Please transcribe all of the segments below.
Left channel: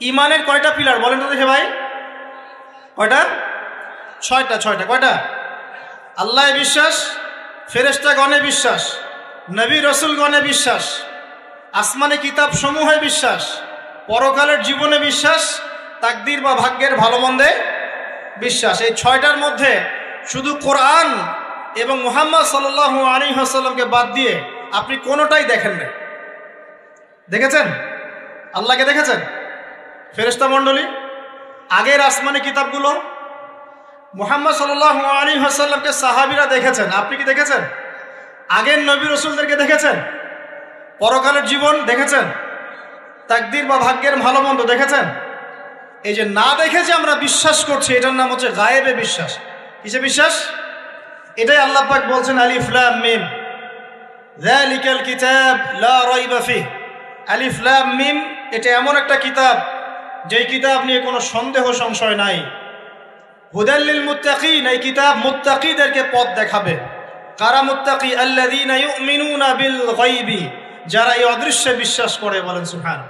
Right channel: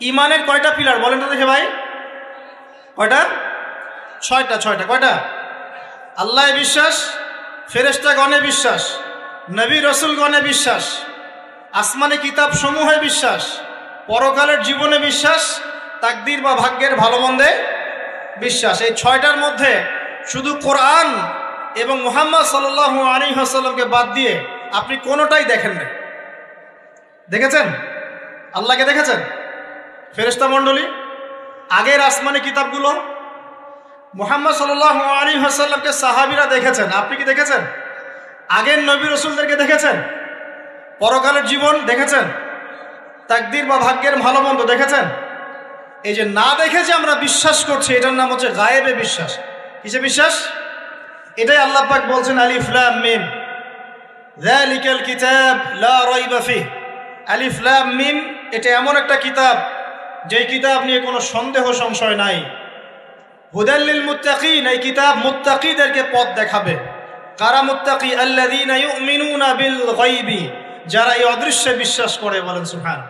ইমানের কয়টা পিলার বলেন তো দেখি ভাই? কয়টা? ছয়টা। কয়টা? আল্লাহ বিশ্বাস, ফেরেশতাগণে বিশ্বাস, নবী রাসূলগণে বিশ্বাস, আসমানে কিতাব সমূহে বিশ্বাস, পরকালের জীবনে বিশ্বাস, তাকদীর বা ভাগ্যের ভালো মন্দে বিশ্বাস। এই ছয়টার মধ্যে শুধু কোরআন এবং মুহাম্মদ সাল্লাল্লাহু আলাইহি ওয়াসাল্লামকে বাদ দিয়ে আপনি কোনোটাই দেখেননি। দেখেছেন? আল্লাহকে দেখেছেন? ফেরেশতা মণ্ডলী, আগের আসমানি কিতাবগুলো, মুহাম্মদ সাল্লাল্লাহু আলাইহি ওয়াসাল্লামকে সাহাবীরা দেখেছেন, আপনি কি দেখেছেন? আগের নবী রাসূলদেরকে দেখেছেন? পরকালের জীবন দেখেছেন? তাকদীর বা ভাগ্যের ভালো মন্দ দেখেছেন? এই যে না দেখে যে আমরা বিশ্বাস করছি, এটার নাম হচ্ছে গায়েবে বিশ্বাস। কিসে বিশ্বাস? এটাই আল্লাহ পাক বলছেন আলিফ লাম মিম, যালিকাল কিতাব লা রাইবা ফিহ। আলিফ লাম মিম, এটা এমন একটা কিতাব যেই কিতাব নিয়ে কোনো সন্দেহ সংশয় নাই। হুদাল লিল মুত্তাকিন, এই কিতাব মুত্তাকিদেরকে পথ দেখাবে। কারা মুত্তাকি? আল্লাযীনা ইউমিনুনা বিল গায়বি, যারা এই অদৃশ্যে বিশ্বাস করে। বলেন সুবহান।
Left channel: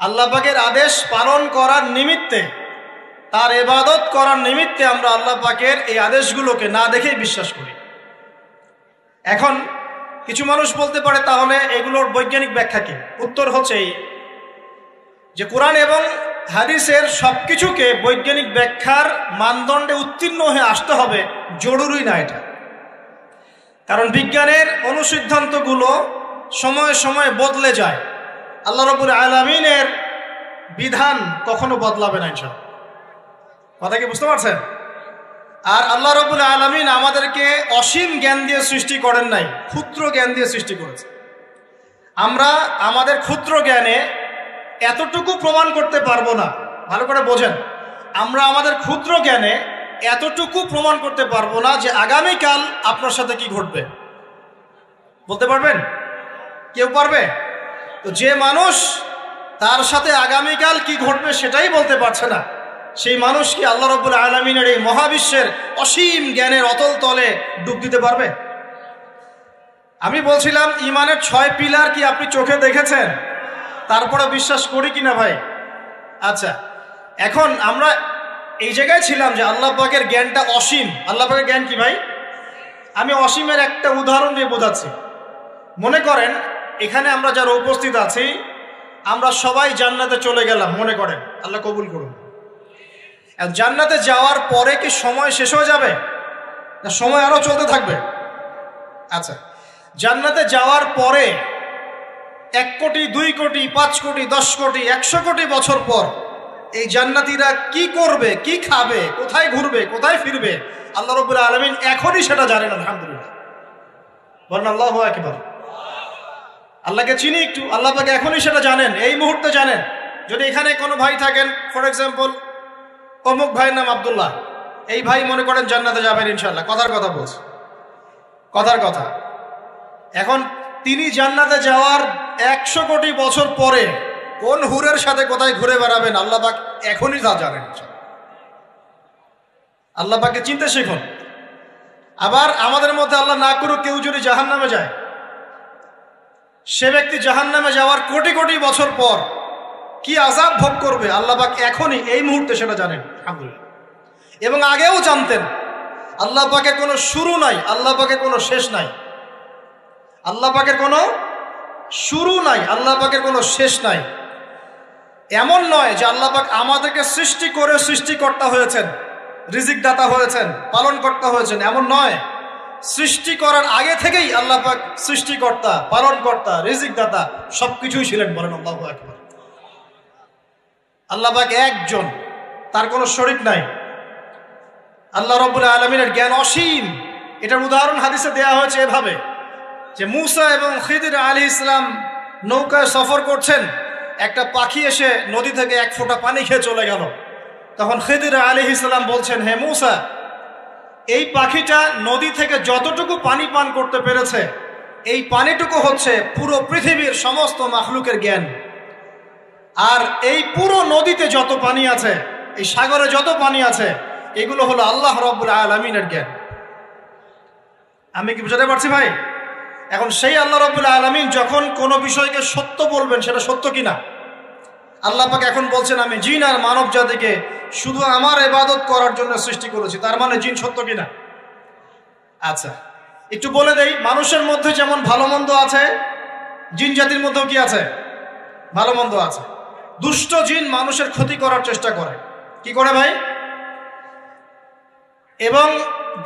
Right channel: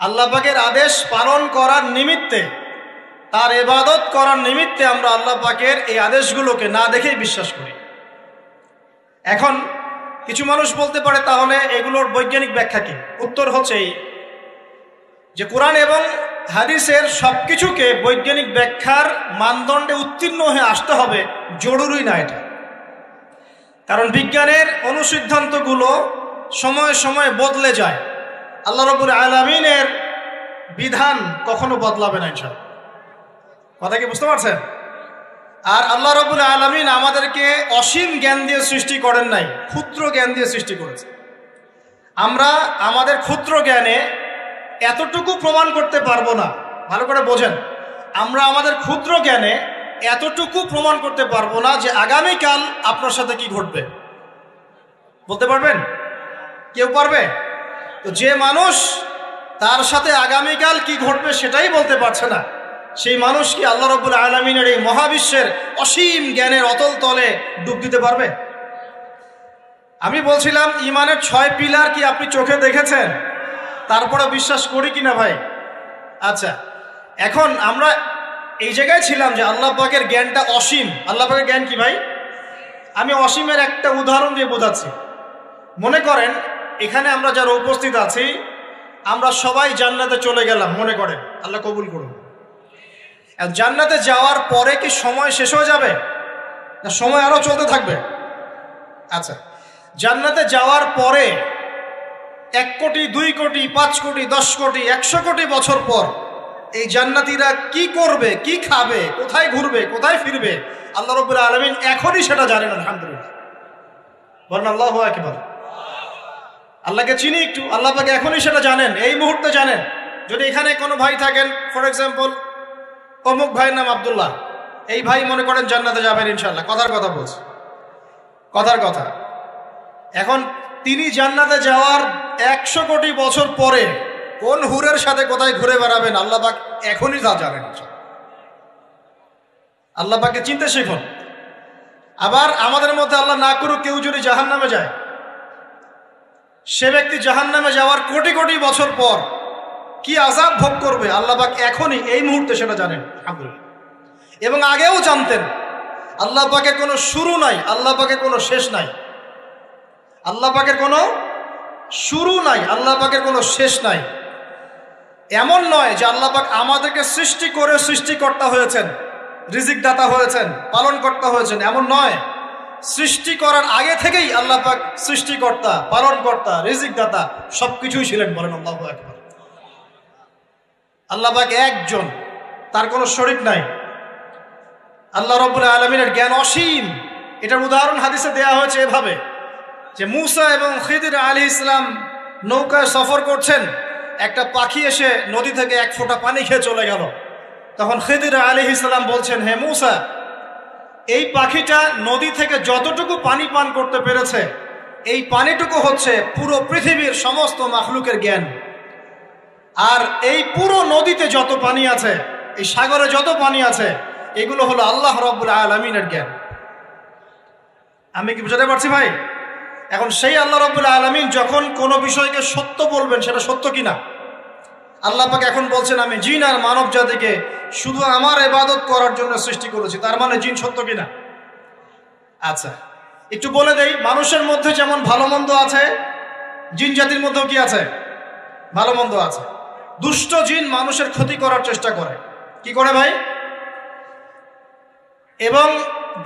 আল্লাহ পাকের আদেশ পালন করার নিমিত্তে, তার ইবাদত করার নিমিত্তে আমরা আল্লাহ পাকের এই আদেশগুলোকে না দেখেই বিশ্বাস করি। এখন কিছু মানুষ বলতে পারে তাহলে এগুলোর বৈজ্ঞানিক ব্যাখ্যা কি? উত্তর হচ্ছে যে কোরআন এবং হাদিসের সবকিছুকে বৈজ্ঞানিক ব্যাখ্যার মানদণ্ডে উত্তীর্ণ হয়ে আসতে হবে জরুরি না এটা। কারণ বিজ্ঞানের অনুসিদ্ধান্তগুলো সময়ে সময়ে বদলে যায়। আল্লাহ রাব্বুল আলামিনের বিধান কখনো বদলাবে না ইনশাআল্লাহ। কথা কি বুঝতে পারছেন? আর আল্লাহ রাব্বুল আলামিন আমাদেরকে অসীম জ্ঞান দিয়ে সৃষ্টি করেন নাই, ক্ষুদ্র জ্ঞান দিয়ে সৃষ্টি করেছে। আমরা আমাদের ক্ষুদ্র জ্ঞানে এতটুকু প্রমাণ করতে পারবো না। ভালো করে বোঝেন, আমরা আমাদের ক্ষুদ্র জ্ঞানে এতটুকু প্রমাণ করতে পারবো না যে আগামীকাল আপনার সাথে কি ঘটবে। বলতে পারবেন? কেউ পারবে? যে মানুষ তার সাথে আগামীকাল কি ঘটবে সেটাই বলতে পারছে না, সেই মানুষ কি আল্লাহ রাব্বুল আলামিনের এই মহাবিশ্বের অসীম জ্ঞানের অতল তলে ডুব দিতে পারবে? আমি বলছিলাম ইমানের 6 পিলার কি আপনি চোখে দেখেছেন? তারপরে বিশ্বাস করি কিনা ভাই? আচ্ছা, এখন আমরা এই জায়গায় ছিলাম যে আল্লাহ পাকের জ্ঞানটা অসীম। আল্লাহ পাকের জ্ঞান কি ভাই? আমি অসীমের একটা উদাহরণ দিয়ে বোঝাচ্ছি। মনে করেন এখানে আমরা যারা উপস্থিত আছি, আমরা সবাই জান্নাতে চলে গেলাম, মনে করেন, আল্লাহ কবুল করুন। জান্নাতে যাওয়ার পরে কি সময় শেষ হয়ে যাবে? না, সময় আরো চলতে থাকবে। আচ্ছা, জান্নাতে যাওয়ার পরে 1 কোটি, 2 কোটি, 5 কোটি, 10 কোটি, 100 কোটি বছর পর এই জান্নাতীরা কি করবে, কি খাবে, কোথায় ঘুরবে, কোথায় ফিরবে, আল্লাহ রাব্বুল আলামিন এখনই সেটা জানেন। আলহামদুলিল্লাহ, বলেন আল্লাহু আকবার। আল্লাহকে চিনি একটু, আল্লাহ পাক এখনই সেটা জানেন, এই মুহূর্তে জানেন। যদি এখানে কোনো ভাই থাকেন, ফর এক্সাম্পল অমুক ভাইয়ের নাম আব্দুল্লাহ, এই ভাই মনে করেন জান্নাতে যাবেন ইনশাআল্লাহ, কথার কথা বলছে, কথার কথা। এখন তিনি জান্নাতে যাওয়ার 100 কোটি বছর পরে কোন হুরের সাথে কোথায় ঘুরে বেড়াবেন আল্লাহ পাক এখনই যা জানেন। আল্লাহ পাককে চিনতে শেখুন। আবার আমাদের মধ্যে আল্লাহ না করুক কেউ যদি জাহান্নামে যায়, সে ব্যক্তি জাহান্নামে যাওয়ার কোটি কোটি বছর পর কি আযাব ভোগ করবে আল্লাহ পাক এখনই এই মুহূর্তে সেটা জানেন। এবং আগেও জানতেন। আল্লাহ পাকের কোনো শুরু নাই, আল্লাহ পাকের কোনো শেষ নাই। আল্লাহ পাকের কোনো শুরু নাই, আল্লাহ পাকের কোনো শেষ নাই। এমন নয় যে আল্লাহ পাক আমাদেরকে সৃষ্টি করে সৃষ্টিকর্তা হয়েছেন, রিজিক দাতা হয়েছেন, পালন কর্তা হয়েছেন, এমন নয়। সৃষ্টি করার আগে থেকেই আল্লাহ পাক সৃষ্টিকর্তা, পালন কর্তা, রিজিক দাতা সবকিছুই ছিলেন। বলেন আল্লাহু আকবার। আল্লাহ পাক একজন, তার কোনো শরীক নাই। আল্লাহ রাব্বুল আলামিনের জ্ঞান অসীম। এটার উদাহরণ হাদিসে দেওয়া হয়েছে এভাবে যে মুসা এবং খিদির আলাইহিস সালাম নৌকায় সফর করছেন, একটা পাখি এসে নদী থেকে 1 ফোঁটা পানি খেয়ে চলে গেল। তখন খিদির আলাইহিস সালাম বলছেন, হে মুসা, এই পাখিটা নদী থেকে যতটুকু পানি পান করতে পেরেছে, এই পানিটুকু হচ্ছে পুরো পৃথিবীর সমস্ত মাখলুকের জ্ঞান। আর এই পুরো নদীতে যত পানি আছে, এই সাগরে যত পানি আছে, এগুলো হলো আল্লাহ রাব্বুল আলামিনের জ্ঞান। আমি কি বুঝাতে পারছি ভাই? এখন সেই আল্লাহ রাব্বুল আলামিন যখন কোনো বিষয়কে সত্য বলবেন, সেটা সত্য কিনা? আল্লাহ পাক এখন বলছেন আমি জিন আর মানব জাতিকে শুধু আমার ইবাদত করার জন্য সৃষ্টি করেছি। তার মানে জিন সত্য কিনা? আচ্ছা, একটু বলে দেই, মানুষের মধ্যে যেমন ভালো মন্দ আছে, জিন জাতির মধ্যেও কি আছে? ভালো মন্দ আছে। দুষ্ট জিন মানুষের ক্ষতি করার চেষ্টা করে। কি করে ভাই? এবং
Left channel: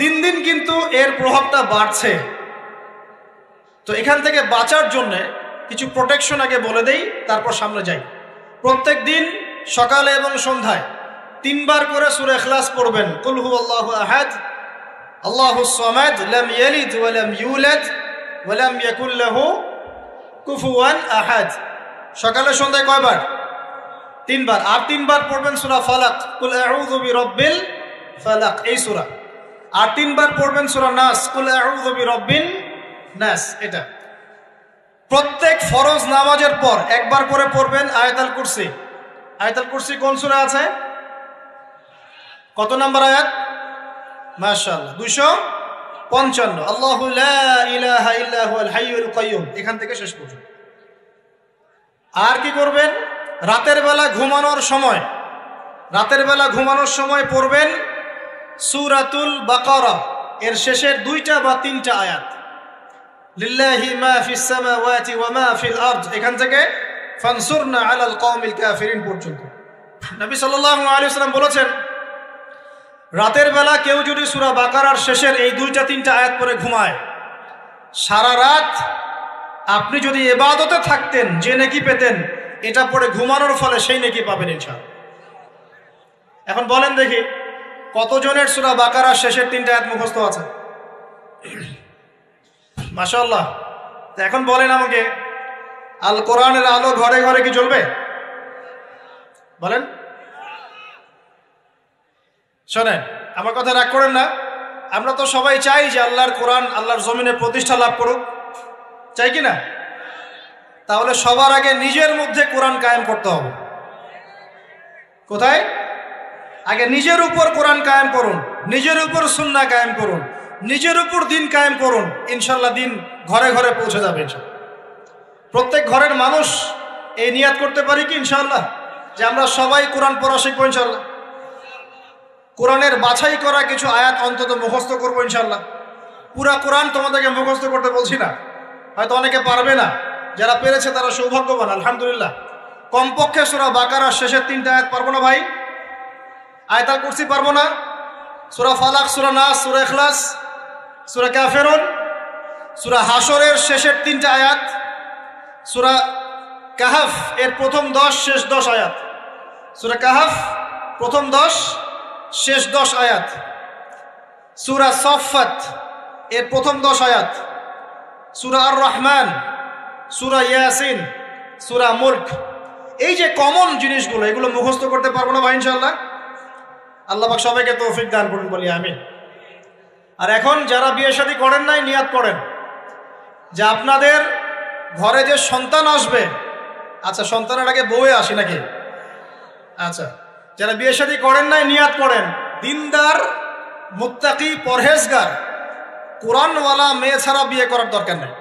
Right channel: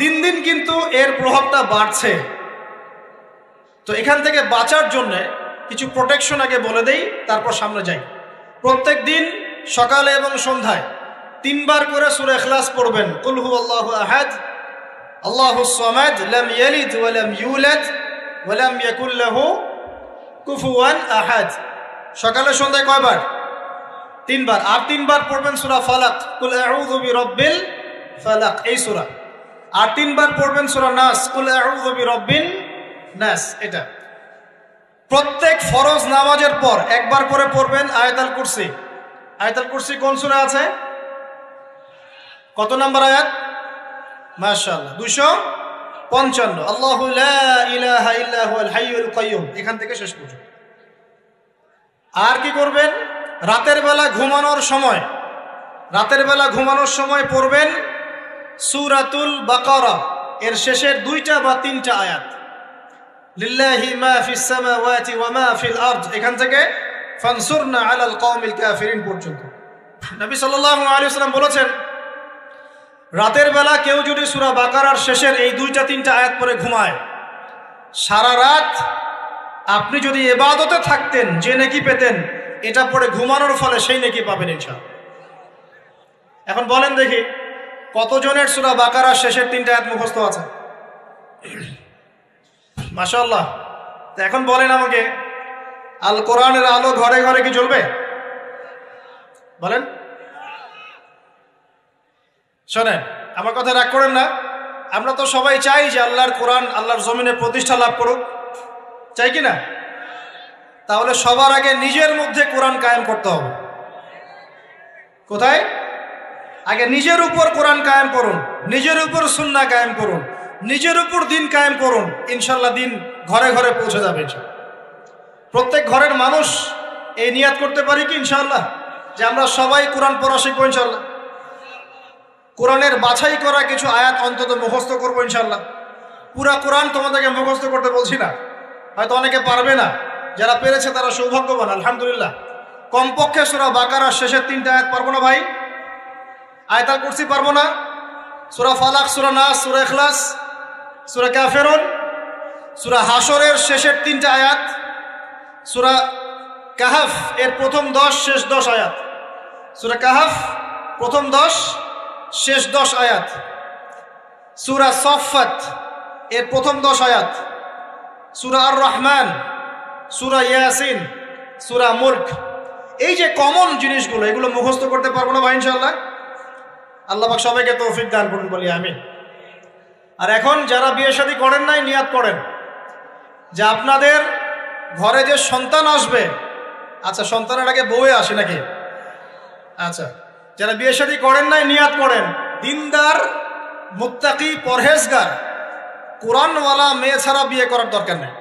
দিন দিন কিন্তু এর প্রভাবটা বাড়ছে। তো এখান থেকে বাঁচার জন্য কিছু প্রোটেকশন আগে বলে দেই, তারপর সামনে যাই। প্রত্যেক দিন সকালে এবং সন্ধ্যায় 3 বার করে সূরা ইখলাস পড়বেন। কুল হুয়াল্লাহু আহাদ, আল্লাহুস সামাদ, লাম ইয়ালিদ ওয়া লাম ইউলাদ ওয়া লাম ইয়াকুল লাহু কুফুয়ান আহাদ। সকালে সন্ধ্যায় কয়বার? 3 বার। আর 3 বার পড়বেন সূরা ফালাক, কুল আউযু বিরাব্বিল ফালাক, এই সূরা। আর 3 বার পড়বেন সূরা নাস, কুল আউযু বিরাব্বিন নাস, এটা। প্রত্যেক ফরজ নামাজের পর একবার করে পড়বেন আয়াতুল কুরসি। আয়াতুল কুরসি কোন সূরা আছে? কত নাম্বার আয়াত? মাশাআল্লাহ, 255। আল্লাহু লা ইলাহা ইল্লা হুয়াল হাইয়ুল কাইয়্যুম, এখান থেকে শেষ পর্যন্ত। আর কি করবেন? রাতের বেলা ঘুমানোর সময় পড়বেন সূরাতুল বাকারা, এর শেষের 2টা বা 3টা আয়াত। লিল্লাহি মা ফিস সামাওয়াতি ওয়া মা ফিল আরদ, এখান থেকে ফানসুরনা আলাল কওমিল কাফিরিন পর্যন্ত। নবী সাল্লাল্লাহু আলাইহি ওয়াসাল্লাম বলেছেন, রাতের বেলা কেউ যদি সূরা বাকারার শেষের এই 2টা 3টা আয়াত পড়ে ঘুমায়, সারা রাত আপনি যদি ইবাদতে থাকতেন যে নেকি পেতেন, এটা পড়ে ঘুমানোর ফলে সেই নেকি পাবেন ইনশাআল্লাহ। এখন বলেন দেখি, কতজনের সূরা বাকারার শেষের 3টা আয়াত মুখস্থ আছে? মাশাআল্লাহ। এখন বলেন আমাকে, আল কোরআনের আলো ঘরে ঘরে কি জ্বলবে? বলেন। শোনেন, আমার কথা রাগ করেন না। আমরা তো সবাই চাই যে আল্লাহর কোরআন আল্লাহর জমিনে প্রতিষ্ঠা লাভ করুক, চাই কি না? তাহলে সবার আগে নিজের মধ্যে কোরআন কায়েম করতে হবে। কোথায়? আগে নিজের উপর কোরআন কায়েম করুন, নিজের উপর সুন্নাহ কায়েম করুন, নিজের উপর দিন কায়েম করুন, ইনশাআল্লাহ দিন ঘরে ঘরে পৌঁছে যাবে। প্রত্যেক ঘরের মানুষ এই নিয়াত করতে পারি কি ইনশাআল্লাহ যে আমরা সবাই কোরআন পড়া শিখবো ইনশাআল্লাহ। কোরআনের বাছাই করা কিছু আয়াত অন্তত মুখস্থ করবো ইনশাআল্লাহ। পুরা কোরআন তোমাদেরকে মুখস্থ করতে বলছি না, হয়তো অনেকে পারবে না, যারা পেরেছে তারা সৌভাগ্যবান, আলহামদুলিল্লাহ। কমপক্ষে সূরা বাকারার শেষের 3টা আয়াত পারবো না ভাই? আয়াতুল কুরসি পারবো না? সূরা ফালাক, সূরা নাস, সূরা ইখলাস, সূরা কাফিরুন, সূরা হাশরের শেষের 3টা আয়াত, সূরা কাহফ এর প্রথম 10 শেষ 10 আয়াত, সূরা কাহফ প্রথম 10 শেষ 10 আয়াত, সূরা সাফফাত এর প্রথম 10 আয়াত, সূরা আর রহমান, সূরা ইয়াসিন, সূরা মুলক। এই যে কমন জিনিসগুলো, এগুলো মুখস্থ করতে পারবো না ভাই ইনশাআল্লাহ? আল্লাহ পাক সবাইকে তৌফিক দান করুন, বলি আমিন। আর এখন যারা বিয়ে শাদী করেন নাই, নিয়াত করেন যে আপনাদের ঘরে যে সন্তান আসবে, আচ্ছা সন্তানের আগে বউয়ে আসে নাকি? আচ্ছা, যারা বিয়ে শাদী করেন নাই নিয়াত করেন, দিনদার, মুত্তাকি, পরহেজগার, কোরআনওয়ালা মেয়ে ছাড়া বিয়ে করার দরকার নেই।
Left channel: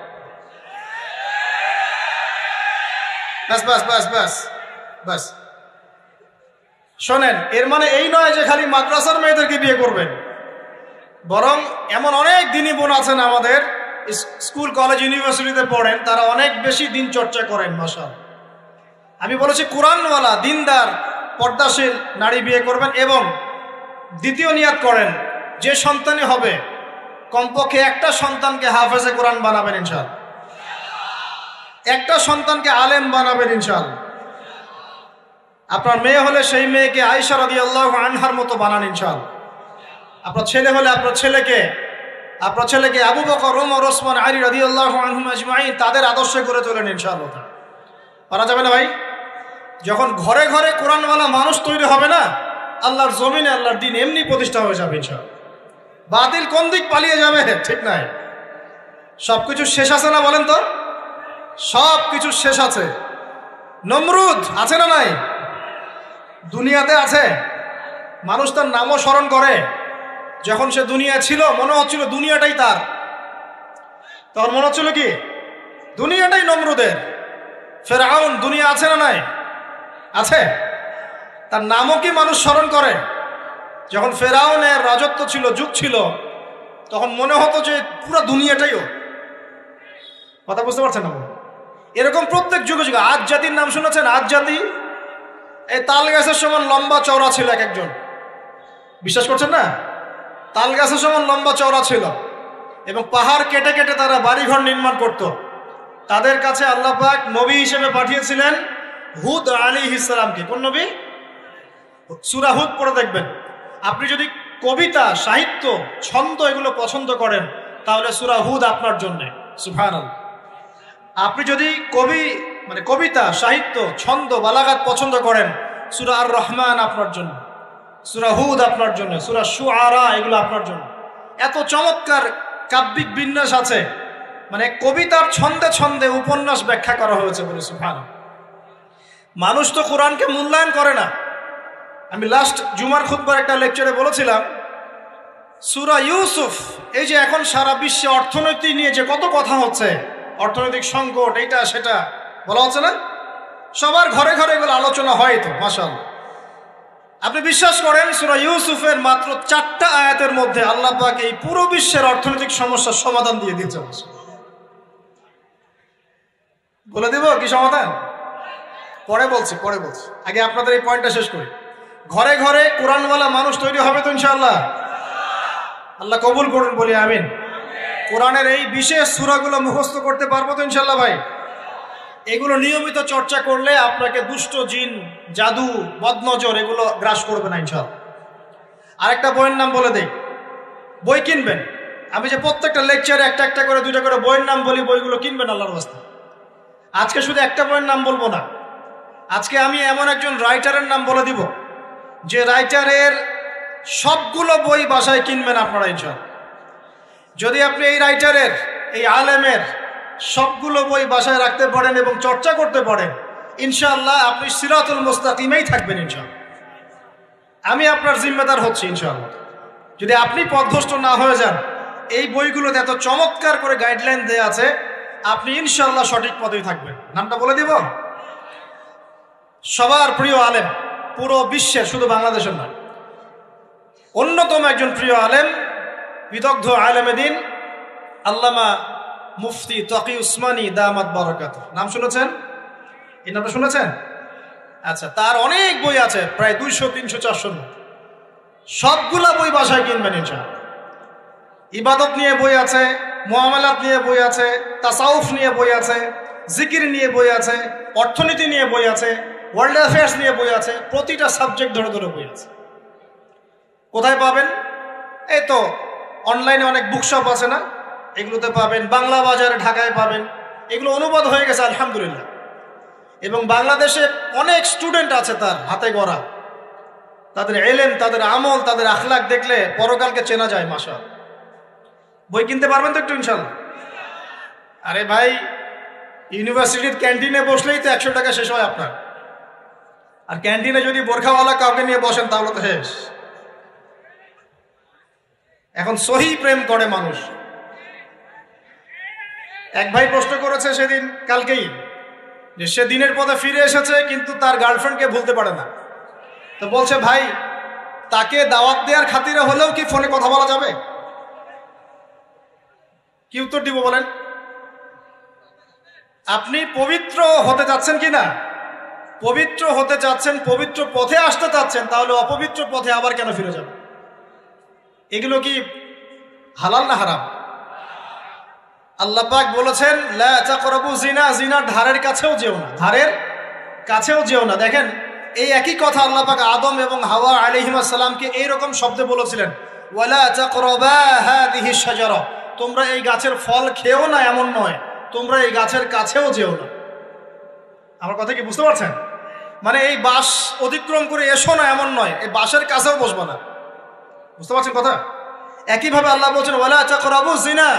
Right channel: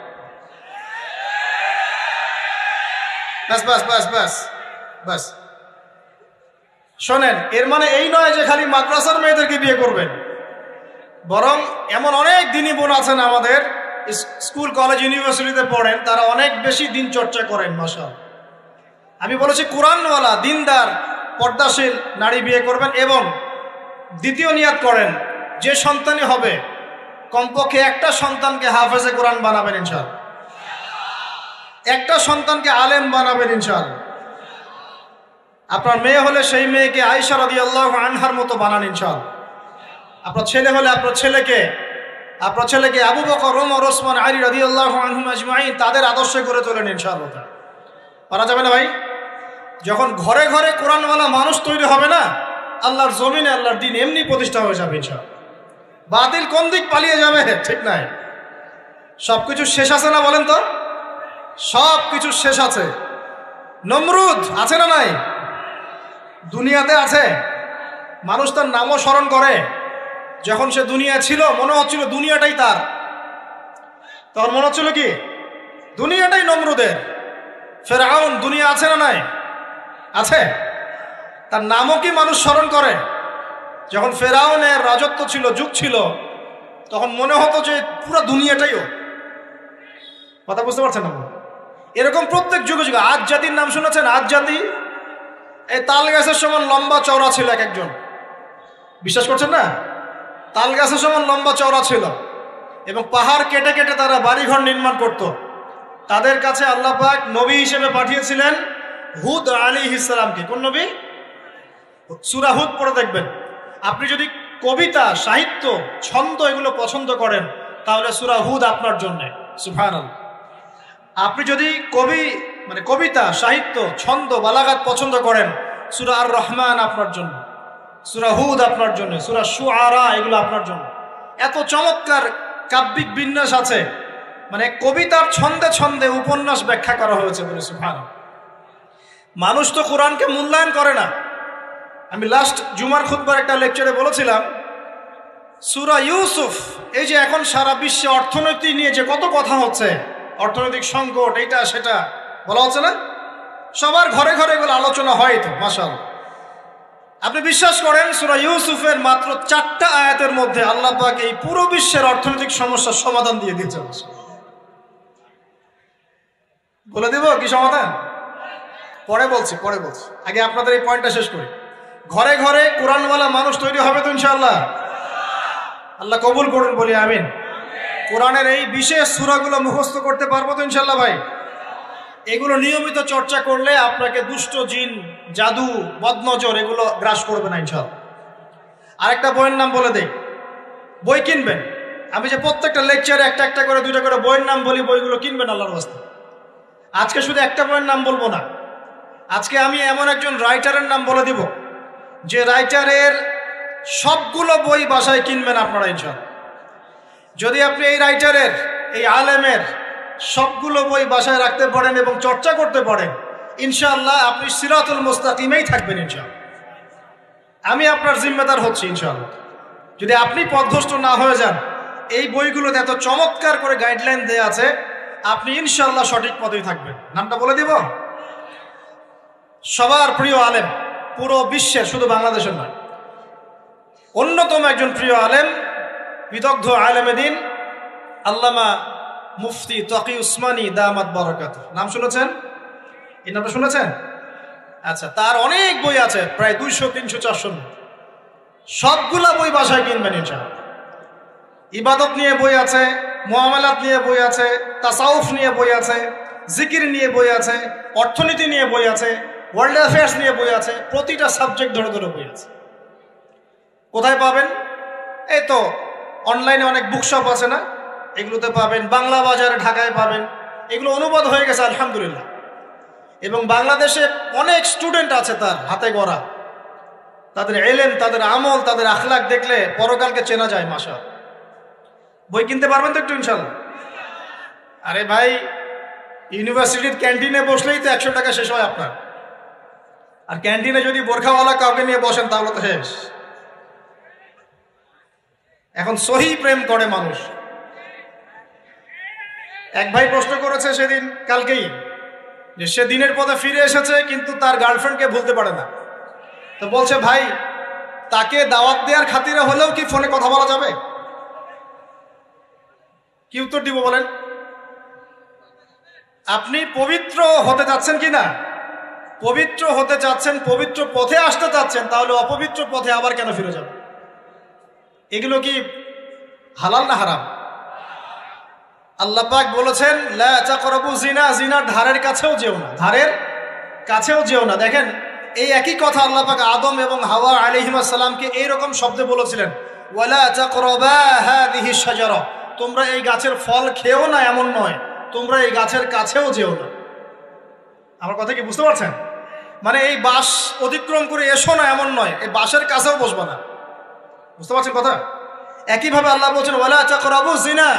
বাস বাস বাস বাস বাস। শোনেন, এর মানে এই নয় যে খালি মাদ্রাসার মেয়েদেরকে বিয়ে করবেন, বরং এমন অনেক দিনী বোন আছেন আমাদের স্কুল কলেজ ইউনিভার্সিটিতে পড়েন, তারা অনেক বেশি দিন চর্চা করেন। মাশাআল্লাহ, আমি বলেছি কোরআনওয়ালা দিনদার পর্দাশীল নারী বিয়ে করবেন। এবং দ্বিতীয় নিয়ত করেন, যে সন্তানই হবে কমপক্ষে একটা সন্তানকে হাফেজে কোরআন বানাবেন ইনশাআল্লাহ, একটা সন্তানকে আলেম বানাবেন ইনশাআল্লাহ। আপনার মেয়ে হলে সেই মেয়েকে আয়েশা রাদিয়াল্লাহু আনহার মতো বানান ইনশাআল্লাহ। আপনার ছেলে হলে আপনার ছেলেকে আবু বকর, ওমর, ওসমান, আলী রাদিয়াল্লাহু আনহুম আজমাইন তাদের আদর্শ করে তোলেন ইনশাআল্লাহ। পারা যাবে না ভাই? যখন ঘরে ঘরে কোরআনওয়ালা মানুষ তৈরি হবে না, আল্লাহর জমিনে আল্লাহর দ্বীন এমনি প্রতিষ্ঠা হয়ে যাবে ইনশাআল্লাহ। বাতিল কোন দিক পালিয়ে যাবে ঠিক নাই। সবকিছু শেষ আছে না বলেন তো? সবকিছু শেষ আছে। নমরুদ আছে না নাই? দুনিয়াতে আছে। মানুষ তার নামও স্মরণ করে। যখন সে দুনিয়া ছিল মনে হচ্ছিল দুনিয়াটাই তার, তখন মনে হচ্ছিল কি দুনিয়াটাই নমরুদের। ফেরাউন দুনিয়া আছে না নাই? আছে? তার নামও কি মানুষ স্মরণ করে? যখন ফেরাউনের রাজত্ব ছিল, যুগ ছিল, তখন মনে হতো যে পুরো দুনিয়াটাইও। কথা বুঝতে পারছেন না? এরকম প্রত্যেক যুগে যুগে। আজ জাতির নাম শুনেছেন? আজ জাতি এই তাল গাছের সমান লম্বা চওড়া ছিল এক একজন। বিশ্বাস করছেন না? তাল গাছের সমান লম্বা চওড়া ছিল এবং পাহাড় কেটে কেটে তারা বাড়িঘর নির্মাণ করত। তাদের কাছে আল্লাহ পাক নবী হিসেবে পাঠিয়েছিলেন হুদ আলাইহিস সালামকে। কোন নবী? সূরা হুদ পড়ে দেখবেন। আপনি যদি কবিতা, সাহিত্য, ছন্দ এগুলো পছন্দ করেন তাহলে সূরা হুদ আপনার জন্য। সুবহানাল্লাহ। আপনি যদি কবিতা, সাহিত্য, ছন্দ, বালাগাত পছন্দ করেন, সূরা আর রহমান আপনার জন্য, সূরা হুদ আপনার জন্য, সূরা শুআরা এগুলো আপনার জন্য। এত চমৎকার কাব্যিক বিন্যাস আছে, কবিতার ছন্দে ছন্দে উপন্যাস ব্যাখ্যা করা হয়েছে বলে। সুবহানাল্লাহ। মানুষ তো কোরআনকে মূল্যায়ন করে না। আমি লাস্ট জুমার খুতবার একটা লেকচারে বলেছিলাম, সূরা ইউসুফ, এই যে এখন সারা বিশ্বে অর্থনীতি নিয়ে যে কত কথা হচ্ছে, অর্থনৈতিক সংকট, এইটা সেটা বলা হচ্ছে না, সবার ঘরে ঘরে এগুলো আলোচনা হয় তো, মাশাআল্লাহ। আপনি বিশ্বাস করেন সূরা ইউসুফের মাত্র 4টা আয়াতের মধ্যে আল্লাহ পাক এই পুরো বিশ্বের অর্থনৈতিক সমস্যার সমাধান দিয়ে দিয়েছেন। বলে দিব কি সমাধান? পরে বলছি। আগে আপনাদের এই পয়েন্টটা শেষ করি। ঘরে ঘরে কোরআনওয়ালা মানুষ তৈরি হবে তো ইনশাআল্লাহ। আল্লাহ কবুল করুন, বলি আমিন। কোরআনের এই বিশেষ সূরাগুলো মুখস্থ করতে পারবো তো ইনশাআল্লাহ ভাই? এগুলো নিয়মিত চর্চা করলে আপনাকে দুষ্ট জিন, জাদু, বদনজর এগুলো গ্রাস করবে না ইনশাআল্লাহ। আরেকটা বইয়ের নাম বলে দেই, বই কিনবেন। আমি যে প্রত্যেকটা লেকচারে একটা একটা করে 2টা করে বইয়ের নাম বলি, বইগুলো কিনবেন আল্লাহর রাস্তায়। আজকে শুধু একটা বইয়ের নাম বলবো না, আজকে আমি এমন একজন রাইটারের নাম বলে দিব যে রাইটারের সবগুলো বই বাসায় কিনবেন আপনারা ইনশাআল্লাহ। যদি আপনি এই রাইটারের, এই আলেমের সবগুলো বই বাসায় রাখতে পারেন এবং চর্চা করতে পারেন, ইনশাআল্লাহ আপনি সিরাতুল মুস্তাকিমেই থাকবেন ইনশাআল্লাহ। আমি আপনার জিম্মেদার হচ্ছি ইনশাআল্লাহ। যদি আপনি পথভ্রষ্ট না হয়ে যান, এই বইগুলো যত চমৎকার করে গাইডলাইন দেয়া আছে, আপনি ইনশাআল্লাহ সঠিক পথে থাকবেন। নামটা বলে দেব? সবার প্রিয় আলেম, পুরো বিশ্বের, শুধু বাংলাদেশের নয়, অন্যতম একজন প্রিয় আলেম, বিদগ্ধ আলেমে দ্বীন আল্লামা মুফতি তকি উসমানী দামাত বারাকাতুহু। নাম শুনেছেন? এই নামটা শুনেছেন? আচ্ছা, তার অনেক বই আছে, প্রায় 200, 300, 400। সবগুলা বই বাসায় কিনবেন ইনশাআল্লাহ। ইবাদত নিয়ে বই আছে, মুআমালাত নিয়ে বই আছে, তাসাউফ নিয়ে বই আছে, জিকির নিয়ে বই আছে, অর্থনীতি নিয়ে বই আছে, ওয়ার্ল্ড অ্যাফেয়ার্স নিয়ে বই আছে, প্রতিটা সাবজেক্ট ধরে ধরে বই আছে। কোথায় পাবেন? এই তো অনলাইনে অনেক বুকশপ আছে না, এগুলোতে পাবেন। বাংলা বাজারে ঢাকায় পাবেন। এগুলো অনুবাদ হয়ে গেছে আলহামদুলিল্লাহ। এবং বাংলাদেশে অনেক স্টুডেন্ট আছে তার হাতে গড়া। তাদের ইলম, তাদের আমল, তাদের আখলাক দেখলে পরকালকে চেনা যায়। মাশাআল্লাহ। বই কিনতে পারবেন তো একটু ইনশাআল্লাহ? আরে ভাই, ইউনিভার্সিটির ক্যান্টিনে বসলেই তো 100 টাকা শেষ হয় আপনার। আর ক্যান্টিনে যদি বোরখাওয়ালা কাউকে নিয়ে বসেন তাহলে তো শেষ। এখন সহি প্রেম করে মানুষ। এক ভাই প্রশ্ন করেছে সেদিন, কালকেই, যে সে দিনের পথে ফিরে এসেছে কিন্তু তার গার্লফ্রেন্ডকে ভুলতে পারে না। তো বলছে, ভাই তাকে দাওয়াত দেওয়ার খাতিরে হলেও কি ফোনে কথা বলা যাবে? কি উত্তর দিব বলেন? আপনি পবিত্র হতে যাচ্ছেন কিনা? পবিত্র হতে চাচ্ছেন, পবিত্র পথে আসতে চাচ্ছেন, তাহলে অপবিত্র পথে আবার কেন ফিরে যাবেন? এগুলো কি হালাল না হারাম? আল্লাহ পাক বলেছেন, লা তাকরাবু জিনা, জিনার ধারের কাছেও যেও না, ধারের কাছেও যেও না। দেখেন, এই একই কথা আল্লাহ পাক আদম এবং হাওয়া আলাইহিস সালামকে এইরকম শব্দে বলেছিলেন, ওয়ালা তাকরাবা হাযিহি শাজারা, তোমরা এই গাছের ফল খেও না এমন নয়, তোমরা এই গাছের কাছেও যেও না। আমার কথা কি বুঝতে পারছেন? এই বাস অতিক্রম করে এসো না এমন নয়, এই বাসের কাছেও বসবা না। বুঝতে পারছেন কথা? একইভাবে আল্লাহ বলছেন, ওয়ালা তাকরাবু জিনা,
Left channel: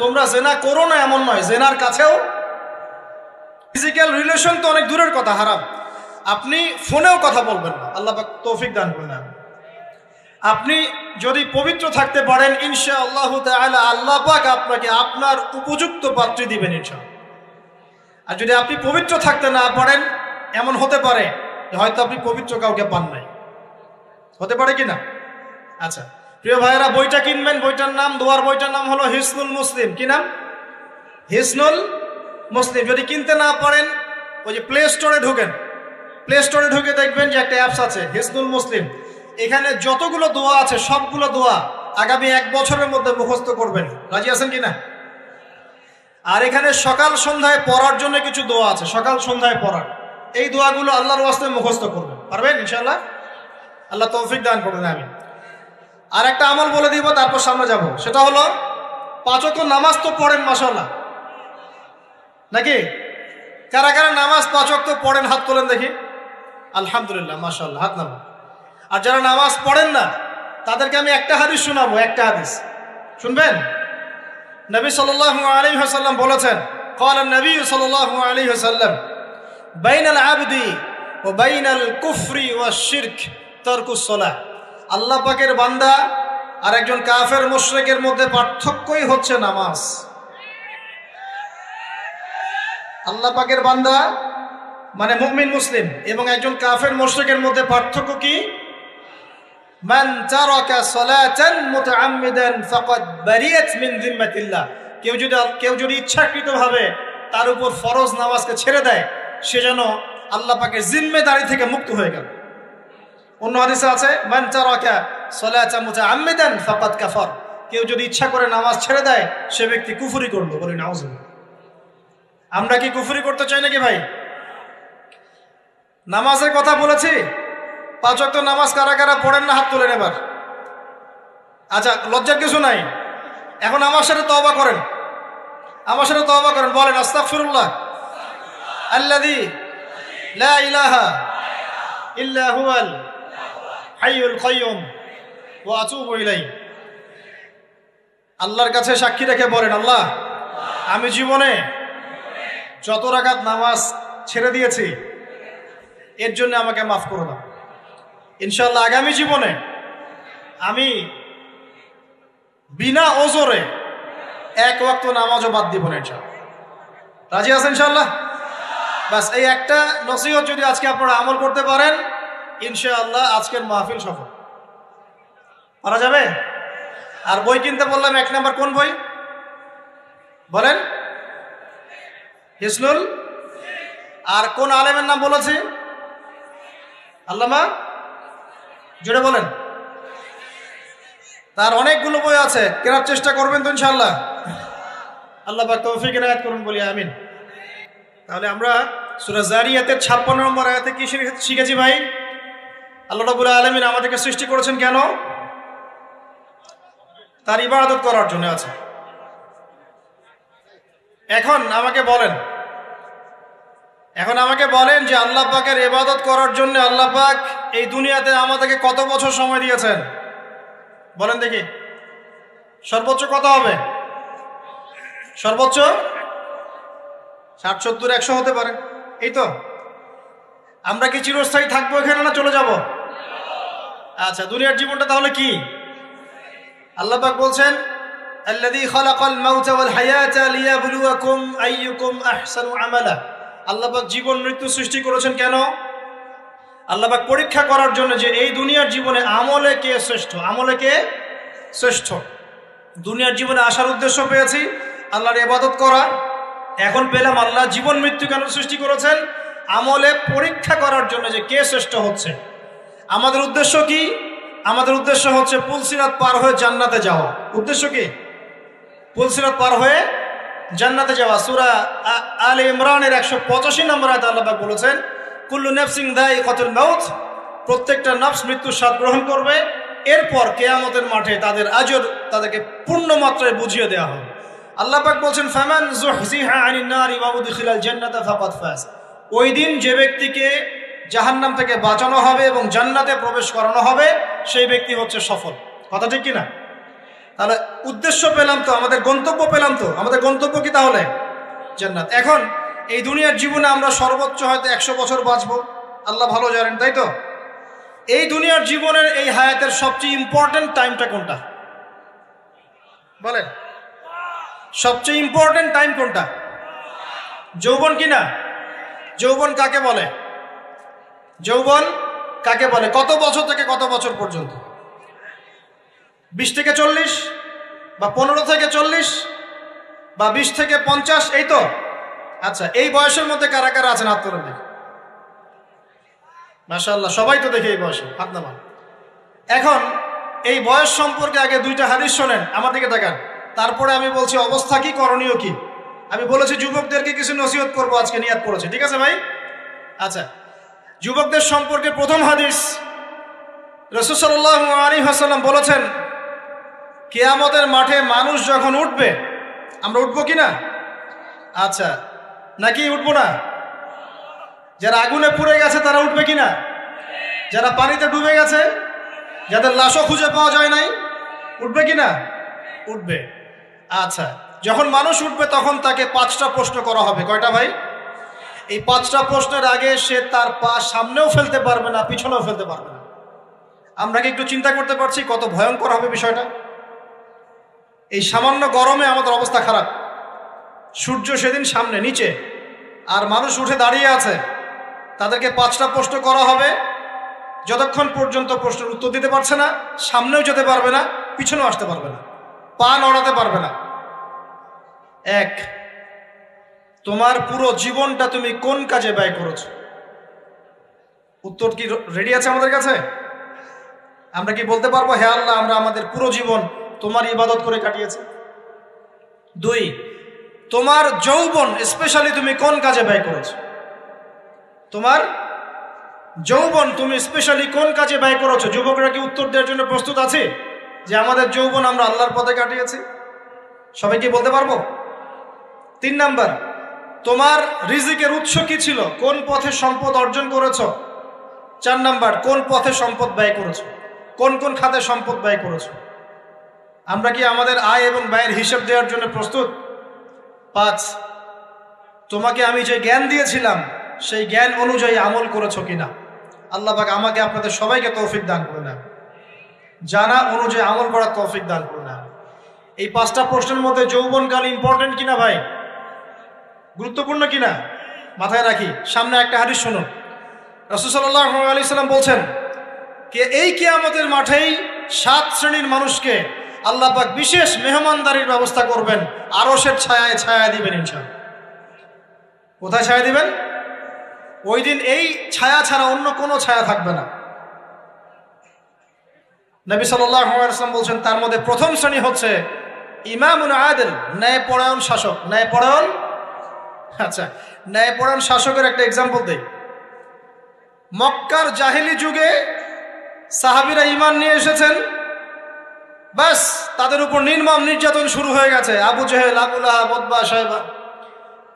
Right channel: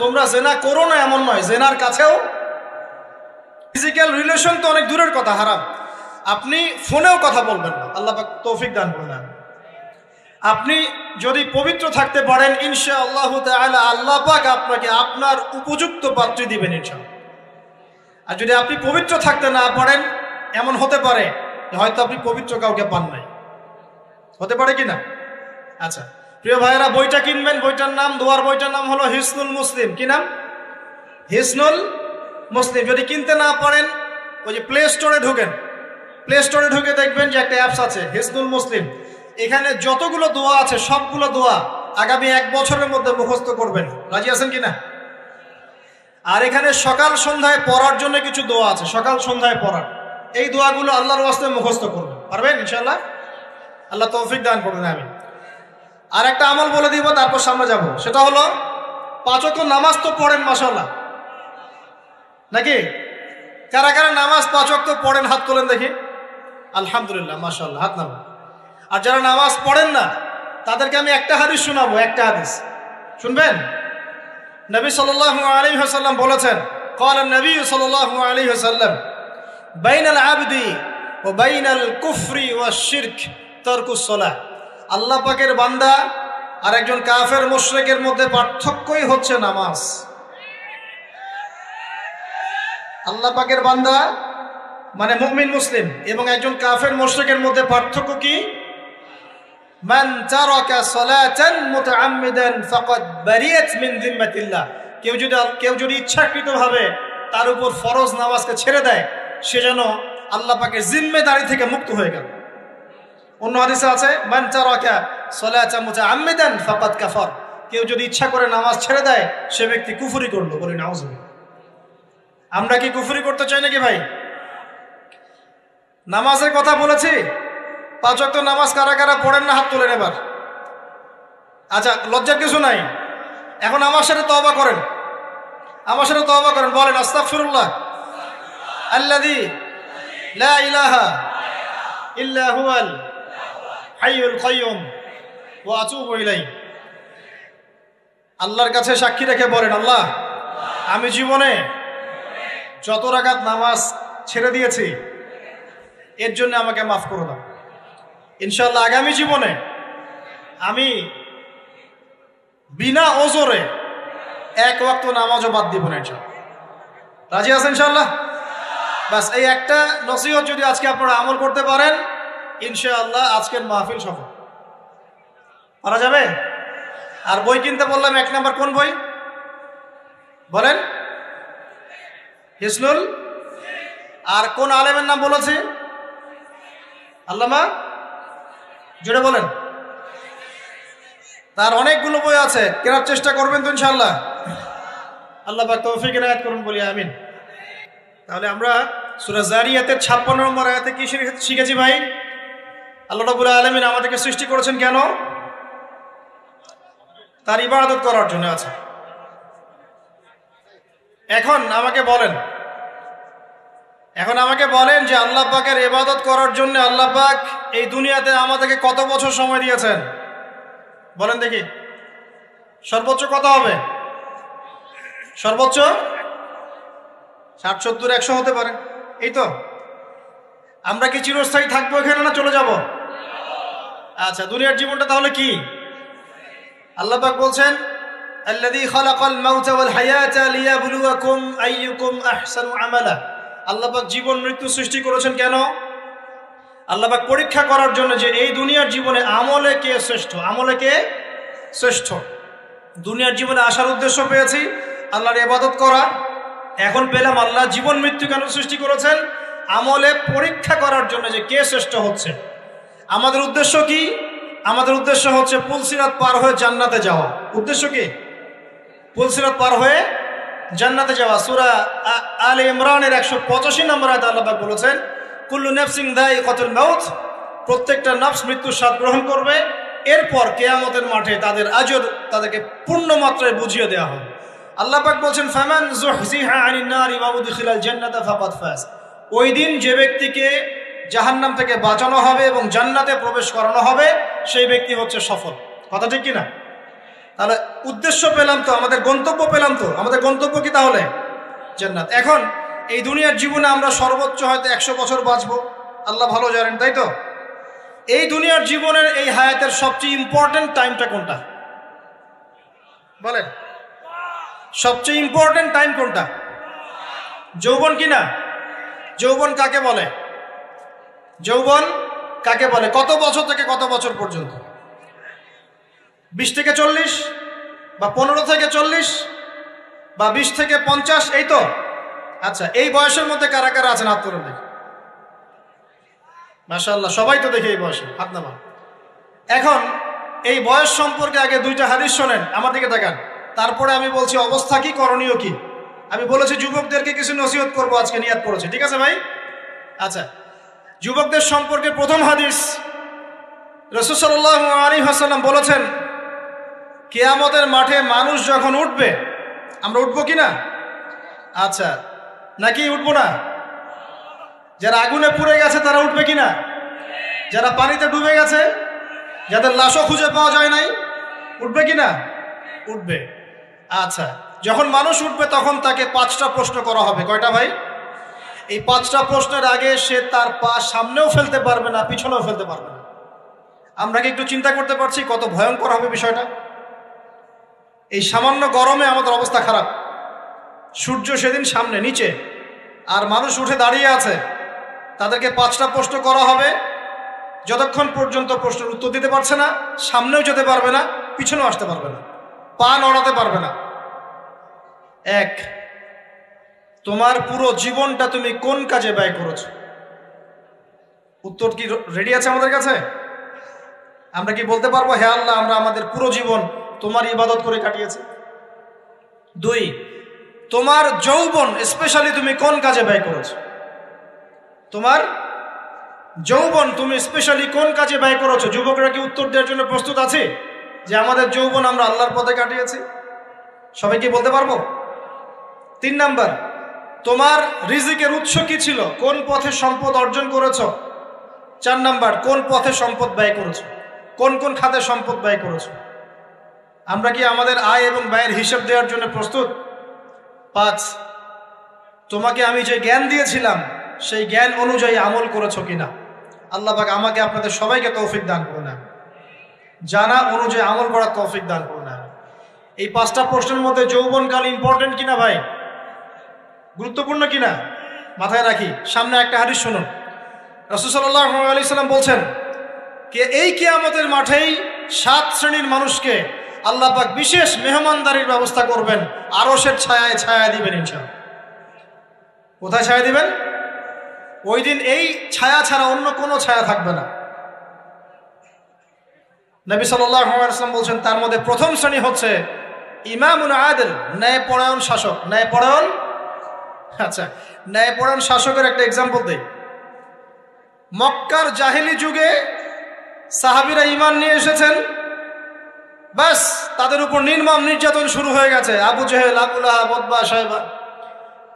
তোমরা জিনা করো না এমন নয়, জিনার কাছেও। ফিজিক্যাল রিলেশন তো অনেক দূরের কথা, হারাম। আপনি ফোনেও কথা বলবেন না, আল্লাহ পাক তৌফিক দান করেন। আপনি যদি পবিত্র থাকতে পারেন ইনশাআল্লাহ তাআলা, আল্লাহ পাক আপনাকে আপনার উপযুক্ত পাত্রী দিবেন ইনশাআল্লাহ। আর যদি আপনি পবিত্র থাকতে না পারেন, এমন হতে পারে হয়তো আপনি পবিত্র কাউকে পান নাই, হতে পারে কিনা? আচ্ছা প্রিয় ভাইয়েরা, বইটা কিনবেন, বইটার নাম, দোয়ার বইটার নাম হলো হিসনুল মুসলিম। কি নাম? হিসনুল মুসলিম। যদি কিনতে না পারেন ওই যে প্লে স্টোরে ঢোকেন, প্লে স্টোরে ঢুকে দেখবেন যে একটা অ্যাপস আছে হিসনুল মুসলিম। এখানে যতগুলো দোয়া আছে সবগুলো দোয়া আগামী 1 বছরের মধ্যে মুখস্থ করবেন। রাজি আছেন কিনা? আর এখানে সকাল সন্ধ্যায় পড়ার জন্য কিছু দোয়া আছে, সকাল সন্ধ্যায় পড়ার। এই দোয়াগুলো আল্লাহর রাস্তায় মুখস্থ করবেন, পারবেন ইনশাআল্লাহ? আল্লাহ তৌফিক দান করবেন। আমি আর একটা আমল বলে দিব, তারপর সামনে যাব। সেটা হলো 5 ওয়াক্ত নামাজ তো পড়েন মাশাআল্লাহ, নাকি? কারা কারা নামাজ 5 ওয়াক্ত পড়েন হাত তুলেন দেখি। আলহামদুলিল্লাহ, মাশাআল্লাহ, হাত নামান। আর যারা নামাজ পড়েন না তাদেরকে আমি একটা হাদিস শোনাবো, একটা হাদিস শুনবেন। নবী সাল্লাল্লাহু আলাইহি ওয়াসাল্লাম বলেছেন, قال النبي صلى الله عليه وسلم بين العبد وبين الكفر والشرك ترك الصلاة। আল্লাহ পাকের বান্দা আর একজন কাফের মুশরিকের মধ্যে পার্থক্যই হচ্ছে নামাজ। আল্লাহ পাকের বান্দা মানে মুমিন মুসলিম এবং একজন কাফের মুশরিকের মধ্যে পার্থক্য কি? মান তারাকা সালাতান মুতাআম্মিদান ফাকাদ বারিয়াত মিন যিম্মাতিল্লাহ। কেউ যদি ইচ্ছাকৃতভাবে তার উপর ফরজ নামাজকে ছেড়ে দেয়, সে যেন আল্লাহ পাকের জিম্মেদারি থেকে মুক্ত হয়ে গেল। অন্য হাদিসে আছে মান তারাকা সালাতান মুতাআম্মিদান ফাকাদ কাফার। কেউ যদি ইচ্ছা করে নামাজ ছেড়ে দেয়, সে ব্যক্তি কুফরি করলো। বলি নাউজুবিল্লাহ। আমরা কি কুফরি করতে চাই নাকি ভাই? নামাজের কথা বলেছি, 5 ওয়াক্ত নামাজ কারা কারা পড়েন না হাত তুলেন এবার। আচ্ছা, লজ্জার কিছু নাই। এখন আমার সাথে তওবা করেন, আমার সাথে তওবা করেন, বলেন আস্তাগফিরুল্লাহ আল্লাযী লা ইলাহা ইল্লা হুয়াল হাইয়ুল কাইয়্যুম ওয়া আতুবু ইলাইহি। আল্লাহর কাছে সাক্ষী রেখে বলেন, আল্লাহ আমি জীবনে যত রাকাত নামাজ ছেড়ে দিয়েছি এর জন্য আমাকে মাফ করে দাও। ইনশাআল্লাহ আগামী জীবনে আমি বিনা ওজরে 1 ওয়াক্ত নামাজও বাদ দিব না ইনশাআল্লাহ। রাজি আছেন ইনশাআল্লাহ? বাস এই একটা নসিহত যদি আজকে আপনারা আমল করতে পারেন, ইনশাআল্লাহ আজকের মাহফিল সফল করা যাবে। আর বই কিনতে বললাম 1 নাম্বার কোন বই বলেন? হিসনুল। আর কোন আলেমের নাম বলেছি? আল্লামা, যেটা বলেন। তার অনেকগুলো বই আছে, কেনার চেষ্টা করবেন তো ইনশাআল্লাহ। আল্লাহ পাক তৌফিক ইনায়াত করুন, বলি আমিন। তাহলে আমরা সূরা যারিয়াতের 56 নম্বর আয়াতে কি শিখেছি ভাই? আল্লাহ রাব্বুল আলামিন আমাদেরকে সৃষ্টি করেছেন কেন? তার ইবাদত করার জন্য। আছে। এখন আমাকে বলেন যে আল্লাহ পাকের ইবাদত করার জন্য আল্লাহ পাক এই দুনিয়াতে আমাদেরকে কত বছর সময় দিয়েছেন বলেন দেখি। সর্বোচ্চ কত হবে? সর্বোচ্চ 60, 70, 100 হতে পারে। এই তো। আমরা কি চিরস্থায়ী থাকবো এখানে না চলে যাব? আচ্ছা, দুনিয়ার জীবনটা তাহলে কি? আল্লাহ পাক বলছেন, আল্লাযী খালাকাল মাউতা ওয়াল হায়াতা লিয়াবলুয়াকুম আইয়ুকুম আহসানু আমালা। আল্লাহ পাক জীবন মৃত্যু সৃষ্টি করেছেন কেন? আল্লাহ পাক পরীক্ষা করার জন্য যে এই দুনিয়ার জীবনে আমলে কে শ্রেষ্ঠ, আমলে কে শ্রেষ্ঠ। দুনিয়ার জীবনে আসার উদ্দেশ্য পেয়েছি আল্লাহর ইবাদত করা। এখন পেলাম আল্লাহ জীবন মৃত্যু কেন সৃষ্টি করেছেন? আমলে পরীক্ষা করার জন্য যে কে শ্রেষ্ঠ হচ্ছে। আমাদের উদ্দেশ্য কি? আমাদের উদ্দেশ্য হচ্ছে পুলসিরাত পার হয়ে জান্নাতে যাওয়া। উদ্দেশ্য কি? পুলসিরাত পার হয়ে জান্নাতে যাওয়া। সূরা আলে ইমরানের 185 নম্বর আয়াতে আল্লাহ পাক বলেছেন, কুল্লু নাফসিন যায়িকাতুল মাউত। প্রত্যেকটা নফস মৃত্যুর স্বাদ গ্রহণ করবে। এরপর কিয়ামতের মাঠে তাদের আজর তাদেরকে পূর্ণ মাত্রায় বুঝিয়ে দেওয়া হবে। আল্লাহ পাক বলেন, ফামান যুহজিহা আনিন নারি ওয়া উদখিলাল জান্নাতা ফাকাদ ফাজ। ওই দিন যে ব্যক্তিকে জাহান্নাম থেকে বাঁচানো হবে এবং জান্নাতে প্রবেশ করানো হবে, সেই ব্যক্তি হচ্ছে সফল। কথা ঠিক কিনা? তাহলে উদ্দেশ্য পেলাম তো, আমাদের গন্তব্য পেলাম তো। আমাদের গন্তব্য কি তাহলে? জান্নাত। এখন এই দুনিয়ার জীবনে আমরা সর্বোচ্চ হয়তো 100 বছর বাঁচবো, আল্লাহ ভালো জানেন, তাই তো? এই দুনিয়ার জীবনের এই হায়াতের সবচেয়ে ইম্পর্টেন্ট টাইমটা কোনটা বলেন? সবচেয়ে ইম্পর্টেন্ট টাইম কোনটা? যৌবন কিনা? যৌবন কাকে বলে? যৌবন কাকে বলে? কত বছর থেকে কত বছর পর্যন্ত? 20 থেকে 40 বা 15 থেকে 40 বা 20 থেকে 50, এই তো? আচ্ছা, এই বয়সের মধ্যে কারা কারা আছেন হাত তোলেন দেখি। মাশাআল্লাহ, সবাই তো দেখি এই বয়সে, হাত নামান। এখন এই বয়স সম্পর্কে আগে 2টা হাদিস শোনেন, আমার দিকে তাকান, তারপরে আমি বলছি অবস্থা কি, করণীয় কি। আমি বলেছি যুবকদেরকে কিছু নসিহত করবো আজকে, নিয়াত করেছে, ঠিক আছে ভাই? আচ্ছা, যুবকদের সম্পর্কে প্রথম হাদিস, রাসূল সাল্লাল্লাহু আলাইহি ওয়াসাল্লাম বলেছেন, কিয়ামতের মাঠে মানুষ যখন উঠবে, আমরা উঠবো কিনা? আচ্ছা, নাকি উঠবো না? যারা আগুনে পুড়ে গেছে তারা উঠবে কিনা? যারা পানিতে ডুবে গেছে, যাদের লাশও খুঁজে পাওয়া যায় নাই, উঠবে কিনা? উঠবে। আচ্ছা, যখন মানুষ উঠবে তখন তাকে 5টা প্রশ্ন করা হবে। কয়টা ভাই? এই 5টা প্রশ্নের আগে সে তার পা সামনেও ফেলতে পারবে না, পিছনেও ফেলতে পারবে না। আমরা কি একটু চিন্তা করতে পারছি কত ভয়ঙ্কর হবে বিষয়টা? এই সামান্য গরমে আমাদের অবস্থা খারাপ, সূর্য সেদিন সামনে নিচে, আর মানুষ উঠে দাঁড়িয়ে আছে, তাদেরকে 5টা প্রশ্ন করা হবে। যতক্ষণ পর্যন্ত প্রশ্নের উত্তর দিতে পারছে না, সামনেও যেতে পারবে না, পিছনেও আসতে পারবে না, পা নড়াতে পারবে না। 1, তোমার পুরো জীবনটা তুমি কোন কাজে ব্যয় করেছো? উত্তর কি রেডি আছে আমাদের কাছে? আমরা কি বলতে পারবো, হ্যাঁ আল্লাহ, আমরা আমাদের পুরো জীবন তোমার ইবাদত করে কাটিয়েছি? 2, তোমার যৌবন স্পেশালি তুমি কোন কাজে ব্যয় করেছো? তোমার যৌবন তুমি স্পেশালি কোন কাজে ব্যয় করেছো? যুবকরা কি উত্তর দেওয়ার জন্য প্রস্তুত আছে যে আমাদের যৌবন আমরা আল্লাহর পথে কাটিয়েছি? সবাই কি বলতে পারবো? 3 নাম্বার, তোমার রিজিকের উৎস কি ছিল? কোন পথে সম্পদ অর্জন করেছো? 4 নাম্বার, কোন পথে সম্পদ ব্যয় করেছো? কোন কোন খাতে সম্পদ ব্যয় করেছো? আমরা কি আমাদের আয় এবং ব্যয়ের হিসাব দেওয়ার জন্য প্রস্তুত? 5, তোমাকে আমি যে জ্ঞান দিয়েছিলাম সেই জ্ঞান অনুযায়ী আমল করেছো কিনা? আল্লাহ পাক আমাকে আপনাদের সবাইকে তৌফিক দান করুন, জানা অনুযায়ী আমল করার তৌফিক দান করুন। এই 5টা প্রশ্নের মধ্যে যৌবনকাল ইম্পর্টেন্ট কিনা ভাই? গুরুত্বপূর্ণ কিনা? মাথায় রাখি। সামনে একটা হাদিস শুনেন, রাসূল সাল্লাল্লাহু আলাইহি ওয়াসাল্লাম বলছেন, কে এই কিয়ামতের মাঠেই 7 শ্রেণীর মানুষকে আল্লাহ পাক বিশেষ মেহমানদারির ব্যবস্থা করবেন, আরশের ছায়ায় ছায়া দিবেন ইনশাআল্লাহ। কোথায় ছায়া দিবেন? ওই দিন এই ছায়া ছাড়া অন্য কোনো ছায়া থাকবে না। নবী সাল্লাল্লাহু আলাইহি ওয়াসাল্লাম বলছেন, তার মধ্যে প্রথম শ্রেণী হচ্ছে ইমামুল আদিল, ন্যায়পরায়ণ শাসক। ন্যায়পরায়ণ, আচ্ছা, ন্যায়পরায়ণ শাসকের একটা এক্সাম্পল দেই। মক্কার জাহেলি যুগে সাহাবীরা ঈমান নিয়ে এসেছেন, বাস তাদের উপর নির্মম নির্যাতন শুরু হয়ে গেছে, আবু জাহেল, আবু লাহাব, উতবা, শায়বা।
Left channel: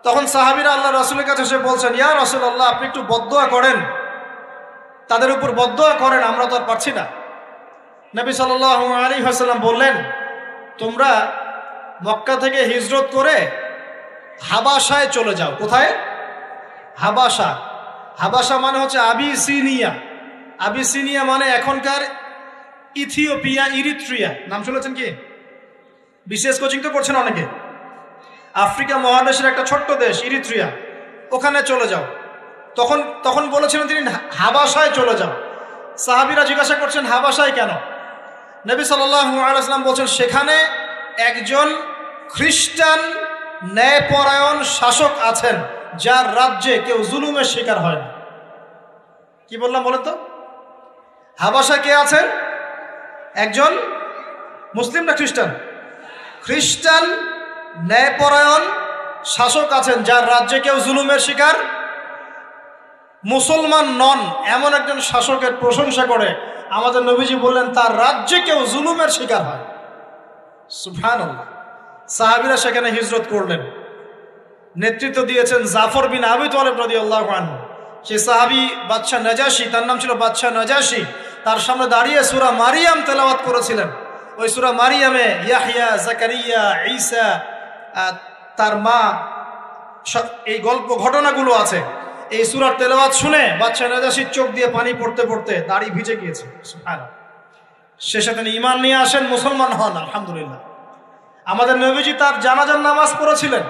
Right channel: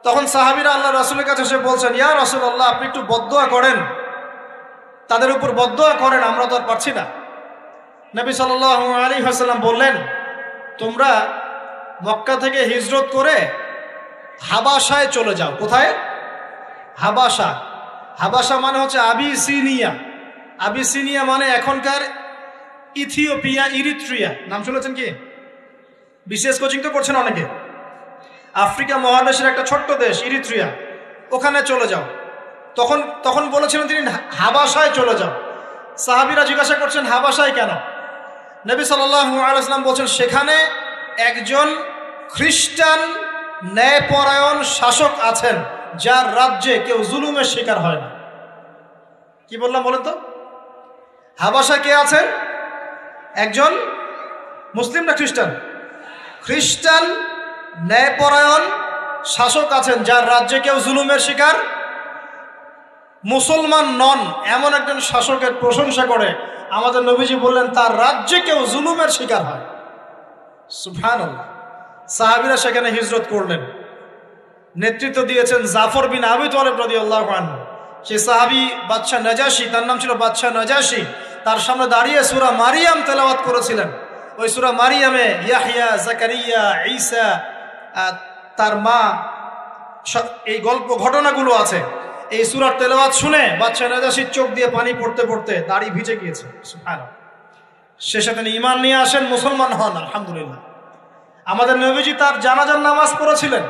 তখন সাহাবীরা আল্লাহ রাসূলের কাছে এসে বলছেন, ইয়া রাসূলুল্লাহ, আপনি একটু বদদুয়া করেন, তাদের উপর বদদুয়া করেন, আমরা তো আর পারছি না। নবী সাল্লাল্লাহু আলাইহি ওয়াসাল্লাম বললেন, তোমরা মক্কা থেকে হিজরত করে হাবাসায় চলে যাও। কোথায়? হাবাসা। হাবাসা মানে হচ্ছে আবিসিনিয়া। আবিসিনিয়া মানে এখনকার ইথিওপিয়া, ইরিত্রিয়া। নাম শুনেছেন কি? বিশেষ কোচিং তো করছেন অনেকে। আফ্রিকা মহাদেশের একটা ছোট্ট দেশ ইরিত্রিয়া, ওখানে চলে যাও। তখন বলেছিলেন তিনি হাবাসায় চলে যাও। সাহাবীরা জিজ্ঞাসা করছেন, হাবাসায় কেন? নবী সাল্লাল্লাহু আলাইহি ওয়াসাল্লাম বলেছেন, সেখানে একজন খ্রিস্টান ন্যায়পরায়ণ শাসক আছেন, যার রাজ্যে কেউ জুলুমের শিকার হয় না। কি বললাম বলেন তো? হাবাসা কে আছেন? একজন মুসলিম না খ্রিস্টান? খ্রিস্টান ন্যায়পরায়ণ শাসক আছেন, যার রাজ্যে কেউ জুলুমের শিকার, মুসলমান নন এমন একজন শাসকের প্রশংসা করে আমাদের নবীজি বললেন, তার রাজ্যে কেউ জুলুমের শিকার হয়। সুবহানাল্লাহ। সাহাবীরা সেখানে হিজরত করলেন। নেতৃত্ব দিয়েছেন জাফর বিন আবি তালিব রাদিয়াল্লাহু আনহু। সে সাহাবী বাদশা নাজাশী, তার নাম ছিল বাদশা নাজাশী, তার সামনে দাঁড়িয়ে সূরা মারিয়াম তেলাওয়াত করেছিলেন। ওই সূরা মারিয়ামে ইয়াহইয়া, জাকারিয়া, ঈসা, তার মা, এই গল্প ঘটনাগুলো আছে। এই সূরার তেলাওয়াত শুনে বাদশা নাজাশীর চোখ দিয়ে পানি পড়তে পড়তে দাড়ি ভিজে গিয়েছে। সুবহানাল্লাহ। শেষে তিনি ঈমান নিয়ে আসেন, মুসলমান হন, আলহামদুলিল্লাহ। আমাদের নবীজি তার জানাজার নামাজ পড়েছিলেন।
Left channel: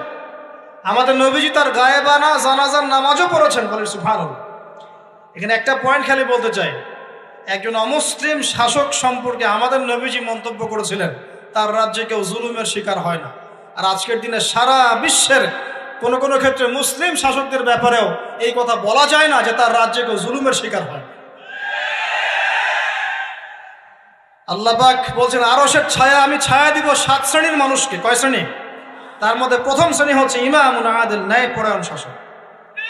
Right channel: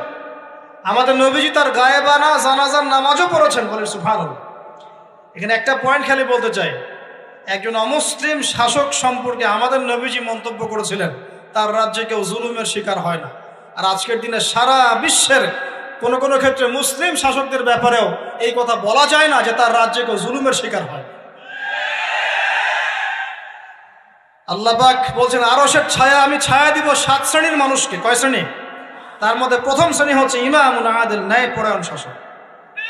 আমাদের নবীজি তার গায়েবানা জানাজার নামাজও পড়েছেন। সুবহানাল্লাহ। এখানে একটা পয়েন্ট খালি বলতে চাই, একজন অমুসলিম শাসক সম্পর্কে আমাদের নবীজি মন্তব্য করেছিলেন তার রাজ্যে কেউ জুলুমের শিকার হয় না। আর আজকের দিনে সারা বিশ্বের কোন কোন ক্ষেত্রে মুসলিম শাসকদের ব্যাপারেও এই কথা বলা যায় না যে তার রাজ্যে কেউ জুলুমের শিকার হয়। আল্লাহ পাক বলছেন আরশের ছায়া আমি ছায়া দিব 7 শ্রেণীর মানুষকে। কয় শ্রেণী? তার মধ্যে প্রথম শ্রেণী হচ্ছে ইমামুন আদিল, ন্যায়পরায়ণ শাসক।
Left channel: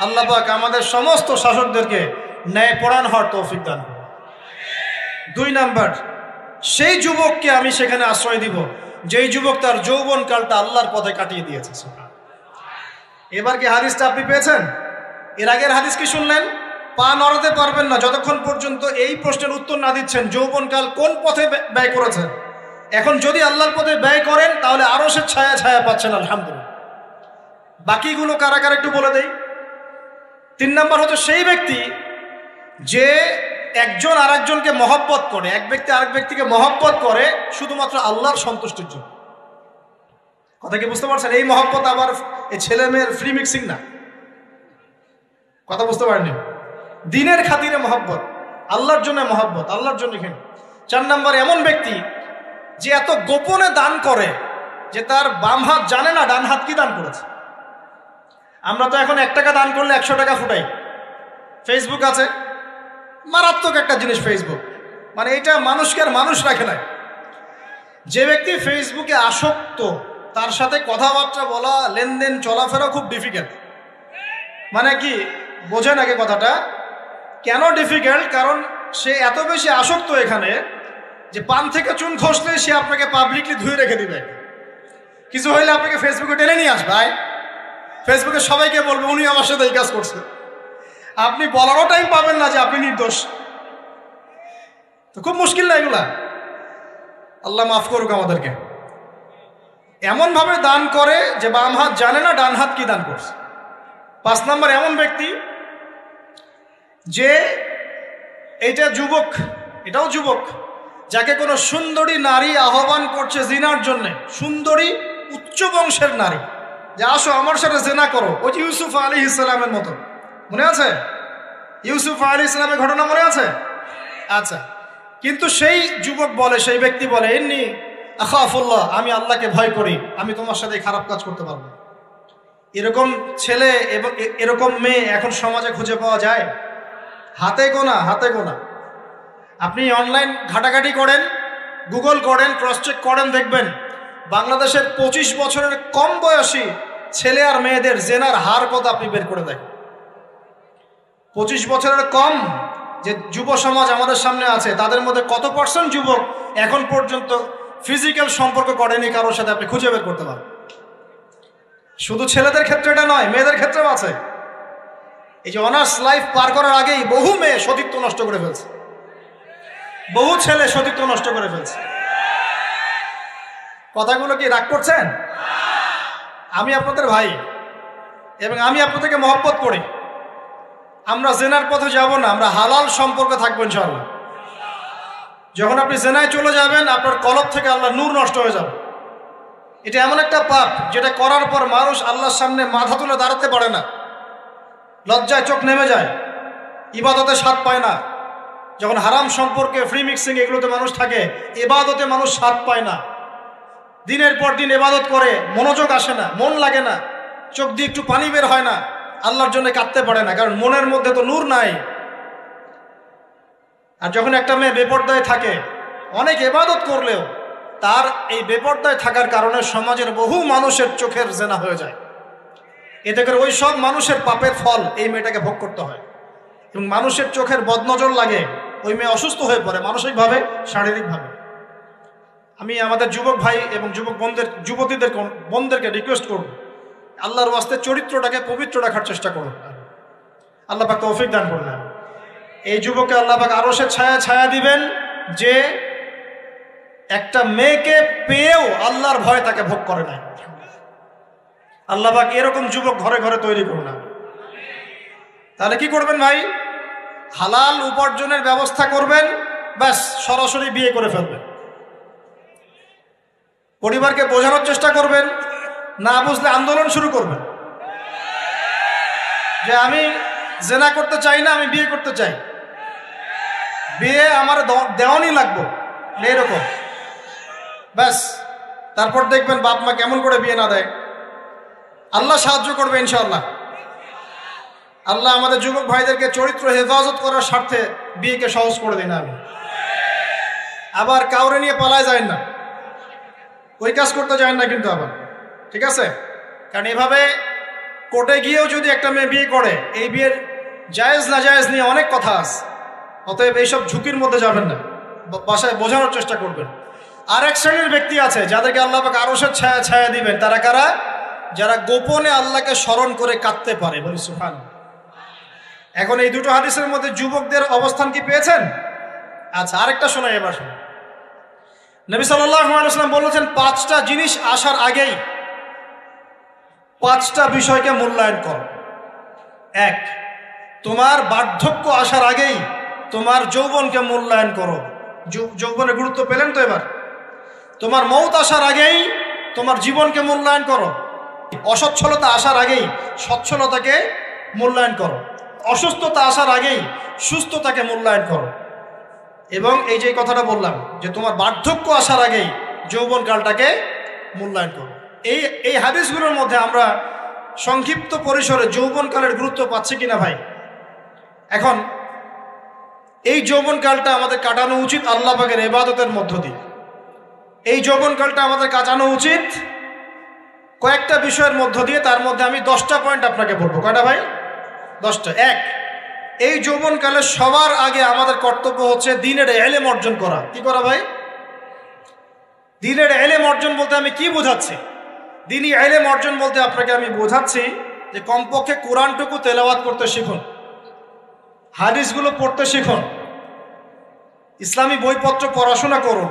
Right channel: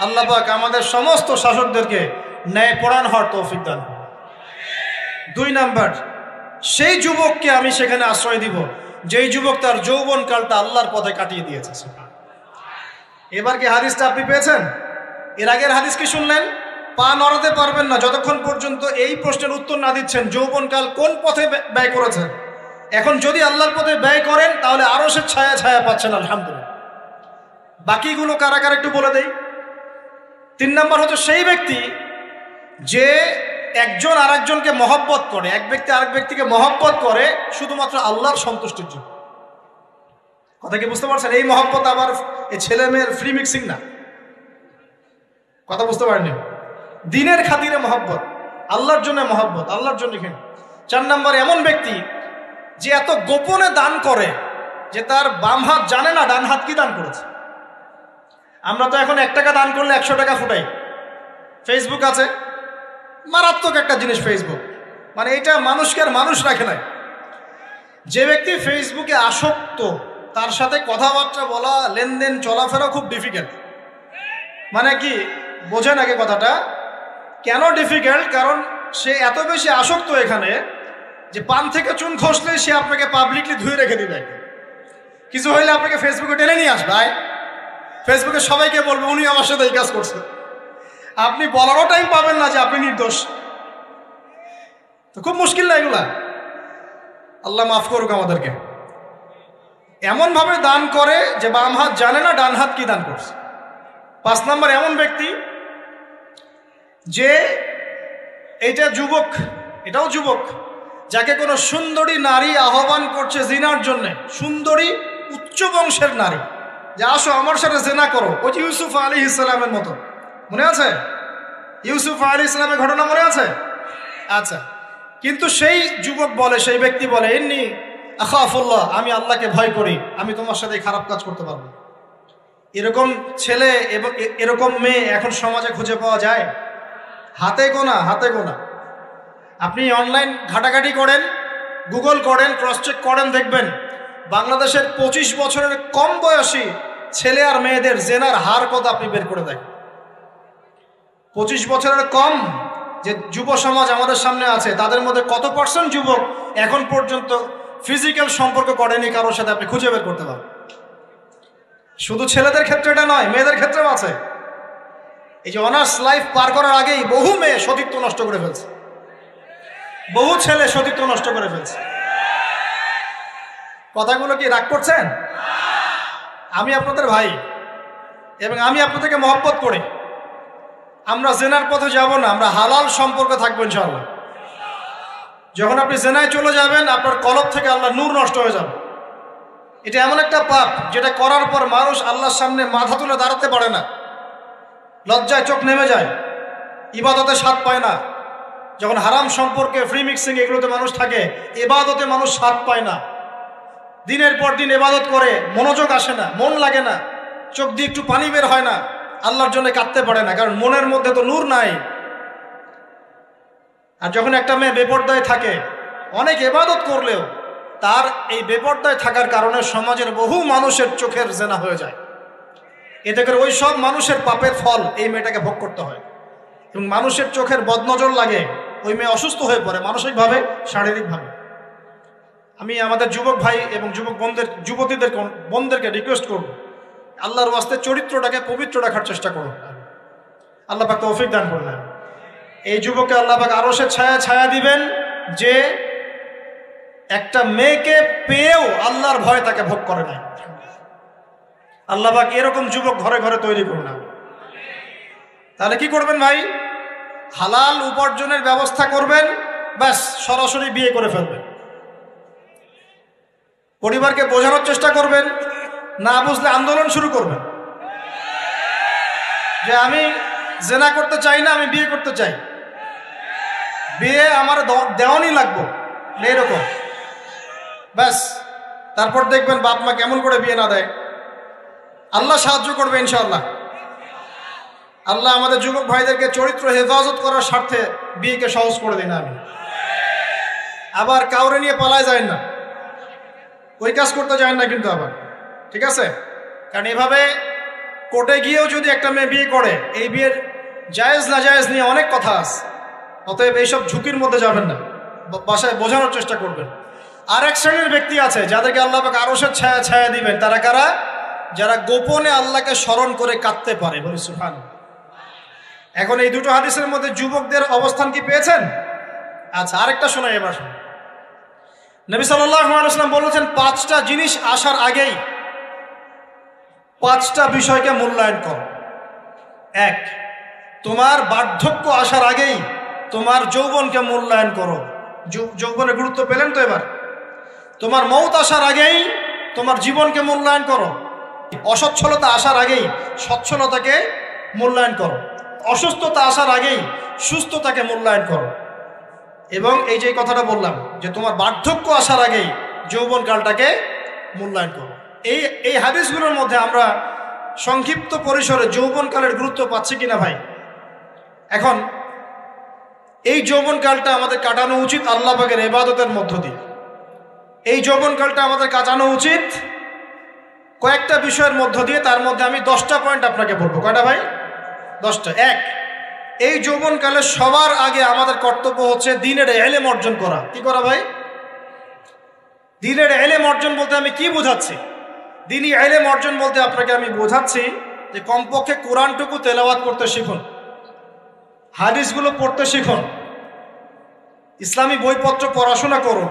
আল্লাহ পাক আমাদের সমস্ত শাসকদেরকে ন্যায়পরায়ণ হওয়ার তৌফিক দান। 2 নাম্বার, সেই যুবককে আমি সেখানে আশ্রয় দিব যেই যুবক তার যৌবন কালটা আল্লাহর পথে কাটিয়ে দিয়েছে। এবার কি হাদিসটা আপনি পেয়েছেন? এর আগের হাদিস কি শুনলেন? পা নড়াতে পারবেন না যতক্ষণ পর্যন্ত এই প্রশ্নের উত্তর না দিচ্ছেন যৌবনকাল কোন পথে ব্যয় করেছেন। এখন যদি আল্লাহর পথে ব্যয় করেন তাহলে আরশের ছায়া ছায়া পাচ্ছেন আলহামদুলিল্লাহ। বাকিগুলো কারা কারা একটু বলে দেই। 3 নম্বর হচ্ছে সেই ব্যক্তি যে একজন আরেকজনকে মহব্বত করে, এক ব্যক্তি আরেক ব্যক্তিকে মহব্বত করে শুধুমাত্র আল্লাহর সন্তুষ্টির জন্য। কথা কি বুঝতে পারছেন? এই মহব্বত আবার এই ছেলে মেয়ের ফ্রি মিক্সিং না। কথা বুঝতে পারেনি? দিনের খাতিরে মহব্বত, আল্লাহর জন্য মহব্বত, আল্লাহর জন্য। 4 নম্বর এমন ব্যক্তি যে এত গোপনে দান করে যে তার বাম হাত জানে না ডান হাত কি দান করেছে। আমরা তো এখন 1 টাকা দান করলে 100 টাকা ফুটাই। ফেসবুক আছে, মারাত্মক একটা জিনিস ফেসবুক, মানে এটা মানুষকে মানুষ রাখে না। যে ব্যক্তি ফেসবুকে আসক্ত তার সাথে কথাবার্তা বলা, লেনদেন, চলাফেরা খুব ডিফিকাল্ট। মানে কি বোঝেন আগে কথাটা? কেন ডিফিকাল্ট? কারণ সে এত বেশি আসক্ত এখানে যে পান থেকে চুন খসলে সে আপনাকে পাবলিকলি ধুয়ে রেখে দিবে। কিছু হইলে আপনাকে ফেসবুকে টেনে নিয়ে আসবে। ভাই ফেসবুকে সবাইকে বলবো উনি আমার সাথে এই কাজ করছে। আপনি বলারও টাইম পাবেন না যে আপনি নির্দোষ। তো খুব মুশকিল না এগুলা। আল্লাহ মাফ করুক আমাদেরকে। এমন ভাবে দান করে যে বাম হাত জানে না ডান হাত কি দান করছে। 5 নম্বর এমন ব্যক্তি যে এইটা যুবক, এটাও যুবক, যাকে কোনো সুন্দরী নারী আহ্বান করছে জিনার জন্য। সুন্দরী উচ্চ বংশের নারী যে আসো আমার সাথে জিনা করো। ওই যে ইউসুফ আলাইহিস সালামের মতো, মনে আছে? ইউসুফ আলাইহিস সালামের ঘটনা মনে আছে? আচ্ছা, কিন্তু সেই যুবক বলে, সেই ব্যক্তি বলে ইন্নী আখাফুল্লাহ, আমি আল্লাহকে ভয় করি, আমি তোমার সাথে খারাপ কাজ করতে পারবো। এরকম ছেলে এবং এরকম মেয়ে এখন সমাজে খুঁজে পাওয়া যায় হাতে গোনা, হাতে গোনা। আপনি অনলাইন ঘাটাঘাটি করেন, গুগল করেন, ক্রস চেক করেন, দেখবেন বাংলাদেশের 25 বছরের কম বয়সী ছেলে আর মেয়েদের জেনার হার কত আপনি বের করে দেখেন। 25 বছরের কম যে যুব সমাজ আমাদের সামনে আছে তাদের মধ্যে কত % যুবক এখন পর্যন্ত ফিজিক্যাল সম্পর্ক করেনি কারোর সাথে, আপনি খুঁজে বের করতে পারেন। শুধু ছেলেদের ক্ষেত্রে এটা নয়, মেয়েদের ক্ষেত্রেও আছে। এই যে অনার্স লাইফ পার করার আগেই বহু মেয়ে সতীত্ব নষ্ট করে ফেলছে, বহু ছেলে সতীত্ব নষ্ট করে ফেলছে। কথাগুলো কি রাগ করছেন? আমি আপনাদের ভাই এবং আমি আপনাদেরকে মহব্বত করি। আমরা জেনার পথে যাব না, আমরা হালাল সম্পর্ক থাকবো ইনশাআল্লাহ। যখন আপনি জেনায় চলে যাবেন আপনার কলব থেকে আল্লাহ নূর নষ্ট হয়ে যাবে। এটা এমন একটা পাপ যেটা করার পর মানুষ আল্লাহর সামনে মাথা তুলে দাঁড়াতে পারে না, লজ্জায় চোখ নেমে যায়, ইবাদতে স্বাদ পায় না। যখন হারাম সম্পর্কে, ফ্রি মিক্সিং, এগুলোতে মানুষ থাকে, ইবাদতে মানুষ স্বাদ পায় না। দিনের পর দিন ইবাদত করে মনোযোগ আসে না, মন লাগে না, চোখ দিয়ে একটু পানি বের হয় না, আল্লাহর জন্য কাঁদতে পারে না, কারণ মনের মধ্যে তো নূর নাই। আর যখন একটা মেয়ে বেপরদায় থাকে, অনেক ইবাদত করলেও তার এই বেপরদায় থাকার কারণে সমাজের বহু মানুষের চোখের জেনা হয়ে যায়। এতে করে ওই সব মানুষের পাপের ফল এই মেয়েটাকে ভোগ করতে হয় এবং মানুষের চোখের বদনজর লাগে, ওই মেয়ে অসুস্থ হয়ে পড়ে মানসিকভাবে, শারীরিকভাবে। আমি আমাদের যুবক ভাই এবং যুবক বোনদেরকে রিকোয়েস্ট করব, আল্লাহর ওয়াস্তে চরিত্রটাকে পবিত্র রাখার চেষ্টা করুন। আল্লাহ পাক তৌফিক দান করবেন। এই যুবককে আল্লাহ পাক আরশের ছায়া ছায়া দিবেন যে একটা মেয়েকে পেয়েও আল্লাহর ভয় তাকে ভোগ করে না। আল্লাহ পাক এরকম যুবক ঘরে ঘরে তৈরি করলেন। তাহলে কি করবেন ভাই? হালাল উপার্জনের ব্যবস্থা করবেন, ব্যাস সরাসরি বিয়ে করে ফেলবেন। পরিবারকে বোঝানোর চেষ্টা করবেন, না বুঝলে আন্দোলন শুরু করবেন যে আমি জেনা করতে চাই না, আমি বিয়ে করতে চাই, বিয়ে আমার দেওয়ানি লাগবো, এরকম ব্যাস। তারপর দেখবেন বাপ মা কেমন করে বিয়ে না দেয়। আল্লাহ সাহায্য করবে ইনশাআল্লাহ। আল্লাহ আমাদের যুবক ভাইদেরকে চরিত্র হেফাজত করার স্বার্থে বিয়েকে সহজ করে দেন। আবার কাউরে নিয়ে পালায় যায় না, ওই কাজ করতে যায় না কিন্তু আবার, ঠিক আছে? কারণ এভাবে কোর্টে গিয়েও যদি একটা মেয়ে বিয়ে করে, এই বিয়ের জায়েজ না জায়েজ নিয়ে অনেক কথা আছে। অতএব এইসব ঝুঁকির মধ্যে যাবেন না, বাসায় বোঝানোর চেষ্টা করবেন। আর এক শ্রেণীর ব্যক্তি আছে যাদেরকে আল্লাহ পাক আরশের ছায়া ছায়া দিবেন। তারা কারা? যারা গোপনে আল্লাহকে স্মরণ করে কাঁদতে পারে। বলি সুবহানাল্লাহ। এখন এই দুটো হাদিসের মধ্যে যুবকদের অবস্থান কি পেয়েছেন? আচ্ছা, আরেকটা শোনাই এবার। নবী সাল্লাল্লাহু আলাইহি ওয়াসাল্লাম বলেছেন, 5টা জিনিস আসার আগেই 5টা বিষয়কে মূল্যায়ন করো। 1, তোমার বার্ধক্য আসার আগেই তোমার যৌবনকে মূল্যায়ন করো। যৌবনের গুরুত্ব পেলেন তো এবার? তোমার মৌত আসার আগেই তোমার জীবনকে মূল্যায়ন করো। অসচ্ছলতা আসার আগেই সচ্ছলতাকে মূল্যায়ন করো। অসুস্থতা আসার আগেই সুস্থতাকে মূল্যায়ন করো। এবং এই যে কথাটা বললাম যে তোমার বার্ধক্য আসার আগেই যৌবনকালটাকে মূল্যায়ন করো। এই হাদিসগুলোর মধ্যে আমরা সংক্ষিপ্ত পরিসরে যৌবনকালের গুরুত্ব পাচ্ছি কিনা ভাই? এখন এই যৌবনকালটা আমাদের কাটানো উচিত আল্লাহ পাকের ইবাদতের মধ্য দিয়ে। এই যৌবনকালটা আমাদের কাটানো উচিত কয়েকটা বিষয়ের মধ্য দিয়ে। তার মধ্যে আমি 10টা পয়েন্ট আপনাকে বলবো। কয়টা ভাই? 10টা। 1, এই যৌবনকালে সবার আগে আমাদের কর্তব্য হচ্ছে দ্বীনের ইলম অর্জন করা। কি করা ভাই? দ্বীনের ইলম অর্জন বলতে আমি কি বোঝাচ্ছি? দ্বীনি ইলম অর্জন বলতে আপনাকে আমি বোঝাচ্ছি যে কমপক্ষে কোরআনটুকু তেলাওয়াত করতে শিখুন, হাদিসগুলো পড়তে শিখুন, ইসলামী বইপত্র পড়াশোনা করুন,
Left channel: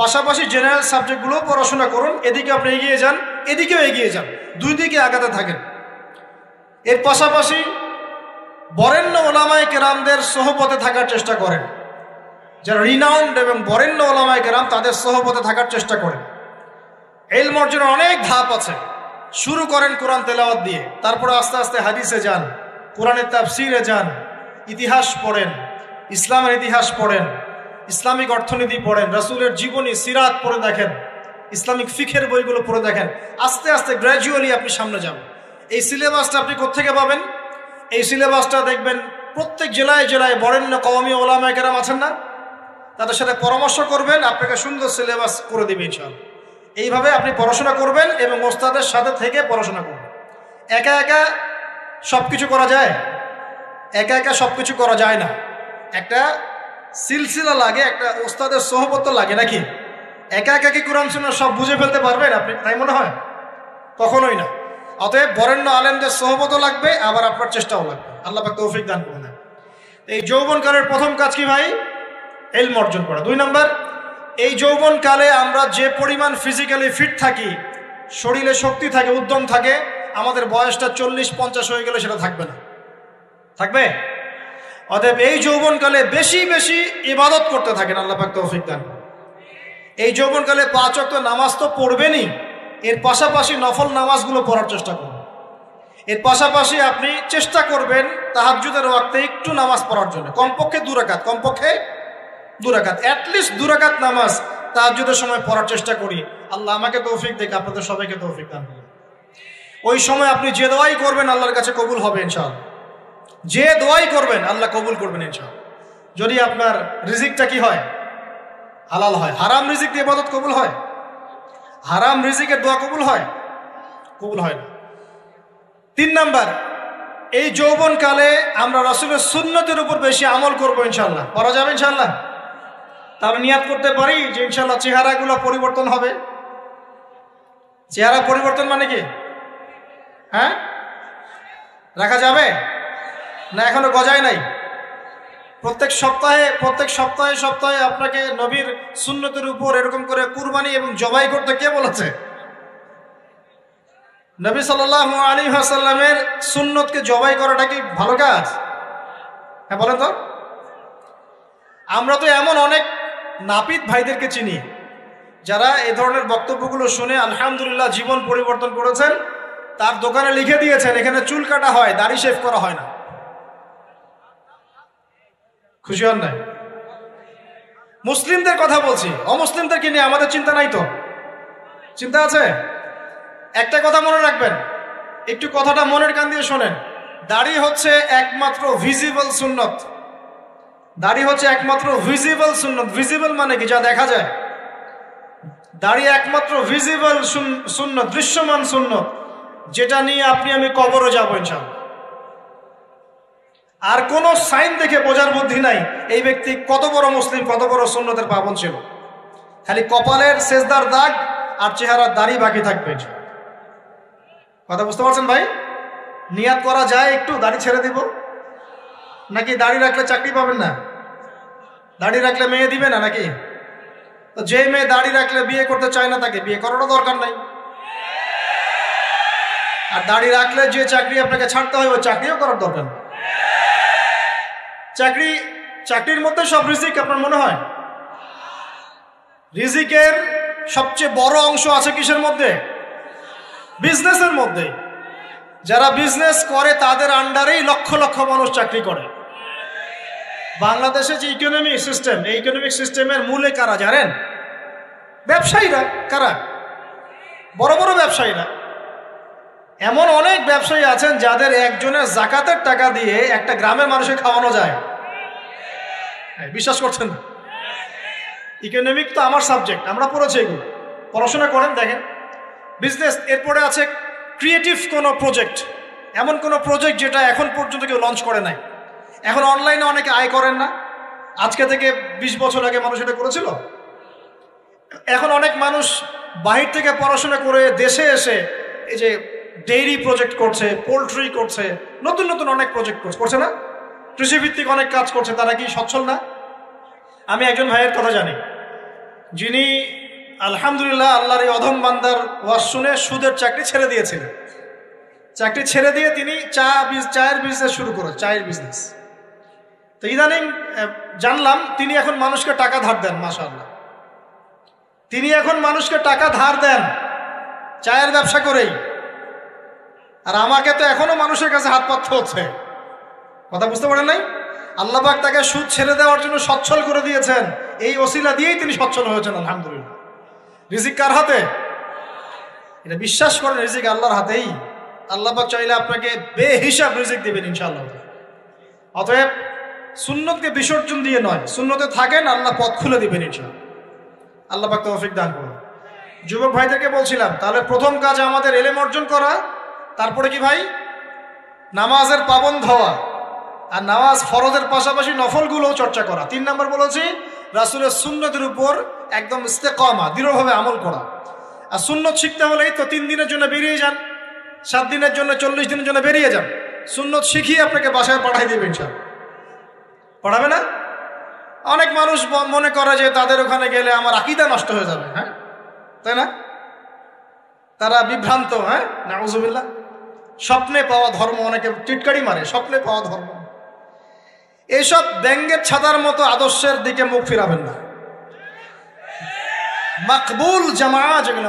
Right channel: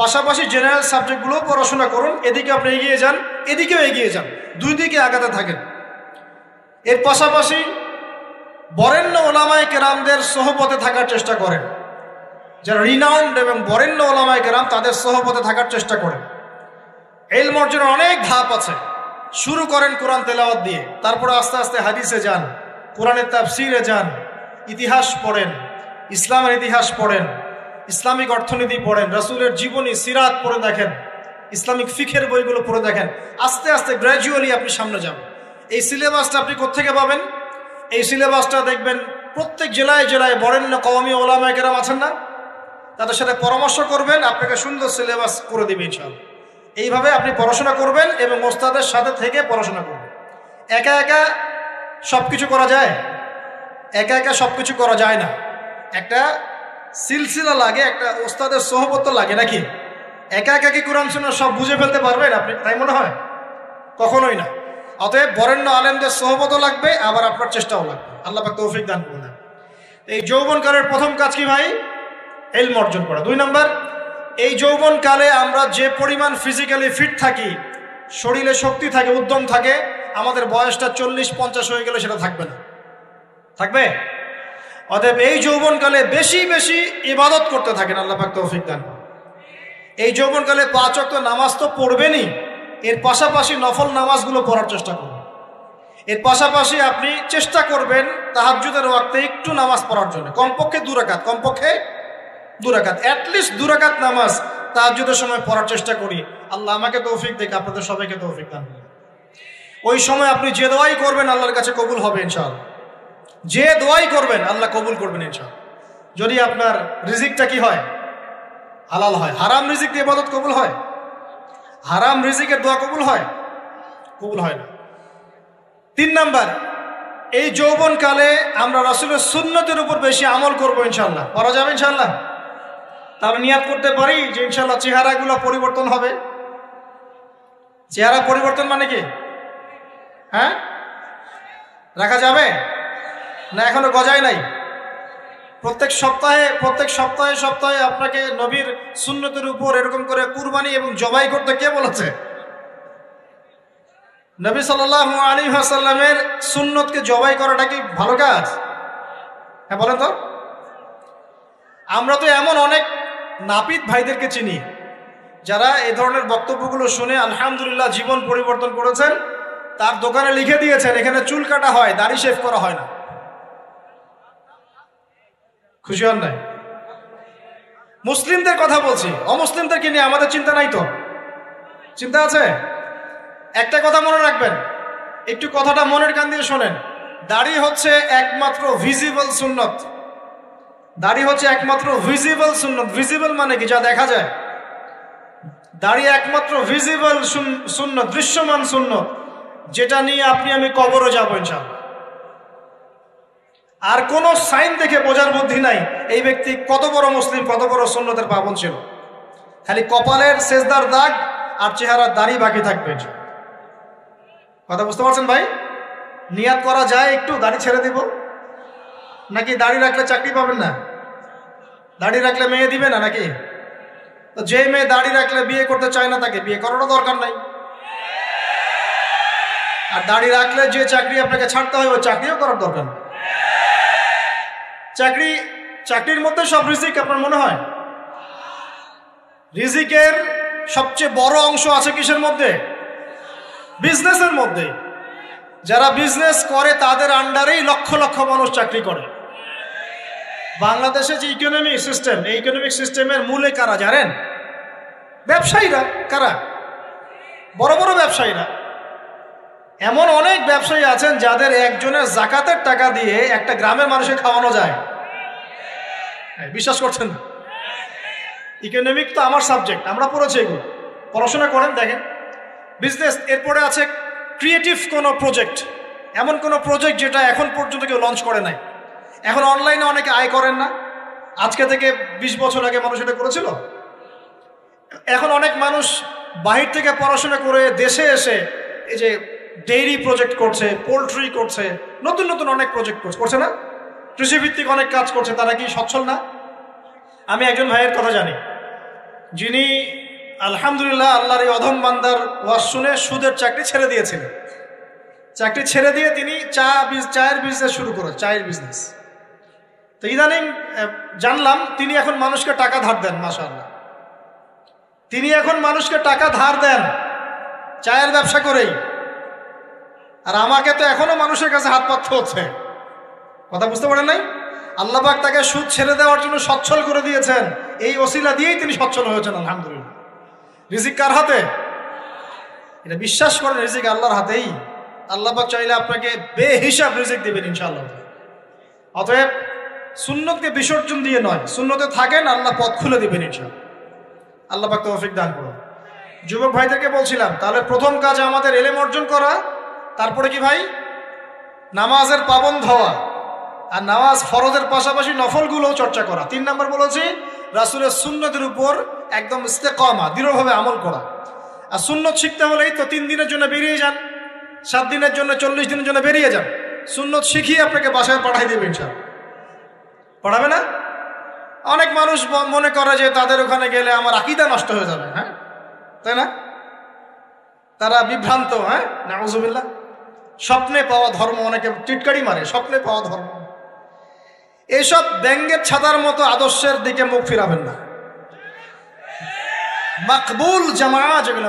পাশাপাশি জেনারেল সাবজেক্টগুলো পড়াশোনা করুন। এদিকে আপনি এগিয়ে যান, এদিকে এগিয়ে যান, দুই দিকে আগাতে থাকেন। এর পাশাপাশি বরেণ্য ওলামায়ে কেরামদের সহপথে থাকার চেষ্টা করেন। যারা রিনাউন্ড এবং বরেণ্য ওলামায়ে কেরাম, তাদের সহপথে থাকার চেষ্টা করেন। ইলম অর্জনের অনেক ধাপ আছে। শুরু করেন কোরআন তেলাওয়াত দিয়ে, তারপরে আস্তে আস্তে হাদিসে যান, কোরআনের তাফসিরে যান, ইতিহাস পড়েন, ইসলামের ইতিহাস পড়েন, ইসলামিক অর্থনীতি পড়েন, রাসূলের জীবনী সিরাত পড়ে দেখেন, ইসলামিক ফিকহের বইগুলো পড়ে দেখেন। আস্তে আস্তে গ্র্যাজুয়ালি আপনি সামনে যান। এই সিলেবাসটা আপনি কোত্থেকে পাবেন? এই সিলেবাসটা দেখবেন প্রত্যেক জেলায় জেলায় বরেণ্য কওমি ওলামায়ে কেরাম আছেন না, তাদের সাথে পরামর্শ করবেন, আপনাকে সুন্দর সিলেবাস করে দেবে ইনশাআল্লাহ। এইভাবে আপনি পড়াশোনা করবেন এবং ওস্তাদের সাথে থেকে পড়াশোনা করবেন। একা একা সবকিছু করা যায়? একা একা সবকিছু করা যায় না। একটা সিলসিলা লাগে, একটা ওস্তাদের সহবত লাগে নাকি? একা একা কি কোরআন সুন্নাহ সব বুঝে ফেলতে পারবেন আপনি? তাই মনে হয়? কখনোই না। অতএব বরেণ্য আলেমদের সহবত লাগবে, আবার আপনার চেষ্টাও লাগবে। আল্লাহ পাক তৌফিক দান করুন। এই যৌবনকালের প্রথম কাজ কি ভাই? ইলম অর্জন করা। 2 নম্বর, এই যৌবনকালে আমরা যে পরিমাণ ফিজিক্যালি ফিট থাকি, শরীরে শক্তি থাকে, উদ্যম থাকে, আমাদের বয়সটা 40-50 হয়ে গেলে সেটা থাকবে না। থাকবে? অতএব এই যৌবনকালে বেশি বেশি ইবাদত করতে থাকেন। আল্লাহ পাক তৌফিক দান। এই যৌবনকালে 5 ওয়াক্ত নামাজ তো পড়বেনই, এর পাশাপাশি নফল নামাজগুলো পড়ার চেষ্টা করবেন। এর পাশাপাশি আপনি চেষ্টা করবেন তাহাজ্জুদের ওয়াক্তে একটু নামাজ পড়ার জন্য, কমপক্ষে 2 রাকাত, কমপক্ষে 2 রাকাত, অ্যাটলিস্ট 2 রাকাত নামাজ তাহাজ্জুদের সময় পড়ার চেষ্টা করি। আল্লাহ আমাকে তৌফিক দেখ, আপনাদের সবাইকে তৌফিক দান করুন। ওই সময় আপনি যে দোয়াই করবেন আল্লাহর কাছে কবুল হবে ইনশাআল্লাহ। যে দোয়াই করবেন আল্লাহ কবুল করবেন ইনশাআল্লাহ। যদি আপনার রিজিকটা কি হয়? হালাল হয়। হারাম রিজিক দিয়ে ইবাদত কবুল হয়? হারাম রিজিকের দোয়া কবুল হয়? কবুল হয় না। 3 নম্বর, এই যৌবনকালে আমরা রাসূলের সুন্নতের উপর বেশি আমল করবো ইনশাআল্লাহ। পারা যাবে ইনশাআল্লাহ? তার নিয়ত করতে পারি যে ইনশাআল্লাহ চেহারাগুলো পরিবর্তন হবে। চেহারা পরিবর্তন মানে কি? হ্যাঁ, রাখা যাবে না? এখনো গজায় নাই। প্রত্যেক সপ্তাহে আপনাকে নবীর সুন্নতের উপর এরকম করে কুরবানি এবং জবাই করতে কে বলেছে? নবী সাল্লাল্লাহু আলাইহি ওয়াসাল্লামের সুন্নতকে জবাই করাটা কি ভালো কাজ? হ্যাঁ বলেন তো। আমরা তো এমন অনেক নাপিত ভাইদেরকে চিনি যারা এই ধরনের বক্তব্যগুলো শুনে আলহামদুলিল্লাহ জীবন পরিবর্তন করেছেন। তার দোকানে লিখে দিয়েছেন এখানে চুল কাটা হয়, দাড়ি শেভ করা হয় না। খুশি হন নাই? মুসলিমদের কথা বলছি, অমুসলিমদেরকে নিয়ে আমাদের চিন্তা নাই তো? চিন্তা আছে? একটা কথা মনে রাখবেন, একটু কথাটা মনের কান দিয়ে শোনেন। দাড়ি হচ্ছে একমাত্র ভিজিবল সুন্নত। দাড়ি হচ্ছে একমাত্র ভিজিবল সুন্নত। ভিজিবল মানে কি? যা দেখা যায়। দাড়ি একমাত্র ভিজিবল সুন্নত, দৃশ্যমান সুন্নত, যেটা নিয়ে আপনি আমি কবরে যাবো ইনশাআল্লাহ। আর কোন সাইন দেখে বোঝার বুদ্ধি নাই এই ব্যক্তি কত বড় মুসলিম, কত বড় সুন্নতের পাবন ছিল। খালি কপালের সেজদার দাগ আর চেহারার দাড়ি বাকি থাকবে। কথা বুঝতে পারছেন ভাই? নিয়ত করা যায় একটু দাড়ি ছেড়ে দিব, নাকি দাড়ি রাখলে চাকরি পাবেন না? দাড়ি রাখলে মেয়ে দিবে না নাকি? তো যে মেয়ে দাড়ি রাখলে বিয়ে করতে চায় না তাকে বিয়ে করারও দরকার নেই। আর দাড়ি রাখলে যে চাকরি আপনাকে ছাড়তে হয় ওই চাকরিও করার দরকার নেই। চাকরির মধ্যে সব রিজিক আপনার মনে হয়? রিজিকের সবচেয়ে বড় অংশ আছে কিসের মধ্যে? বিজনেসের মধ্যে। যারা বিজনেস করে তাদের আন্ডারেই লক্ষ লক্ষ মানুষ চাকরি করে। বাংলাদেশে যে ইকোনমিক সিস্টেম, এই ইকোনমিক সিস্টেমের মূলে কারা জানেন? ব্যবসায়ীরা। কারা? বড় বড় ব্যবসায়ীরা। এমন অনেক ব্যবসায়ী আছেন যাদের একজনের যাকাতের টাকা দিয়ে একটা গ্রামের মানুষকে খাওয়ানো যায়। বিশ্বাস করছেন? ইকোনমিক তো আমার সাবজেক্ট, আমরা পড়েছি, পড়াশোনা করেন, দেখেন। বিজনেস, এরপরে আছে ক্রিয়েটিভ কোনো প্রজেক্ট, এমন কোনো প্রজেক্ট যেটা এখন পর্যন্ত কেউ লঞ্চ করে নাই। এখন অনলাইনে অনেকে আয় করেন না, আজকে থেকে 20 বছর আগে মানুষ এটা করেছিল। এখন অনেক মানুষ বাহির থেকে পড়াশোনা করে দেশে এসে এই যে ডেইরি প্রজেক্ট করছে, পোল্ট্রি করছে, নতুন নতুন অনেক প্রজেক্ট করছে না? কৃষিভিত্তিক অনেক কাজ করছে। তারা কি সচ্ছল না? আমি একজন ভাইয়ের কথা জানি, যিনি আলহামদুলিল্লাহ আল্লাহর এই অধম বান্দার ওয়াজ শুনে সুদের চাকরি ছেড়ে দিয়েছিলেন। চাকরি ছেড়ে দিয়ে তিনি চায়ের বিজনেস শুরু করেন, চায়ের বিজনেস। তো ইদানিং জানলাম তিনি এখন মানুষকে টাকা ধার দেন। মাশাআল্লাহ, তিনি এখন মানুষকে টাকা ধার দেন চায়ের ব্যবসা করে। আর আমাকে তো এখনো মানুষের কাছে হাত পাততে হচ্ছে। কথা বুঝতে পারেন নাই? আল্লাহ পাক তাকে সুদ ছেড়ে দেওয়ার জন্য সচ্ছল করে দিয়েছেন। এই ওসিলা দিয়েই তিনি সচ্ছল হয়েছেন আলহামদুলিল্লাহ। রিজিক কার হাতে? এটা বিশ্বাস করে, রিজিক আল্লাহর হাতেই। আল্লাহ পাক চাইলে আপনাকে বেহিসাব রিজিক দেবেন ইনশাআল্লাহ। অতএব সুন্নতকে বিসর্জন দিয়ে নয়, সুন্নতে থাকেন, আল্লাহ পথ খুলে দিবেন ইনশাআল্লাহ। আল্লাহ পাক তৌফিক দান করুন। যুবক ভাইদেরকে বলছিলাম, তাহলে প্রথম কাজ আমাদের ইলম অর্জন করা, তারপরে কি ভাই? নামাজের পাবন্দ হওয়া, আর নামাজ ফরজের পাশাপাশি নফলগুলো চর্চা করা। 3 নম্বর বলেছে রাসূলের সুন্নতের উপর একদম ইস্তেকামা, দৃঢ়ভাবে আমল করা। আর সুন্নত শিখতে হলেই তো 3 দিনের জন্য বেরিয়ে যান, 7 দিনের জন্য, 40 দিনের জন্য বেরিয়ে যান। সুন্নত শিখিয়ে আপনাকে বাসায় পাঠিয়ে দিবেন। পড়াবে না? অনেক মানুষ মনে করে যে তাদের ওখানে গেলে আমার আকীদা নষ্ট হয়ে যাবে, হ্যাঁ, তাই না? তারা বিভ্রান্ত। হ্যাঁ, নাউযুবিল্লাহ। স্বপ্নে পাওয়া ধর্ম, অনেকে টিটকারি মানে স্বপ্নে পাওয়া ধর্ম। এইসব ব্যঙ্গের ছাতার মতো আদর্শের দিকে মুখ ফিরাবেন না। মাকবুল জামা, যেগুলো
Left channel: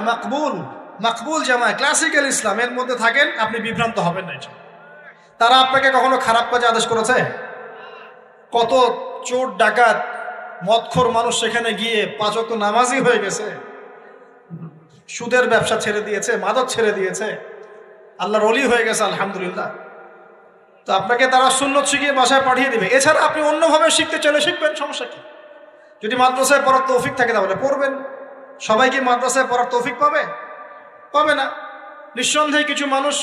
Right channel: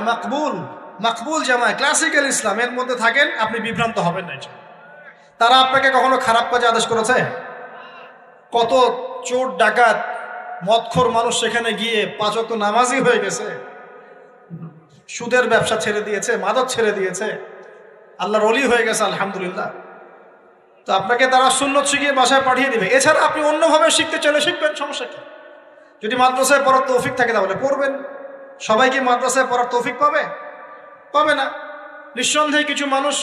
মাকবুল জামা, ক্লাসিক্যাল ইসলামের মধ্যে থাকেন, আপনি বিভ্রান্ত হবেন না। তারা আপনাকে কখনো খারাপ কাজে আদেশ করেছে? কত চোর ডাকাত মদখোর মানুষ সেখানে গিয়ে 5 ওয়াক্ত নামাজি হয়ে গেছে, সুদের ব্যবসা ছেড়ে দিয়েছে, মাদক ছেড়ে দিয়েছে, আল্লাহর ওলি হয়ে গেছে আলহামদুলিল্লাহ। তো আপনাকে তারা সুন্নত শিখিয়ে বাসায় পাঠিয়ে দেবে। এছাড়া আপনি অন্যভাবে শিখতে চাইলে শিখবেন, সমস্যা কি? যদি মাদ্রাসায় পড়ার তৌফিক থাকে তাহলে পড়বেন। সবাই কি মাদ্রাসায় পড়ার তৌফিক পাবে? পাবে না। নিঃসন্দেহে কিছু মানুষ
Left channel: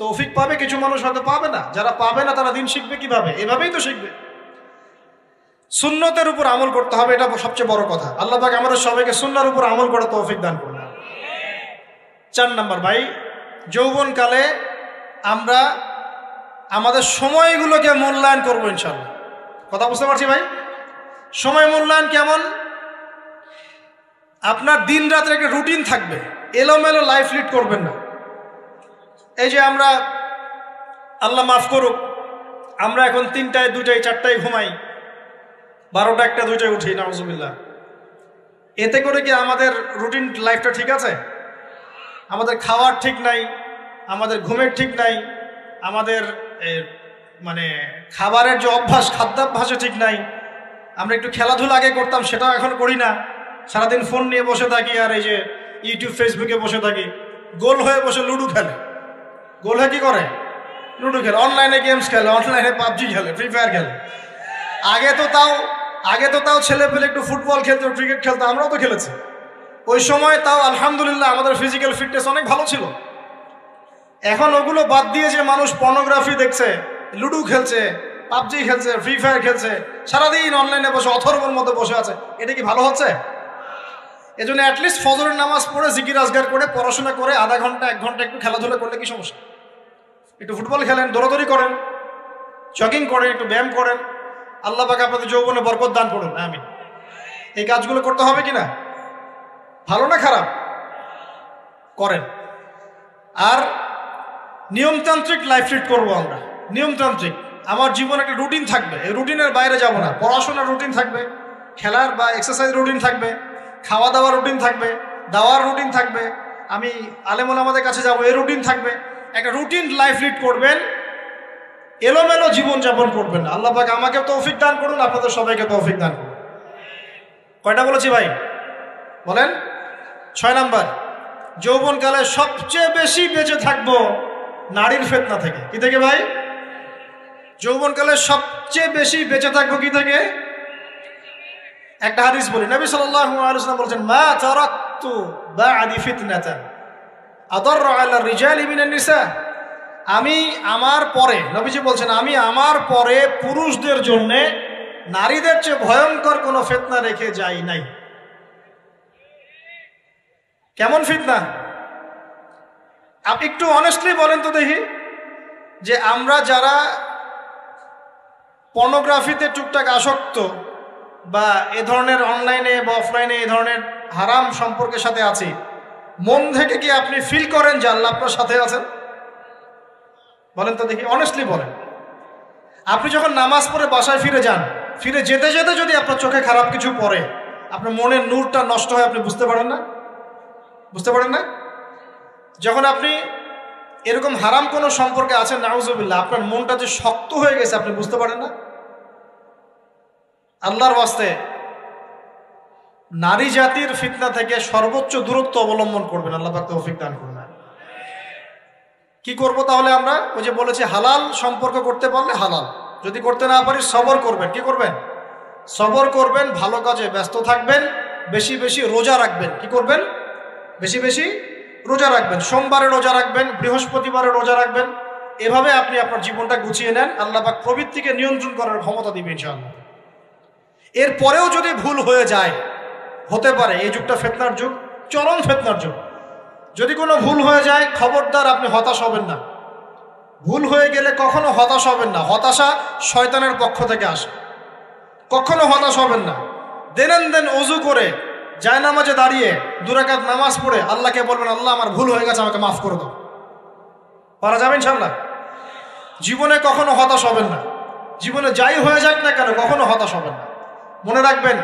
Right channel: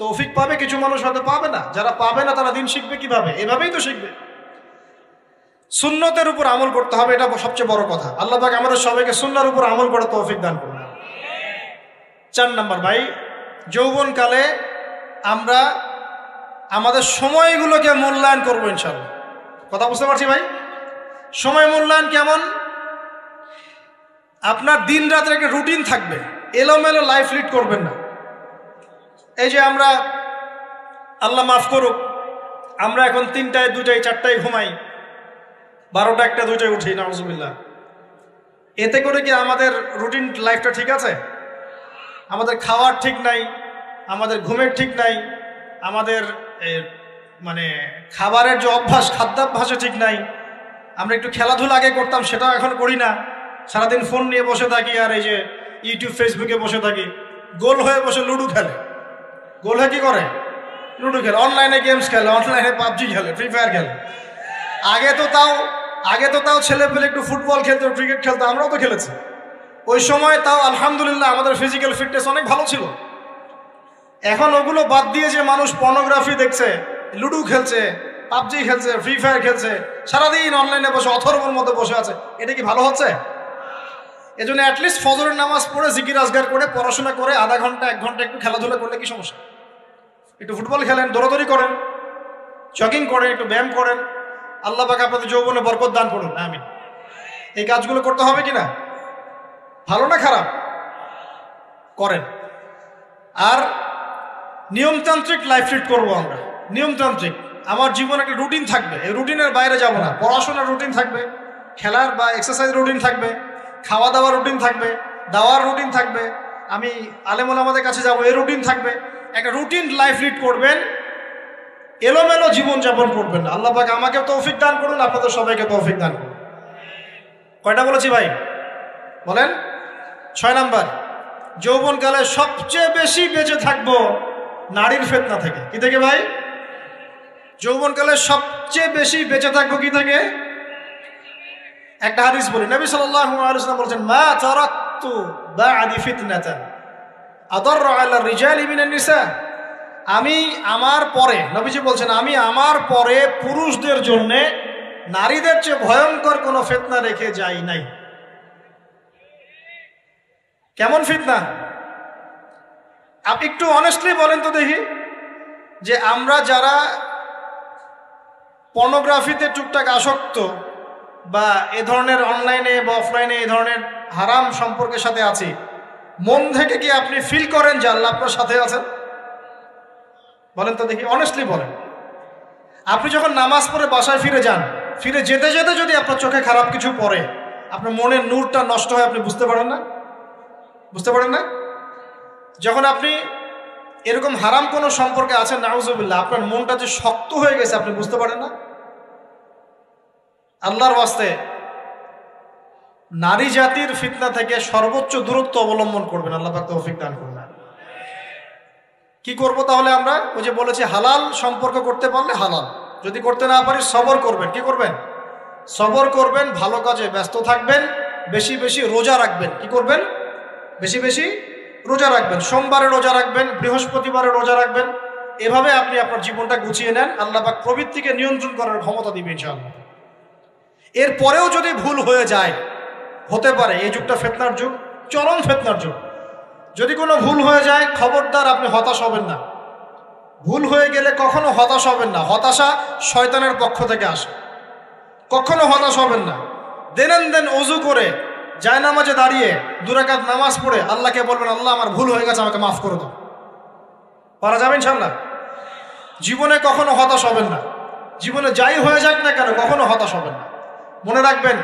তৌফিক পাবে, কিছু মানুষ হয়তো পাবে না। যারা পাবে না তারা দিন শিখবে কিভাবে? এভাবেই তো শিখবে। সুন্নতের উপর আমল করতে হবে, এটা সবচেয়ে বড় কথা। আল্লাহ পাক আমাদের সবাইকে সুন্নাহর উপর আমল করার তৌফিক দান করুন। 4 নম্বর ভাই, যৌবনকালে আমরা আমাদের সময়গুলোকে মূল্যায়ন করবো ইনশাআল্লাহ। কথা বুঝতে পারছি ভাই? সময় মূল্যায়ন কেমন? আপনার দিন রাতের একটা রুটিন থাকবে, এলোমেলো লাইফ লিড করবেন না। এই যে আমরা, আল্লাহ মাফ করুক, আমরা এখন 3টায় 2টায় 4টায় ঘুমাই, 12টা 1টা 2টায় উঠি, নাউযুবিল্লাহ। এতে করে কি আমাদের রুটিন লাইফটা ঠিক আছে? আমাদের খাওয়ার ঠিক নাই, আমাদের ঘুমের ঠিক নাই, আমাদের মানে খাবারের যে অভ্যাস, খাদ্যাভ্যাসে ঠিক নাই। আমরা একটু খেলাধুলা আগে করতাম, সেটাও এখন করি না। সারাদিন ফোন নিয়ে বসে থাকি, আর এই যে ইউটিউব ফেসবুকে বসে থাকি। গোল হয়ে বসে লুডো খেলে। গোল হয়ে কি করে? লুডো খেলে, অনলাইনে গেমস খেলে, অনলাইনে পাবজি খেলে, ফ্রি ফায়ার খেলে। আগে তো তাও ছেলে পেলে একটু ফুটবল খেলতো, ক্রিকেট খেলতো, আমরাও তো খেলেছি। ওই সময় তাও আলহামদুলিল্লাহ আমাদের ফিজিক্যাল ফিটনেস অনেক ভালো ছিল। এখন ওগুলো বাদ দিয়ে যে মানুষ পর্নোগ্রাফি দেখছে, লুডো খেলছে, পাবজি খেলছে, ফ্রি ফায়ার খেলছে, সারাদিন অনলাইনে বসে অথর্বর মধ্যে বসে আছে, এটা কি ভালো হচ্ছে? এজন্য অ্যাটলিস্ট ফজরের নামাজ পড়ে জিকির আজগার করে পড়াশোনা করে আধা ঘন্টা 1 ঘন্টা একটু খেলাধুলা করলে কি সমস্যা? একটু ফুটবল খেলেন, দৌড়াদৌড়ি করেন, জগিং করেন, একটু ব্যায়াম করেন। আল্লাহ পাক আপনাদের যৌবনে বরকত দান করুন। আমিন। এই কাজগুলো করতে হবে কিনা? ভালো না খারাপ? করেন। আর নিয়মতান্ত্রিক লাইফ লিড করবো আমরা। নিয়মতান্ত্রিক, আমার জীবনে একটা রুটিন থাকবে, এই রুটিনের বাইরে যাবো না। পড়াশোনার রুটিন থাকবে, খেলার বা এক্সারসাইজ রুটিন থাকবে, খাওয়া দাওয়ার রুটিন থাকবে, দাওয়ার রুটিন থাকবে, আমি আলেম ওলামাদের কাছে যাবো, এই রুটিন থাকবে। একটা রুটিন লাইফ লিড করবেন, এলোমেলো জীবন যাপন করবেন। আল্লাহ পাক আমাকে তৌফিক দান করুন, আপনাদের সবাইকে তৌফিক দান করুন। কয়টা বলেছি ভাই? বলেন। 6 নাম্বার, যৌবনকালে সবচেয়ে বেশি বেঁচে থাকবো নারীর ফিতনা থেকে। কি থেকে ভাই? যৌবনকালে সবচেয়ে বেশি বেঁচে থাকবো কি থেকে? একটা হাদিস বলি, নবী সাল্লাল্লাহু আলাইহি ওয়াসাল্লাম বলেছেন, মা তারাকতু বা'দি ফিতনাতান আদাররা আলা রিজালি মিনান নিসা। আমি আমার পরে, নবীজি বলছেন, আমি আমার পরে পুরুষদের জন্য নারীদের চেয়ে ভয়ঙ্কর কোন ফিতনা রেখে যাই নাই। কেমন ফিতনা? আপনি একটু অনেস্টলি বলেন তো দেখি, যে আমরা যারা পর্নোগ্রাফিতে টুকটাক আসক্ত বা এ ধরনের অনলাইনে বা অফলাইনে এই ধরনের হারাম সম্পর্কের সাথে আছি, মন থেকে কি আপনি ফিল করেন যে আল্লাহ আপনার সাথে আছেন? বলেন তো দেখি, অনেস্টলি বলেন। আপনি যখন নামাজ পড়ে বাসায় ফিরে যান, ফিরে যেতে যেতে যদি আপনার চোখে খারাপ কিছু পড়ে, আপনার মনের নূরটা নষ্ট হয়, আপনি বুঝতে পারেন না? বুঝতে পারেন না? যখন আপনি এরকম হারাম কোনো সম্পর্কে আছেন, নাউজুবিল্লাহ, আপনার মনটা যে শক্ত হয়ে গেছে, আপনি বুঝতে পারেন না? আল্লাহর ওয়াস্তে নারী জাতির ফিতনা থেকে সর্বোচ্চ দূরত্ব অবলম্বন করবেন। আল্লাহ পাক তৌফিক দান করবেন। কি করব তাহলে আমরা? ওই যে বলেছি, হালাল সম্পর্ক করতে পারলে হালাল, যদি করতে না পারি সবর করবেন। কি করবেন? সবর করবেন, ভালো কাজে ব্যস্ত থাকবেন, বেশি বেশি রোজা রাখবেন। কি করবেন? বেশি বেশি রোজা রাখবেন। সোমবারে রোজা রাখবেন, বৃহস্পতিবারে রোজা রাখবেন। এভাবে আপনি আপনার জীবনটা গুছিয়ে নেন, আল্লাহ পাক প্রবৃত্তিকে নিয়ন্ত্রণ করার ক্ষমতা দিবে ইনশাআল্লাহ। এরপরেও যদি ভুল হয়ে যায়, হতে পারে এই যুগটা ফিতনার যুগ, চরম ফিতনার যুগ। যদি কোনো ভুল হয়ে যায়, খবরদার আপনি হতাশ হবেন না। ভুল হয়ে গেলে কখনো হতাশ হবেন না। হতাশা শয়তানের পক্ষ থেকে আসে, কখনো হতাশ হবেন না। দেন ওযু করে জায়নামাজে দাঁড়িয়ে 2 রাকাত নামাজ পড়ে আল্লাহকে বলবেন, আল্লাহ আমার ভুল হয়ে গেছে, আমাকে মাফ করে দাও। পারা যাবে ইনশাআল্লাহ। জীবনে কখনো হতাশ হবেন না। জীবনে যাই হয়ে যাক না কেন, কখনো হতাশ হবেন না। মনে রাখবেন,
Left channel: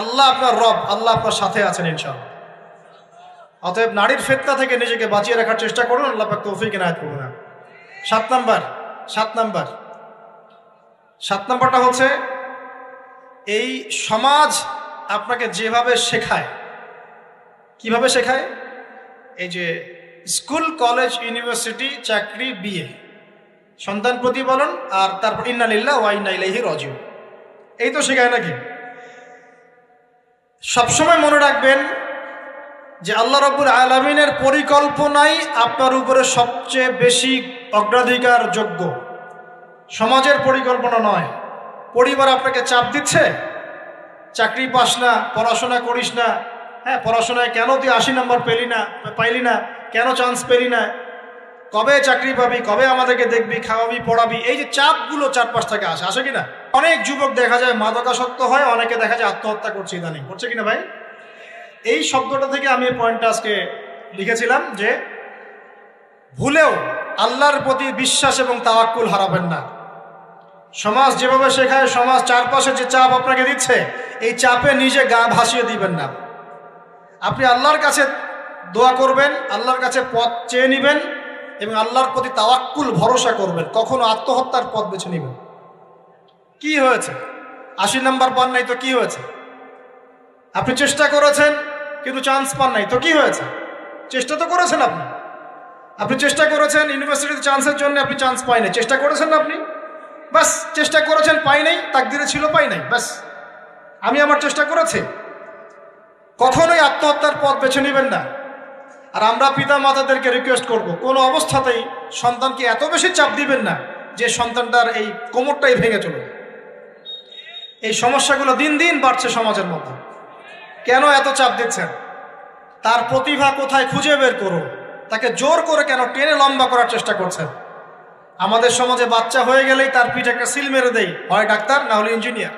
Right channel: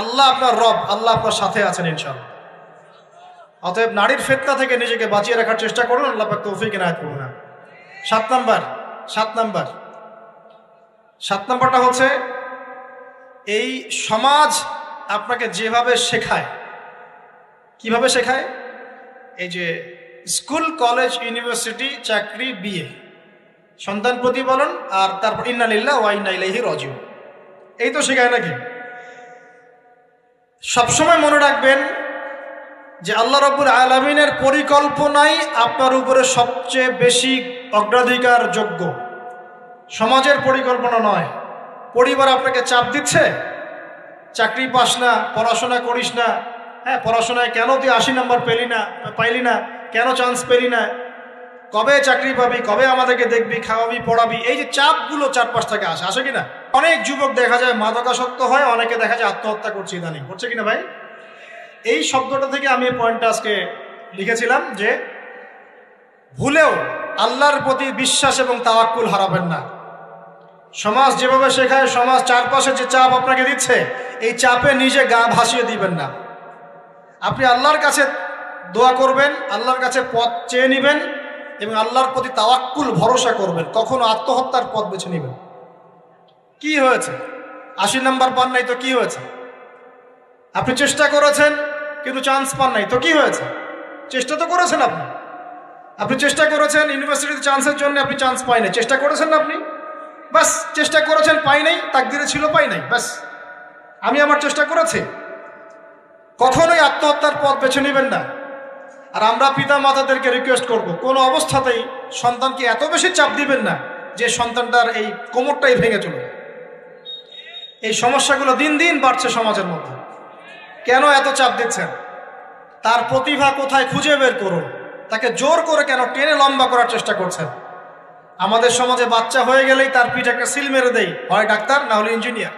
আল্লাহ আপনার রব, আল্লাহ আপনার সাথে আছেন ইনশাআল্লাহ। অতএব নারীর ফিতনা থেকে নিজেকে বাঁচিয়ে রাখার চেষ্টা করুন। আল্লাহ পাক তৌফিক ইনায়াত করুন। 7 নাম্বারটা হচ্ছে, এই সমাজ আপনাকে যেভাবে শেখায়, কিভাবে শেখায়? এই যে স্কুল, কলেজ, ইউনিভার্সিটি, চাকরি, বিয়ে, সন্তান প্রতিপালন, আর তারপর ইন্না লিল্লাহি ওয়া ইন্না ইলাইহি রাজিউন, এই তো শেখায় নাকি? সবসময় মনে রাখবেন যে আল্লাহ রাব্বুল আলামিনের পরিকল্পনাই আপনার উপরে সবচেয়ে বেশি অগ্রাধিকার যোগ্য, সমাজের পরিকল্পনা নয়। পরিবার আপনাকে চাপ দিচ্ছে, চাকরি পাস না, পড়াশোনা করিস না, পড়াশোনায় কেন তুই 80 নাম্বার পাইলি না, কেন চান্স পেলি না, কবে চাকরি পাবি, কবে আমাদেরকে দেখবি, খাওয়াবি, পড়াবি, এই যে চাপগুলো চারপাশ থেকে আসে কিনা? অনেক যুবক দেখা যায় মাদকাসক্ত হয়ে, অনেকে দেখা যায় আত্মহত্যা করছে, ইদানিং করছে কিনা ভাই? এই শব্দটা থেকে আমি পয়েন্টটা আজকে লিখেছিলাম যে ভুলেও আল্লাহর প্রতি বিশ্বাস এবং তাওয়াক্কুল হারাবেন না। সমাজ যেভাবে শেখায়, সমাজ চারপাশে যে চাপ আপনাকে দিচ্ছে, এই চাপে নিজে গা ভাসিয়ে দিবেন না। আপনি আল্লাহর কাছে দোয়া করবেন, আল্লাহর কাছে পথ চেয়ে নেবেন এবং আল্লাহর প্রতি তাওয়াক্কুল ভরসা করবেন। কখনো আত্মহত্যার পথ বেছে নেবেন। কি হয়েছে? 80 নাম্বার পান নাই তো কি হয়েছে? আপনি চেষ্টা করেছেন কিন্তু চান্স পান নাই তো কি হয়েছে? চেষ্টা তো করেছেন আপনি। আপনি চেষ্টা করেছেন ইউনিভার্সিটিতে চান্সের জন্য, আপনি চান্স পাই না, চেষ্টা করেছেন না আপনি? বাস, চেষ্টা করেছেন, পাই নাই, তাকদিরে ছিল পাই নাই, বাস। আমি আমার চেষ্টা করেছি। কখনোই আত্মহত্যার পথ বেছে নেবেন না। আর আমরা পিতা মাতাদেরকে রিকোয়েস্ট করব, কোনো অবস্থাতেই সন্তানকে এত বেশি চাপ দিবেন না যে সন্তানটার এই কোমরটাই ভেঙে চলবে। এই সমস্যাগুলো দিন দিন বাড়ছে সমাজের মধ্যে। কেন এত চাপ দিচ্ছেন? তার প্রতিভা কোথায় খুঁজে বের করুন। তাকে জোর করে কেন টেনে লম্বা করার চেষ্টা করছেন? আমাদের সমাজে বাচ্চা হয়ে গেলেই তার পিঠে একটা সিল মেরে দেয়, হয় ডাক্তার না হলে ইঞ্জিনিয়ার।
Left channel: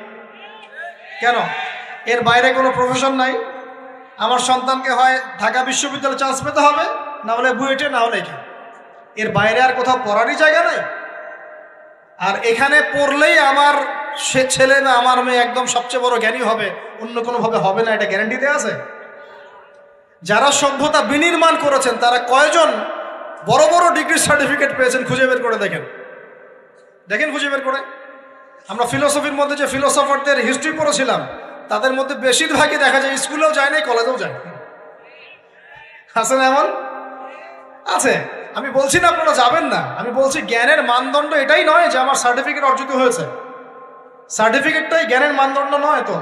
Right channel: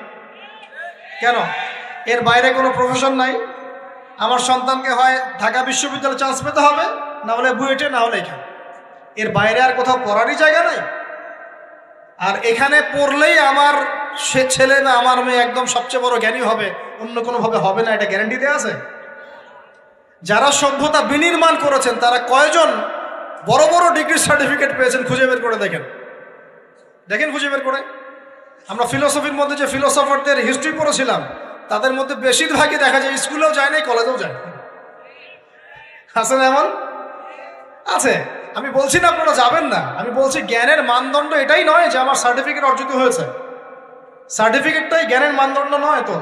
কেন? এর বাইরে কোনো প্রফেশন নাই। আমার সন্তানকে হয় ঢাকা বিশ্ববিদ্যালয়ে চান্স পেতে হবে, না হলে বুয়েটে, না হলে এখানে। এর বাইরে আর কোথাও পড়ারই জায়গা নাই। আর এখানে পড়লেই আমার সে ছেলে না আমার মেয়ে একদম সবচেয়ে বড় জ্ঞানী হবে, অন্য কোনোভাবে হবে না, এটা গ্যারান্টি দেওয়া আছে? যারা সভ্যতা বিনির্মাণ করেছেন তারা কয়জন বড় বড় ডিগ্রি সার্টিফিকেট পেয়েছেন খুঁজে বের করে দেখেন। দেখেন, খুঁজে বের করে। আমরা ফিলোসফির মধ্যে যে ফিলোসফারদের হিস্ট্রি পড়েছিলাম তাদের মধ্যে বেশিরভাগই দেখা যায় স্কুলেও যায় নাই, কলেজেও যায়। আছে না এমন? আছে। আমি বলছি না আপনারা যাবেন না, আমি বলছি জ্ঞানের মানদণ্ড এটাই নয় যে আমার সার্টিফিকেট অর্জিত হয়েছে। সার্টিফিকেটটাই জ্ঞানের মানদণ্ড নয় তো।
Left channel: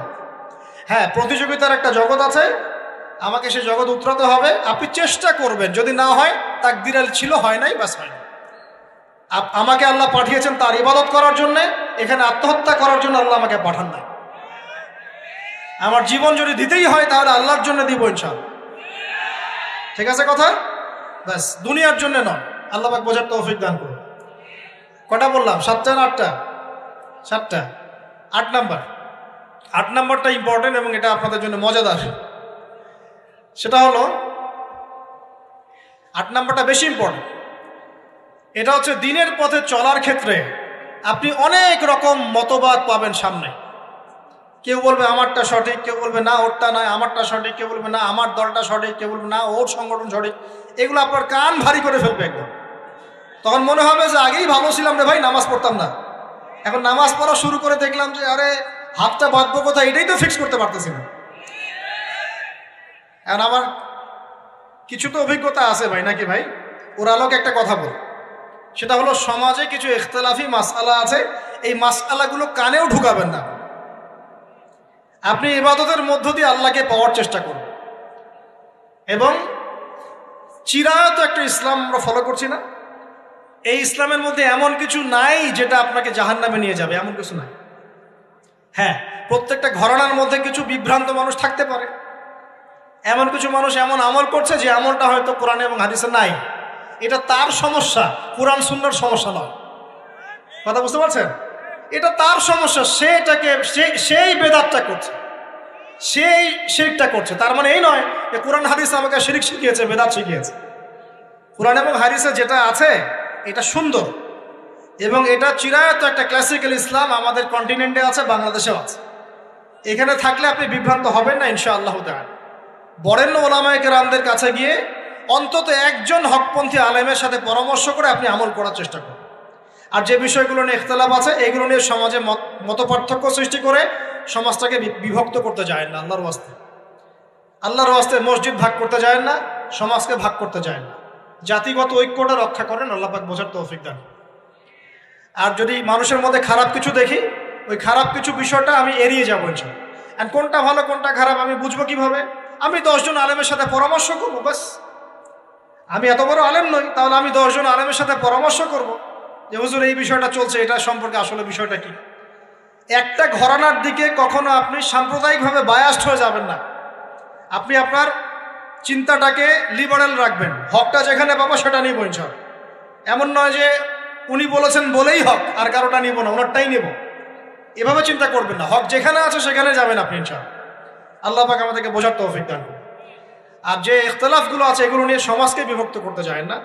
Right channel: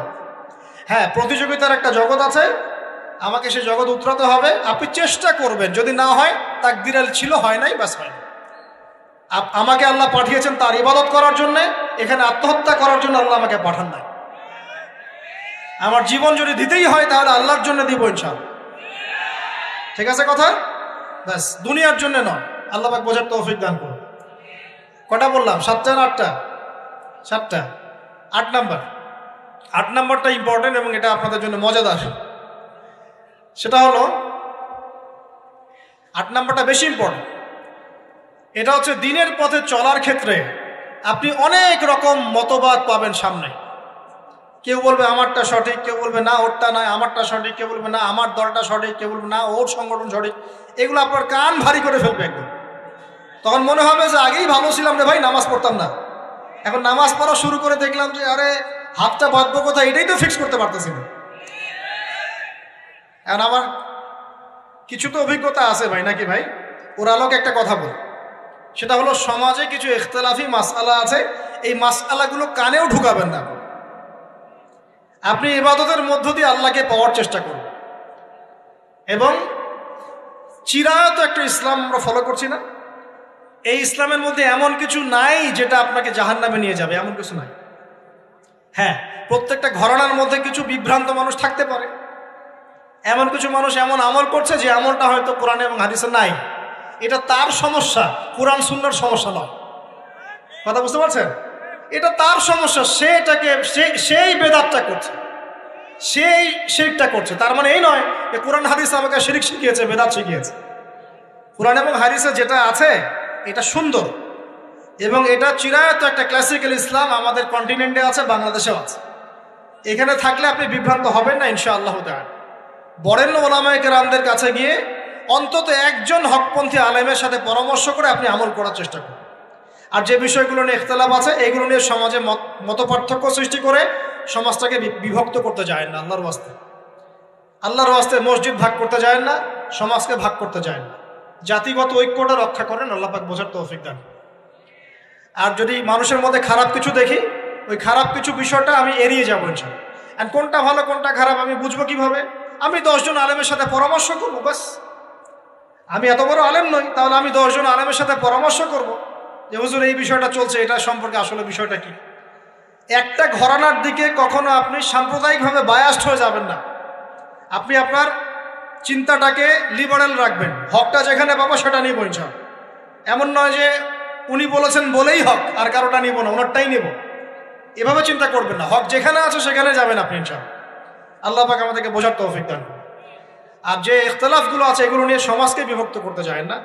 হ্যাঁ, প্রতিযোগিতার একটা জগৎ আছে, আমাকে সে জগৎ উতরাতে হবে। আপনি চেষ্টা করবেন, যদি না হয় তাকদীরে ছিল, হয় নাই, বাস হয়। আমাকে আল্লাহ পাঠিয়েছেন তার ইবাদত করার জন্য, এখানে আত্মহত্যা করার জন্য আল্লাহ আমাকে পাঠান না। আমার জীবন যদি দিতেই হয় তাহলে আল্লাহর জন্য দিব ইনশাআল্লাহ। ঠিক আছে কথা? বাস, দুনিয়ার জন্য নয়। আল্লাহ পাক বোঝার তৌফিক দান করুন। কটা বললাম? 7টা না 8টা? 7টা। 8 নাম্বার। 8 নাম্বারটা ইম্পর্টেন্ট এবং এটা আপনাদের জন্য মজাদার। সেটা হলো 8 নাম্বারটা বেশি ইম্পর্টেন্ট। এটা হচ্ছে দিনের পথে চলার ক্ষেত্রে আপনি অনেক রকম মতবাদ পাবেন সামনে। কেউ বলবে আমারটা সঠিক, কেউ বলবে না ওরটা নয়, আমারটা সঠিক, কেউ বলবে না আমার দলটা সঠিক, কেউ বলবে না ওর সংগঠন সঠিক। এগুলো আপনার কান ভারী করে ফেলবে একদম। তখন মনে হবে যে আগেই ভালো ছিলাম রে ভাই, নামাজ পড়তাম না। এখন নামাজ পড়া শুরু করে দেখলাম যে আরে হাতটা বাঁধবো কথা, এটাই তো ফিক্স করতে পারতেছে না। কারণ আমার কিছু তো অভিজ্ঞতা আছে ভাই, নাকি ভাই? ওর আলোকে একটা কথা বল, সেটা হলো সমাজে কিছু ইখতিলাফি মাসআলা আছে, এই মাসআলাগুলো কানেও ঢুকাবেন না। আপনি ইবাদতের মধ্য দিয়ে আল্লাহকে পাওয়ার চেষ্টা করুন। এবং চিরায়ত একটা ইসলাম আমরা ফলো করছি না? এই ইসলামের মধ্যে এমন কিছু নাই যেটা আপনাকে জাহান্নামে নিয়ে যাবে, এমন কিছু নাই। হ্যাঁ, প্রত্যেকটা ঘরানার মধ্যে কিছু বিভ্রান্ত মানুষ থাকতে পারে। এমন কিছু মানুষ এমন আমল করছে যে আমলটা হয়তো কোরআন এবং হাদিসে নাই। এটা তার সমস্যা, কোরআন সুন্নাহর সমস্যা নয়। কথা বুঝতে পারছেন? এটা তার সমস্যা, সেই বেদাতটা করছে, সেই শিরকটা করছে। তার মানে এই নয় যে কোরআন হাদিস আমাকে শিরক শিখিয়েছে, বেদাত শিখিয়েছে। কোরআন এবং হাদিসে যেটা আছে এটা সুন্দর এবং এটা চিরায়ত একটা ক্লাসিক্যাল ইসলাম আমাদের কন্টিনেন্টে আছে, বাংলাদেশেও আছে। এখানে থাকলে আপনি বিভ্রান্ত হবেন না ইনশাআল্লাহ তাআলা। বরেণ্য ওলামায়ে কেরামদের কাছে গিয়ে অন্তত একজন হকপন্থী আলেমের সাথে পরামর্শ করে আপনি আমল করার চেষ্টা করুন। আর যে বিষয়গুলো নিয়ে ইখতিলাফ আছে এগুলো নিয়ে সমাজে মত পার্থক্য সৃষ্টি করে সমাজটাকে বিভক্ত করতে যায় না। আল্লাহর ওয়াস্তে মসজিদ ভাগ করতে যায় না, সমাজকে ভাগ করতে যায় না। জাতিগত ঐক্যটা রক্ষা করেন, আল্লাহ পাক বোঝার তৌফিক দান। আর যদি মানুষের মধ্যে খারাপ কিছু দেখি, ওই খারাপ কিছু বিষয়টা আমি এড়িয়ে যাবো ইনশাআল্লাহ। আর কোনটা ভালো কোনটা খারাপ আমি বুঝবো কিভাবে? আমি 10 জন আলেমের সাথে পরামর্শ করবো, বাস। আমি এত বড় আলেম নই, তাহলে আমি 10 জন আলেমের সাথে পরামর্শ করবো যে হুজুর এই বিষয়টা চলছে, এটা সম্পর্কে আসলে বিষয়টা কি। একটা ঘরানার দিকে কখনো আপনি সাম্প্রদায়িকভাবে বায়াস্ট হয়ে যাবেন না। আপনি আপনার চিন্তাটাকে লিবারেল রাখবেন, হকটা যেখানে পাবো সেটা নিব ইনশাআল্লাহ। এমন নয় যে উনি বলেছেন বলেই হক, আর কারোটা নিব না, ওনারটাই নেব, এভাবে চিন্তা করবেন না। হক যেখানে আছে সেখানে যাবেন আপনি ইনশাআল্লাহ। আল্লাহ পাক আমাদেরকে বোঝার তৌফিক দান করুন। আর যে ইখতিলাফগুলো আছে এগুলো নিয়ে সমাজকে বিভক্ত করতে যায় না,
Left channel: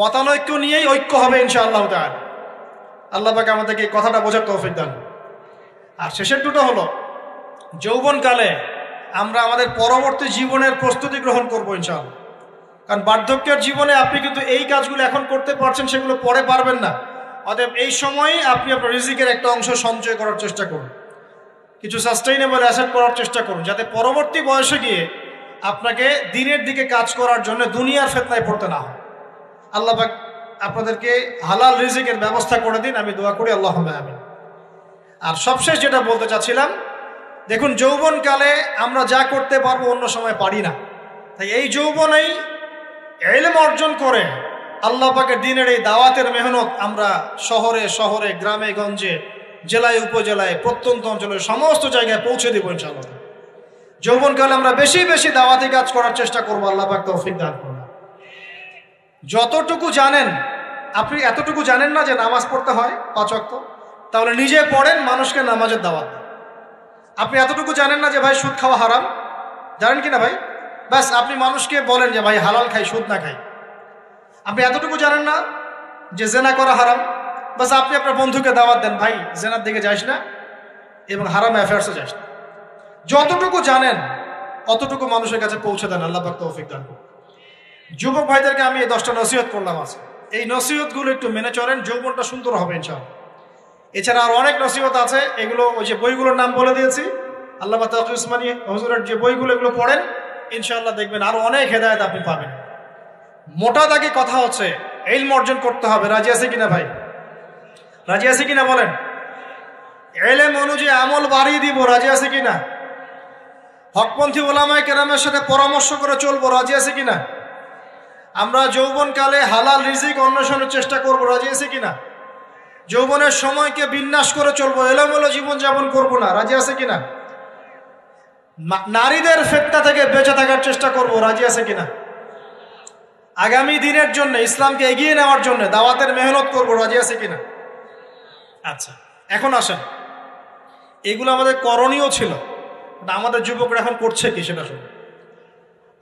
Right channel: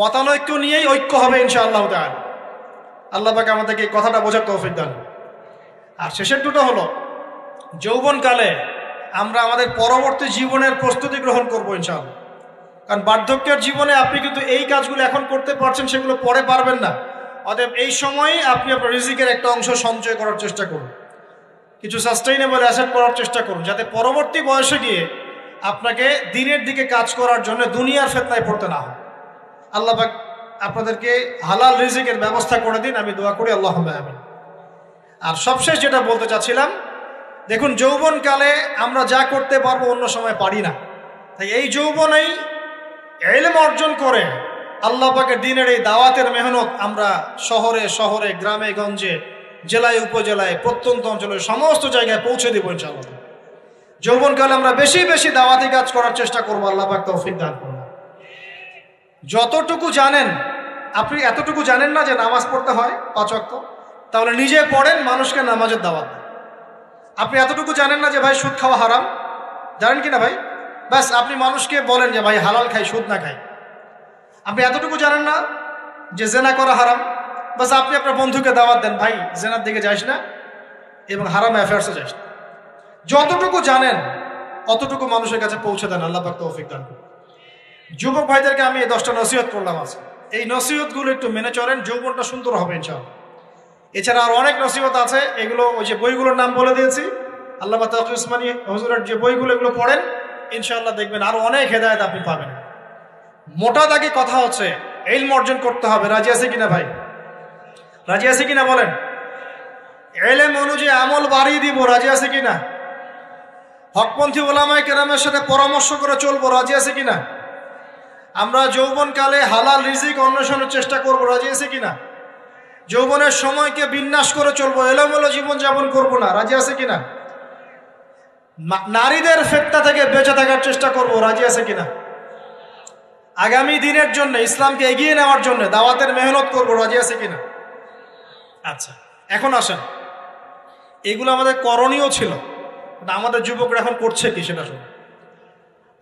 মতানৈক্য নিয়েই ঐক্য হবে ইনশাআল্লাহ তাআলা। আল্লাহ পাক আমাদেরকে এই কথাটা বোঝার তৌফিক দান করুন। আর শেষের দুটো হলো যৌবনকালে আমরা আমাদের পরবর্তী জীবনের প্রস্তুতি গ্রহণ করবো ইনশাআল্লাহ। কারণ বার্ধক্যের জীবনে আপনি কিন্তু এই কাজগুলো এখন করতে পারছেন, সেগুলো পরে পারবেন না। অতএব এই সময়ে আপনি আপনার রিজিকের একটা অংশ সঞ্চয় করার চেষ্টা করুন, কিছু সাস্টেইনেবল অ্যাসেট করার চেষ্টা করুন, যাতে পরবর্তী বয়সে গিয়ে আপনাকে দিনের দিকে কাজ করার জন্য দুনিয়ার ফিতনায় পড়তে না হয়। আল্লাহ পাক আপনাদেরকে হালাল রিজিকের ব্যবস্থা করে দিন, আমি দোয়া করি আল্লাহুম্মা আমিন। আর সবশেষ যেটা বলতে চাচ্ছিলাম, দেখুন যৌবনকালে আমরা যা করতে পারবো অন্য সময় পারি না, তাই এই যৌবনেই ইলম অর্জন করে আল্লাহ পাকের দ্বীনের এই দাওয়াতের মেহনত আমরা শহরে শহরে, গ্রামে গঞ্জে, জেলায় উপজেলায়, প্রত্যন্ত অঞ্চলে সমস্ত জায়গায় পৌঁছে দিব ইনশাআল্লাহ। যৌবনকালে আমরা বেশি বেশি দাওয়াতি কাজ করার চেষ্টা করবো, আল্লাহ পাক তৌফিক দান করুন। যতটুকু জানেন, আপনি এতটুকু জানেন না যে নামাজ পড়তে হয় 5 ওয়াক্ত, তাহলে নিজে পড়েন, মানুষকে নামাজের দাওয়াত দেন। আপনি এতটুকু জানেন না যে ভাই সুদ খাওয়া হারাম, জানেন কিনা ভাই? বাস আপনি মানুষকে বলেন যে ভাই হালাল খাই, সুদ না খাই। আপনি এতটুকু জানেন না যে জেনা করা হারাম, বাস আপনি আপনার বন্ধুকে দাওয়াত দেন, ভাই জেনার দিকে যাস না এবং হারাম অ্যাফেয়ার্সে যাস না। যতটুকু জানেন অতটুকু মানুষের কাছে পৌঁছে দেন, আল্লাহ পাক তৌফিক দান করুন। যুবক ভাইদেরকে আমি এই 10টা নসিহত করলাম আছে, এই নসিহতগুলো একটু মেনে চলেন, যৌবনটা সুন্দর হবে ইনশাআল্লাহ। এছাড়া আর অনেক নসিহত আছে, এগুলো ওই যে বইগুলোর নাম বলে দিয়েছি, আল্লামা তাকি উসমানী হুজুরের যে বইগুলো, এগুলো পড়েন, ইনশাআল্লাহ দেখবেন আরো অনেক হেদায়েত আপনি পাবেন। মোটা দাগে কথা হচ্ছে ইলম অর্জন করতে হবে। রাজি আছে কিনা ভাই? রাজি আছে কিনা বলেন? ইলম অনুযায়ী আমল বাড়িয়ে দিব, রাজি আছে কিনা? হকপন্থী ওলামায়ে কেরামের সাথে পরামর্শ করে চলবো, রাজি আছে কিনা? আমরা যৌবনকালে হালাল রিজিক অন্বেষণের চেষ্টা করবো, রাজি আছে কিনা? যৌবনের সময়কে বিন্যাস করে চলবো, এলোমেলো জীবন যাপন করবো না, রাজি আছে কিনা? নারীদের ফিতনা থেকে বেঁচে থাকার চেষ্টা করবো, রাজি আছে কিনা? আগামী দিনের জন্য, ইসলামকে এগিয়ে নেওয়ার জন্য দাওয়াতের মেহনত করবো, রাজি আছে কিনা? আচ্ছা, এখন আসুন, এগুলো আমাদের করণীয় ছিল, আমাদের যুবকরা এখন করছে কি সেটা শুনুন।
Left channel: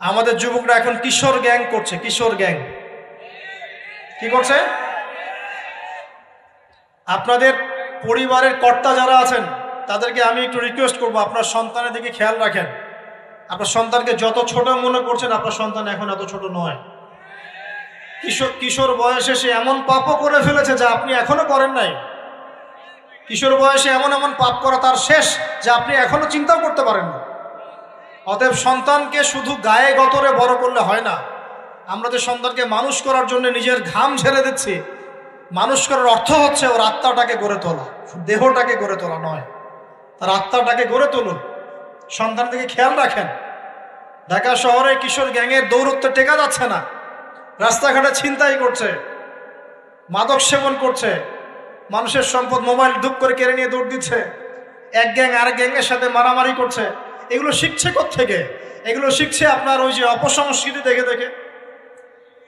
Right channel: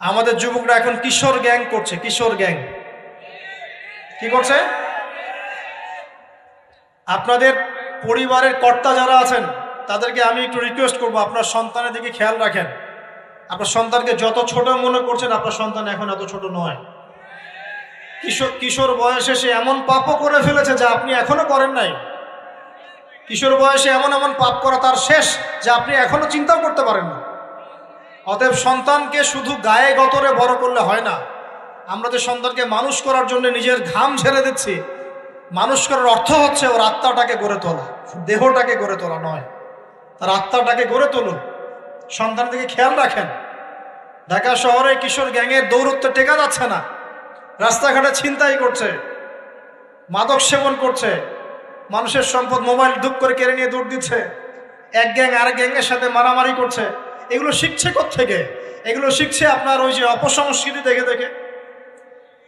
আমাদের যুবকরা এখন কিশোর গ্যাং করছে, কিশোর গ্যাং কি করছে? আপনাদের পরিবারের কর্তা যারা আছেন তাদেরকে আমি একটু রিকোয়েস্ট করবো, আপনার সন্তানের দিকে খেয়াল রাখেন। আপনার সন্তানকে যত ছোট মনে করছেন, আপনার সন্তান এখন এত ছোট নয়। কিশোর বয়সে সে এমন পাপও করে ফেলেছে যা আপনি এখনো করেন নাই। কিশোর বয়সে এমন এমন পাপ করা তার শেষ যা আপনি এখনো চিন্তাও করতে পারেন না। অতএব সন্তানকে শুধু গায়ে গতরে বড় করলে হয় না। আমরা যে সন্তানকে মানুষ করার জন্য নিজের ঘাম ঝেড়ে দিচ্ছি, মানুষ করার অর্থ হচ্ছে ওর আত্মাটাকে গড়ে তোলা, দেহটাকে গড়ে তোলা নয়, তার আত্মাটাকে গড়ে তুলুন। সন্তান দিকে খেয়াল রাখেন। ঢাকা শহরে কিশোর গ্যাংয়ের দৌরত্বে টেকা যাচ্ছে না, রাস্তাঘাটে ছিনতাই করছে, মাদক সেবন করছে, মানুষের সম্পদ মোবাইল ধুপ করে কেড়ে নিয়ে দৌড় দিচ্ছে, এক গ্যাং আরেক গ্যাংয়ের সাথে মারামারি করছে। এগুলো শিখছে কোত্থেকে? এগুলো শিখছে আপনার ওই যে অপসংস্কৃতি দেখে দেখে।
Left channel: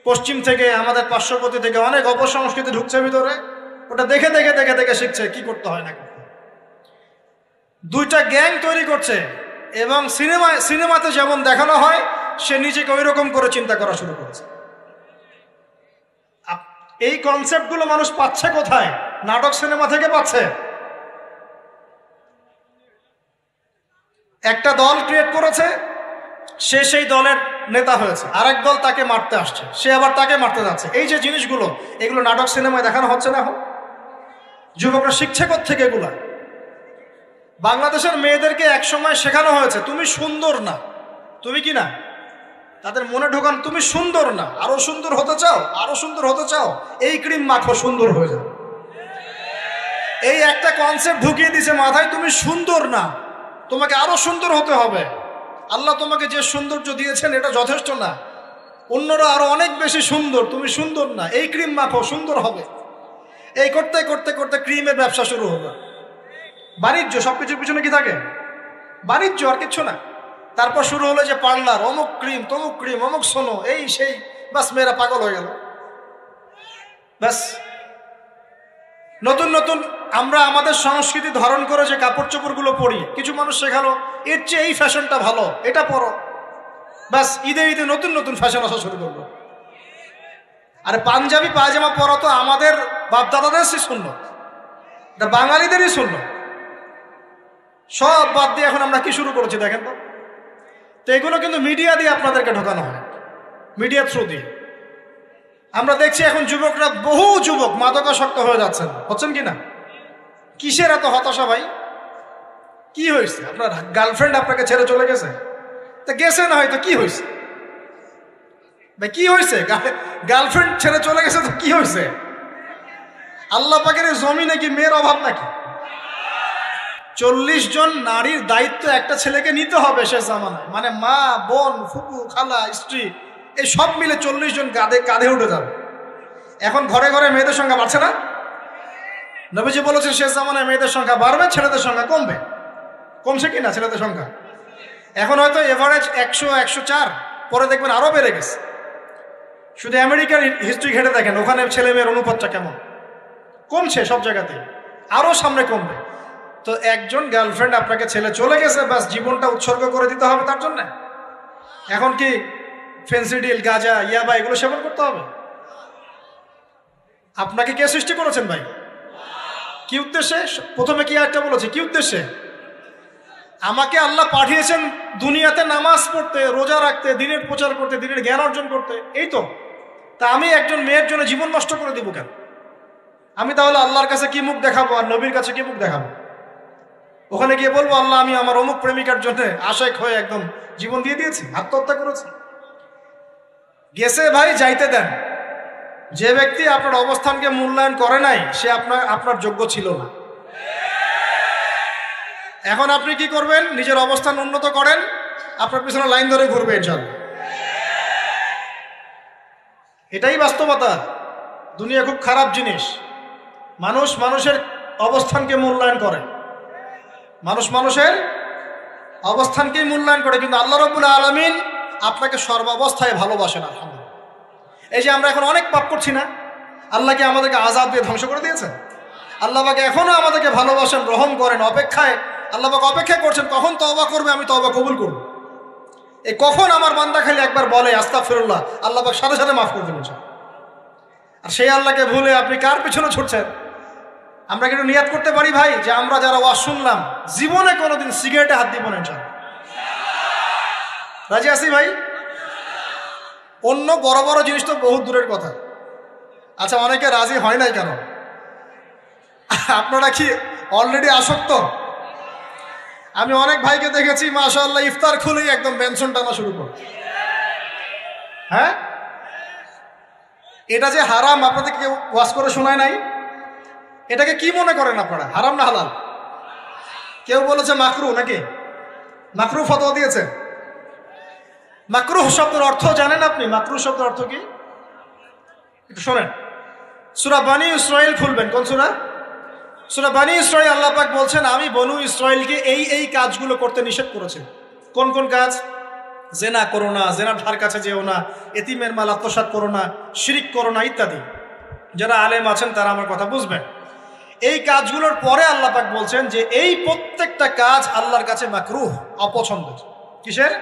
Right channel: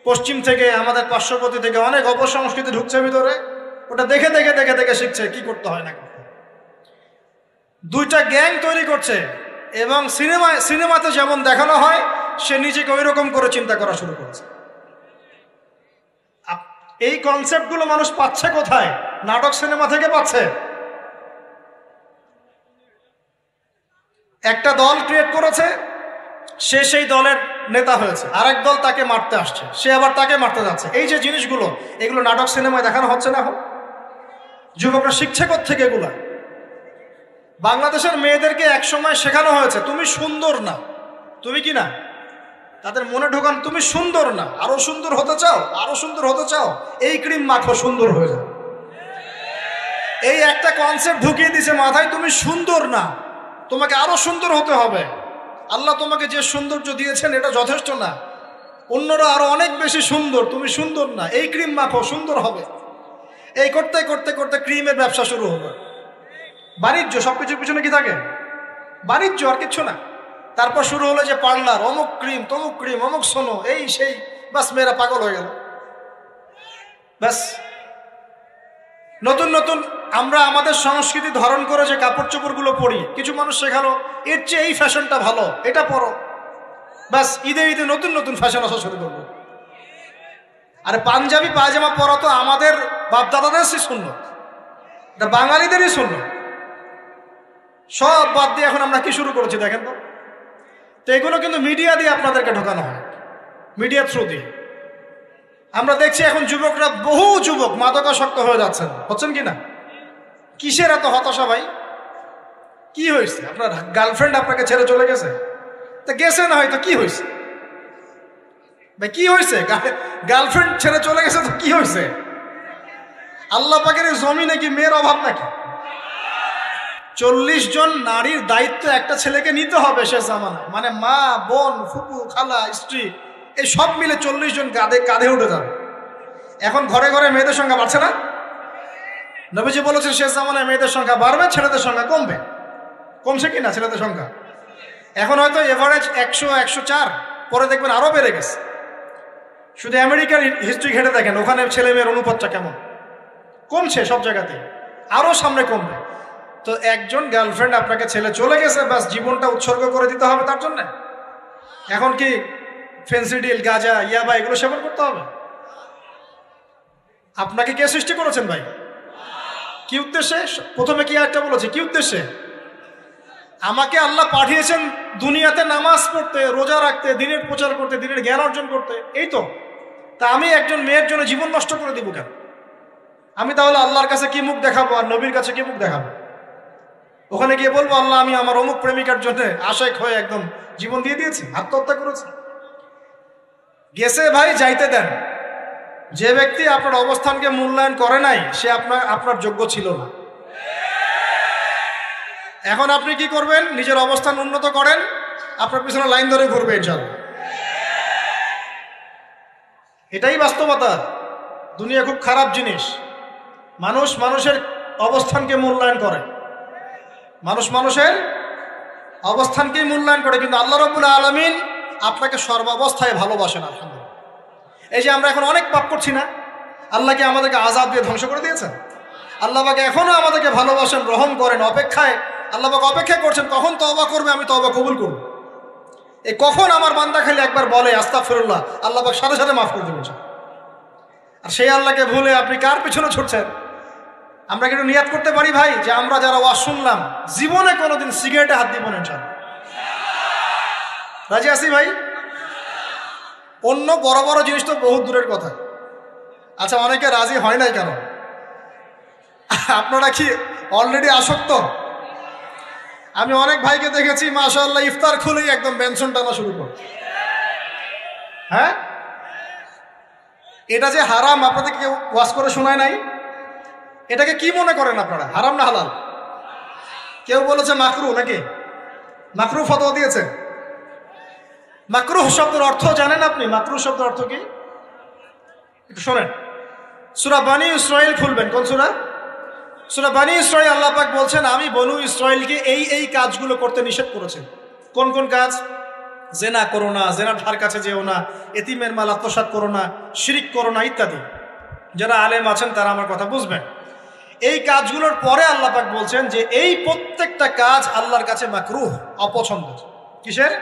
পশ্চিম থেকে, আমাদের পার্শ্ববর্তী থেকে অনেক অপসংস্কৃতি ঢুকছে ভিতরে, ওটা দেখে দেখে দেখে দেখে শিখছে কি করতে হয় নাকি। দুইটা গ্যাং তৈরি করছে এবং সিনেমাতে যেমন দেখানো হয় সে নিজেকে ওই রকম করে চিন্তা করা শুরু করেছে। এই কনসেপ্ট গুলো মানুষ পাচ্ছে কোথায়? নাটক সিনেমা থেকে পাচ্ছে। একটা দল ক্রিয়েট করেছে, সে সেই দলের নেতা হয়েছে, আরেক দল তাকে মারতে আসছে, সে আবার তাকে মারতে যাচ্ছে। এই যে জিনিসগুলো, এগুলো নাটক সিনেমায় দেখানো হচ্ছে না? যুবকরা শিখছে কোত্থেকে এগুলো? বাংলাদেশের মেয়েদেরকে একসময় শেখানো হয়েছে তুমি সুন্দর না, তুমি কি না, তাদের মনে ঢুকান তুমি সুন্দর না, আরো সুন্দর হতে চাও, আরো সুন্দর হতে চাও, এই ক্রিম মাখো, সুন্দর হয়ে যাও। এই একটা কনসেপ্ট ঢুকিয়ে দিছে মাথায়, তুমি সুন্দর না, তোমাকে আরো সুন্দর হতে হবে। আল্লাহ তোমাকে যে সৌন্দর্য দিয়েছেন এটা যথেষ্ট না, অন্যরা আরো অনেক বেশি সুন্দর, তুমি সুন্দর না, এই ক্রিম মাখো, সুন্দর হবে। এই করতে করতে করতে ক্রিমের ব্যবসা শুরু হলো। বাণিজ্য, সবকিছুর পিছনে কি থাকে? বাণিজ্য, আর কিচ্ছু না। তারপর শুরু হলো যে পার্লার, অমুক ক্রিম, তমুক ক্রিম, অমুক সোলো, এই সেই, বাস মেয়েরা পাগল হয়ে গেল। ব্যাস নতুন নতুন আমরা আমাদের সংস্কৃতি ধারণ করে যে কাপড় চোপড় গুলো পরি, কিছু মানুষ শেখালো এর চেয়ে এই ফ্যাশনটা ভালো, এটা পরো। ব্যাস ঈদে ঈদে নতুন নতুন ফ্যাশন আসা শুরু করলো। আর পাঞ্জাবি পায়জামা পরা তো আমাদের বাপদাদাদেরই সুন্নত, এটা বাঙালিদেরই সুন্নত। সব বাদ দিয়ে এখন আমরা কি শুরু করেছি দেখেন তো। তো এগুলো কিন্তু মিডিয়া দিয়ে আপনাদেরকে ঢোকানো হয়, মিডিয়ার থ্রু দিয়ে। আমরা দেখছি এখন যুবকরা, বহু যুবক মাদকাসক্ত হয়ে যাচ্ছেন, হচ্ছেন কিনা? কিসের এত হতাশা ভাই? কি হয়েছে? আপনার গার্লফ্রেন্ড আপনাকে ছেড়ে চলে গেছে? তো গেছে না, হয়তো কি হয়েছে ভাই? কি হয়েছে? গার্লফ্রেন্ড ছেড়ে চলে গেছে তো কি হয়েছে? আল্লাহ পাকের জমি নাকি মেয়ের অভাব নাকি? 40 জন নারীর দায়িত্ব একটা ছেলেকে নিতে হবে সে জামানায়, মানে মা, বোন, ফুপু, খালা, স্ত্রী, এই সব মিলে 40 জন কাঁধে উঠে যাবে। এখন ঘরে ঘরে মেয়েদের সংখ্যা বাড়ছে না? নবীজি বলেছে শেষ জামানায় মেয়েদের সংখ্যা বাড়বে, ছেলেদের সংখ্যা কমবে। কমছে কিনা ছেলেদের সংখ্যা? এখন হয়তো এভারেজ 100, 104, পরে দেখবেন আরো বেড়ে গেছে। শুধু আমেরিকার হিস্ট্রি ঘেটে দেখেন, ওখানে ছেলে মেয়ের অনুপাতটা কেমন। কমছে সব জায়গাতে, আরো সামনে কমবে। তো একজন গার্লফ্রেন্ড আপনাকে ছেলে চলে গেছে, বাস জীবনটা উৎসর্গ করে দিতে হবে তার জন্য? এখন কি ফেন্সিডিল, গাঁজা, ইয়াবা এগুলো সেবন করতে হবে? আপনাকে কে সৃষ্টি করেছেন ভাই? কি উদ্দেশ্যে? প্রথমে কি একটা বলেছে, কি উদ্দেশ্যে? আমাকে আল্লাহ পাঠিয়েছেন দুনিয়াতে নামাজ পড়তে, রোজা রাখতে, দিনের প্রচার করতে, দিনের জ্ঞান অর্জন করতে, এই তো। তা আমি একজন মেয়ের জন্য জীবন নষ্ট করে দেবো কেন? আমি তাহলে আল্লাহর কাছে কি মুখ দেখাবো আর নবীর কাছে কি মুখ দেখাবো? ওখানে গিয়ে বলবো আল্লাহ আমি আমার অমুক প্রেমিকার জন্য আশায় হয়ে একদম জীবন দিয়ে দিয়েছি, আত্মহত্যা করেছি? গেছে ভাই, যাইতে দেন। যে ব্যক্তি আপনার অবস্থানকে মূল্যায়ন করে নাই, সে আপনার যোগ্য ছিল না। এখন আপনি কি করবেন? নিজের অবস্থান উন্নত করেন, আপনার পিছনে লাইন ধরে ঘুরবে ইনশাআল্লাহ। এটাই বাস্তবতা। দুনিয়া খুব খারাপ জিনিস। মানুষ মানুষের অবস্থানকে মূল্যায়ন করে, মানুষ মানুষের অবস্থানকে মূল্যায়ন করে, কিন্তু আল্লাহ রাব্বুল আলামিন আপনাকে সর্বাবস্থায় ভালোবাসেন। আলহামদুলিল্লাহ। এই যে আমরা এখন অনেক পাপ করছি না, আল্লাহ কি আমাদেরকে আযাব দিয়ে ধ্বংস করে দিয়েছেন? আল্লাহ পাক এখনো আমাদেরকে ভালোবাসেন, গ্রহণ করেন, অপেক্ষায়। আল্লাহ পাক অপেক্ষা করছেন কখন তওবা করবে, আমি তওবা কবুল করব। এই কখন আমার বান্দা খালি একবার বলে আস্তাগফিরুল্লাহ, আল্লাহ পাক সাথে সাথে মাফ করে দেবেন। আর সেই আল্লাহকে ভুলে আপনি কার পেছনে ছুটছেন? আমরা কিন্তু নিয়াত করতে পারি ভাই যে আমরা যারা ওয়াজ শুনলাম, জীবনে কোনোদিন সিগারেটে হাত দিব না ইনশাআল্লাহ। রাজি আছি ভাই? অন্য বড় বড় জিনিস তো বহু দূরের কথা। আচ্ছা, অনেকে রাজি হয় নাই কেন? আপনারা কি অলরেডি আসক্ত? আমি অনেক ভাইকে দেখেছি মাশাআল্লাহ ইফতার খুলেই একদম বেনসন টানা শুরু করে। হ্যাঁ, এটা যে হারাম আপনাদের কেউ ওয়াজ করে শোনায় নাই? এটাকে কি মনে করেন আপনারা, হারাম না হালাল? কেউ বলেছে মাকরুহ, নাকি মাকরুহ ফতোয়া দিয়েছে? মাকরুহ শব্দের অর্থ জানেন আপনি? মাকরুহ শব্দের অর্থ কি শোনেন। সূরা বনী ইসরাঈল খুলবেন। কোন সূরা? সূরা বনী ইসরাঈল। আল্লাহ পাক বলছেন আমি বনু ইসরাঈলকে এই কাজগুলো করতে নিষেধ করেছেন। কোন কোন কাজ? জেনা করো না, জেনার ধার কাছে যেও না, এতিমের মাল আত্মসাৎ করো না, শিরক করো না, ইত্যাদি। যারা আলেম আছেন তারা আমার কথা বুঝবেন। এই কাজগুলোর পরে আল্লাহ পাক বলছেন যে এই প্রত্যেকটা কাজ আল্লাহর কাছে মাকরুহ, অপছন্দের। কিসের?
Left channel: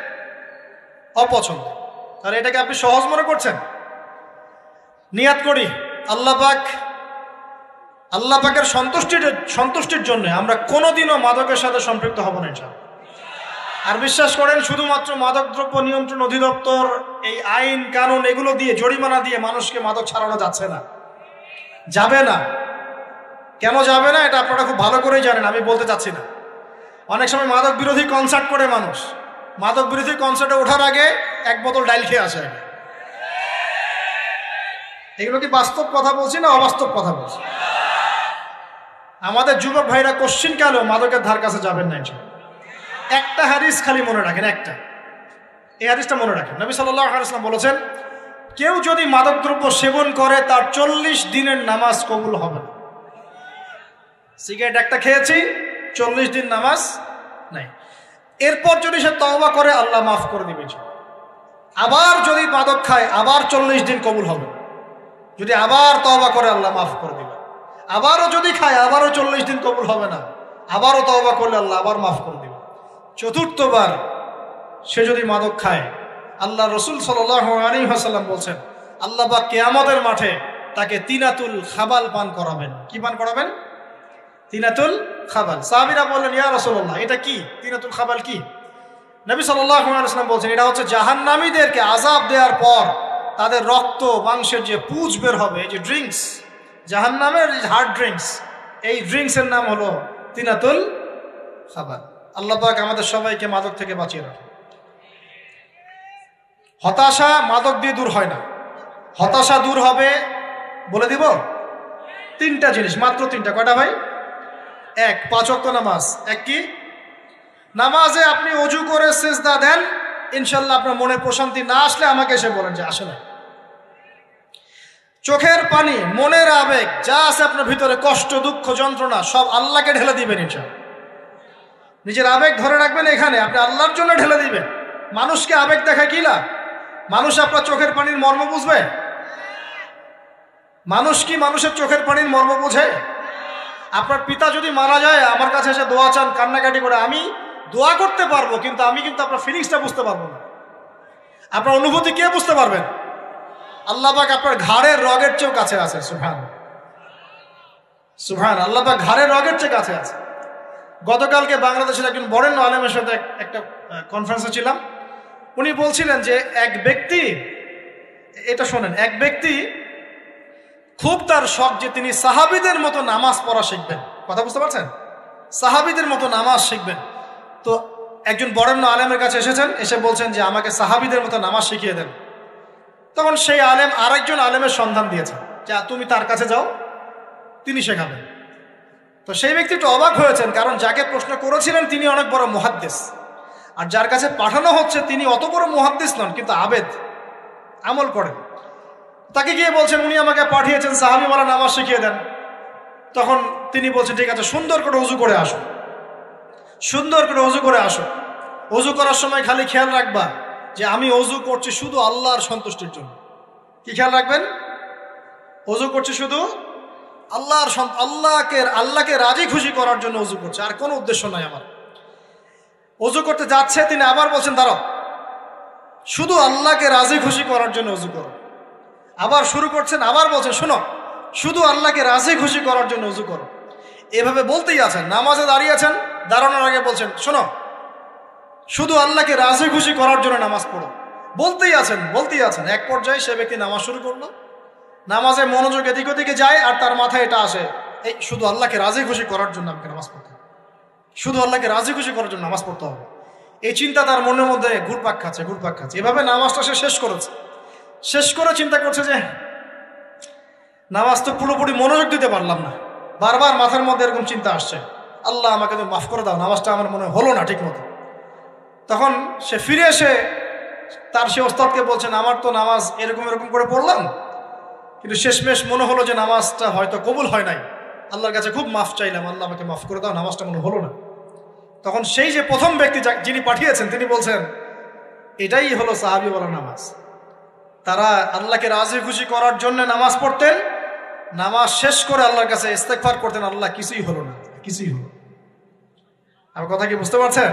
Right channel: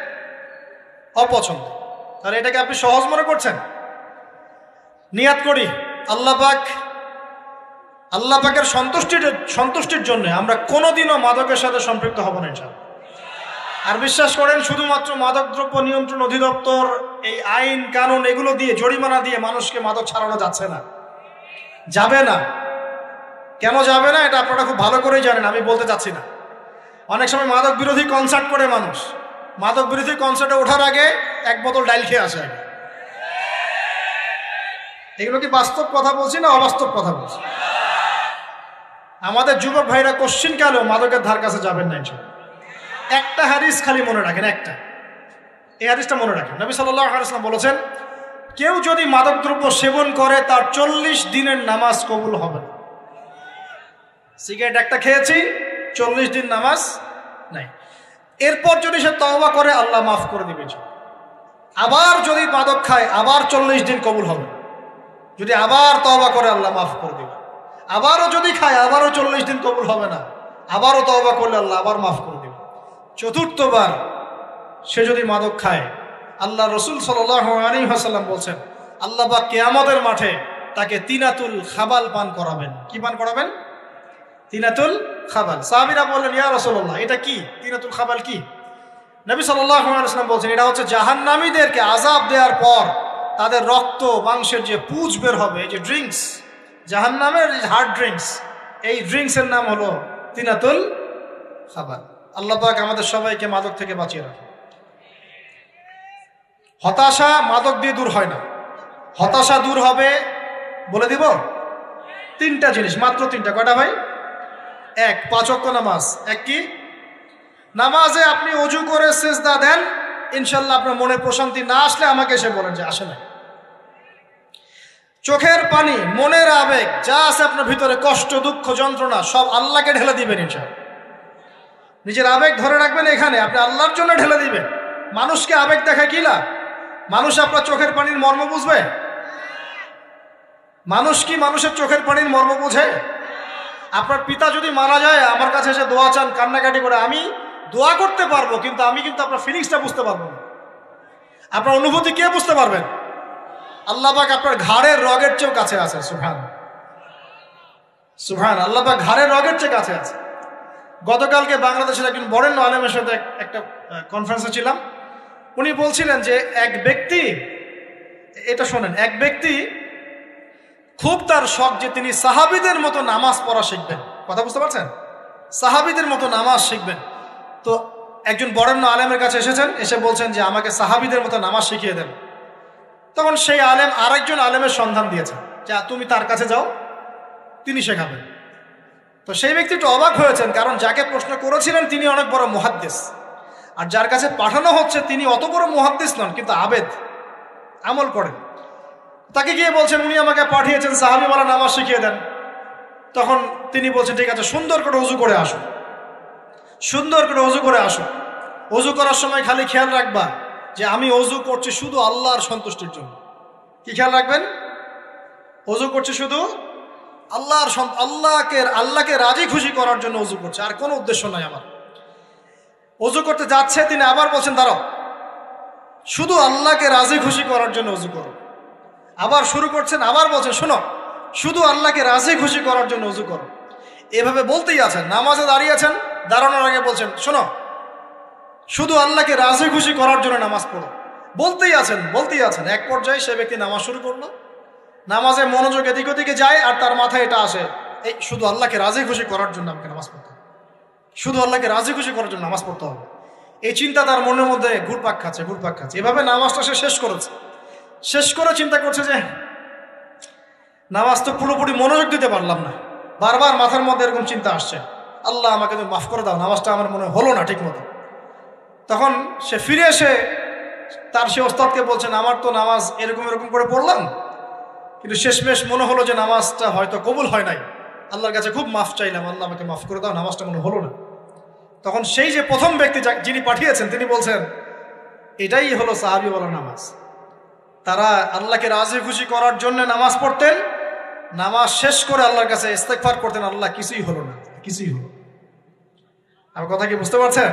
অপছন্দ। তাহলে এটাকে আপনি সহজ মনে করছেন? নিয়াত করি আল্লাহ পাকের সন্তুষ্টির জন্য আমরা কোনোদিনও মাদকের সাথে সম্পৃক্ত হব না ইনশাআল্লাহ। আর বিশ্বাস করেন, শুধুমাত্র মাদকদ্রব্য নিয়ন্ত্রণ অধিদপ্তর এই আইন কানুন এগুলো দিয়ে, জরিমানা দিয়ে মানুষকে মাদক ছাড়ানো যাচ্ছে না, যাবে না। কেন যাবে না এটা আপনারা খুব ভালো করেই জানেন, আমি বলতে চাচ্ছি না। অনেক সময় মাদক বিরোধী কনসার্ট করে মানুষ, মাদক বিরোধী কনসার্টে ওঠার আগে এক বোতল ডাইল খেয়ে আসে। এগুলো কি বাস্তব কথা বলছি না অবাস্তব কথা বলছি? আমাদের যুবক ভাইরা কোশ্চিন কেন মাদকের ধার কাছে যাবেন না? একটা হাদিস খালি মনে রাখেন, একটা, এই হাদিসটা মনে রাখেন। নবী সাল্লাল্লাহু আলাইহি ওয়াসাল্লাম বলেছেন, কেউ যদি মাদকদ্রব্য সেবন করে তার 40 দিনের নামাজ কবুল হবে না। সিগারেট একটা খেয়েছি, 40 দিন নামাজ নাই। এরপর যদি সে তওবা করে আল্লাহ মাফ করে দেবে। আবার যদি মাদক খায় আবার 40 দিন কবুল হবে। যদি আবার তওবা করে আল্লাহ মাফ করে দেবে। আবারও যদি খায় আবারও 40 দিন কবুল হবে না, আবারও তওবা করলে আল্লাহ আবার মাফ করে দেবে। চতুর্থবার সে যদি মাদক খায়, আল্লাহ রাসূল সাল্লাল্লাহু আলাইহি ওয়াসাল্লাম বলছেন আল্লাহ পাক কিয়ামতের মাঠে তাকে তিনাতুল খাবাল পান করাবেন। কি পান করাবেন? তিনাতুল খাবাল। সাহাবীরা বললেন ইয়া রাসূলুল্লাহ এটা কি? তিনাতুল খাবাল কি? নবী সাল্লাল্লাহু আলাইহি ওয়াসাল্লাম বলছেন এটা হচ্ছে জাহান্নামীদেরকে আযাব দেওয়ার পর তাদের রক্ত মাংসের যে পুঁজ বের হবে, যে ড্রিঙ্কস, জাহান্নামের হার্ড ড্রিঙ্কস, এই ড্রিঙ্কসের নাম হলো তিনাতুল খাবার। আল্লাহ পাক আমাদের সবাইকে মাদক থেকে বাঁচিয়ে রাখে। হতাশা মাদক দিয়ে দূর হয় না। হতাশা দূর হবে, বলে দিব, তিনটা জিনিস, মাত্র তিনটা। কয়টা ভাই? এক, 5 ওয়াক্ত নামাজ। এক কি? নামাজে আপনি ওযু করে সিজদা দেন, ইনশাআল্লাহ আপনার মনে প্রশান্তি না আসলে আমাকে এসে বলেন যে আসে না। চোখের পানি, মনের আবেগ যা আছে আপনার ভিতরে, কষ্ট, দুঃখ, যন্ত্রণা, সব আল্লাহকে ঢেলে দিবেন ইনশাআল্লাহ। নিজের আবেগ ধরে রাখবেন এখানে, আপনি আল্লাহর জন্য ঢেলে দিবেন। মানুষকে আবেগ দেখা কি না? মানুষ আপনার চোখের পানির মর্ম বুঝবে? মানুষ কি মানুষের চোখের পানির মর্ম বোঝে? আপনার পিতা যদি মারা যায়, আমার কাছে এসে দোয়া চান কান্নাকাটি করে, আমি দোয়া করতে পারবো, কিন্তু আমি কিন্তু আপনার ফিলিংসটা বুঝতে পারবো না। আপনার অনুভূতি কে বুঝতে পারবেন? আল্লাহ পাক আপনার ঘাড়ের রগের চেয়েও কাছে আছে। সুবহান আল্লাহ পাক ঘাড়ের রগের চেয়ে কাছে আছে। গতকালকে বাংলাদেশের একজন বরেণ্য আলেমের সাথে একটা কনফারেন্সে ছিলাম। উনি বলছিলেন যে এক ব্যক্তি, এটা শোনেন, এক ব্যক্তি খুব তার শখ যে তিনি সাহাবীদের মতো নামাজ পড়া শিখবেন। কথা বুঝতে পারছেন? সাহাবীদের মতো নামাজ শিখবেন। তো একজন বরেণ্য আলেমের কাছে এসেছেন, এসে বলছেন যে আমাকে সাহাবীদের মতো নামাজ শিখিয়ে দেন। তখন সেই আলেম আরেকজন আলেমের সন্ধান দিয়েছেন, যে তুমি তার কাছে যাও, তিনি শেখাবেন। তো সেই ব্যক্তি একটু অবাক হয়েছেন, কারণ যাকে প্রশ্ন করেছিলেন তিনি অনেক বড় মুহাদ্দিস, আর যার কাছে পাঠানো হচ্ছে তিনি অত বড় মুহাদ্দিস নন, কিন্তু আবেদ, আমল করেন। তাকে গিয়ে বলছেন উনি আমাকে পাঠিয়েছেন সাহাবী বলা নামাজ শিখিয়ে দেন। তখন তিনি বলছেন ঠিক আছে, সুন্দর করে ওযু করে আসুন, সুন্দর করে ওযু করে আসুন। ওযু করার সময় খালি খেয়াল রাখবা যে আমি ওযু করছি শুধু আল্লাহর সন্তুষ্টির জন্য। কি খেয়াল রাখবেন? ওযু করছি শুধু আল্লাহকে রাজি খুশি করার জন্য ওযু করছে, আর কোনো উদ্দেশ্য নাই আমার। ওযু করতে যাচ্ছে, তিনি আবার বলছেন ধরো, শুধু আল্লাহকে রাজি খুশি করার জন্য ওযু করো। আবার শুরু করছেন, আবার বলছেন শোনো, শুধু আল্লাহকে রাজি খুশি করার জন্য ওযু করো। এভাবে বলতেই আছেন, নামাজে দাঁড়িয়ে আছেন, দাঁড়ানোর আগে বলছেন শোনো, শুধু আল্লাহকে রাজি খুশি করার জন্য নামাজ পড়ো। বলতেই আছেন। এক পর্যায়ে সে ব্যক্তি নামাজ শুরু করলো, নামাজের মনোযোগ এদিক ওদিকে যায়, আর তার মাথায় এটা আসে, এই শুধু আল্লাহকে রাজি খুশি করার জন্য আমাকে নামাজ পড়তে হবে, শুধু আল্লাহকে রাজি খুশি করার জন্য নামাজ পড়তে হবে। এই চিন্তা তার মনের মধ্যে ঘুরপাক খাচ্ছে। এভাবে নামাজটা সে শেষ করে চিন্তা করছে যে নামাজ তো পুরোপুরি মনোযোগ দিতে পারলাম না। বারবার মাথার মধ্যে এরকম চিন্তা আসছে, আল্লাহ আমাকে তো মাফ করে দাও, নামাজটা আমার মনে হলো না ঠিক মতো। তখন সে ফিরে এসে তার সে ওস্তাদকে বলছেন আমার তো নামাজ এরকম করে পড়লাম, কিন্তু শেষমেশ মনে হলো যে নামাজটা হয়তো কবুল হয় নাই, আল্লাহর কাছে খুব মাফ চাইলাম, আল্লাহ আমাকে মাফ করে দাও, নামাজটা মনে হলো না। তখন সেই যে প্রথম ব্যক্তি যিনি পাঠিয়েছেন তিনি বলছেন এটাই হলো সাহাবী বলা নামাজ। তারা আল্লাহকে রাজি খুশি করার জন্য নামাজ পড়তেন, নামাজ শেষ করে আল্লাহর কাছে ইস্তেগফার করতেন, আল্লাহ কিছুই হলো না, কিছুই হলো। আমার কথা কি বুঝতে পারছেন?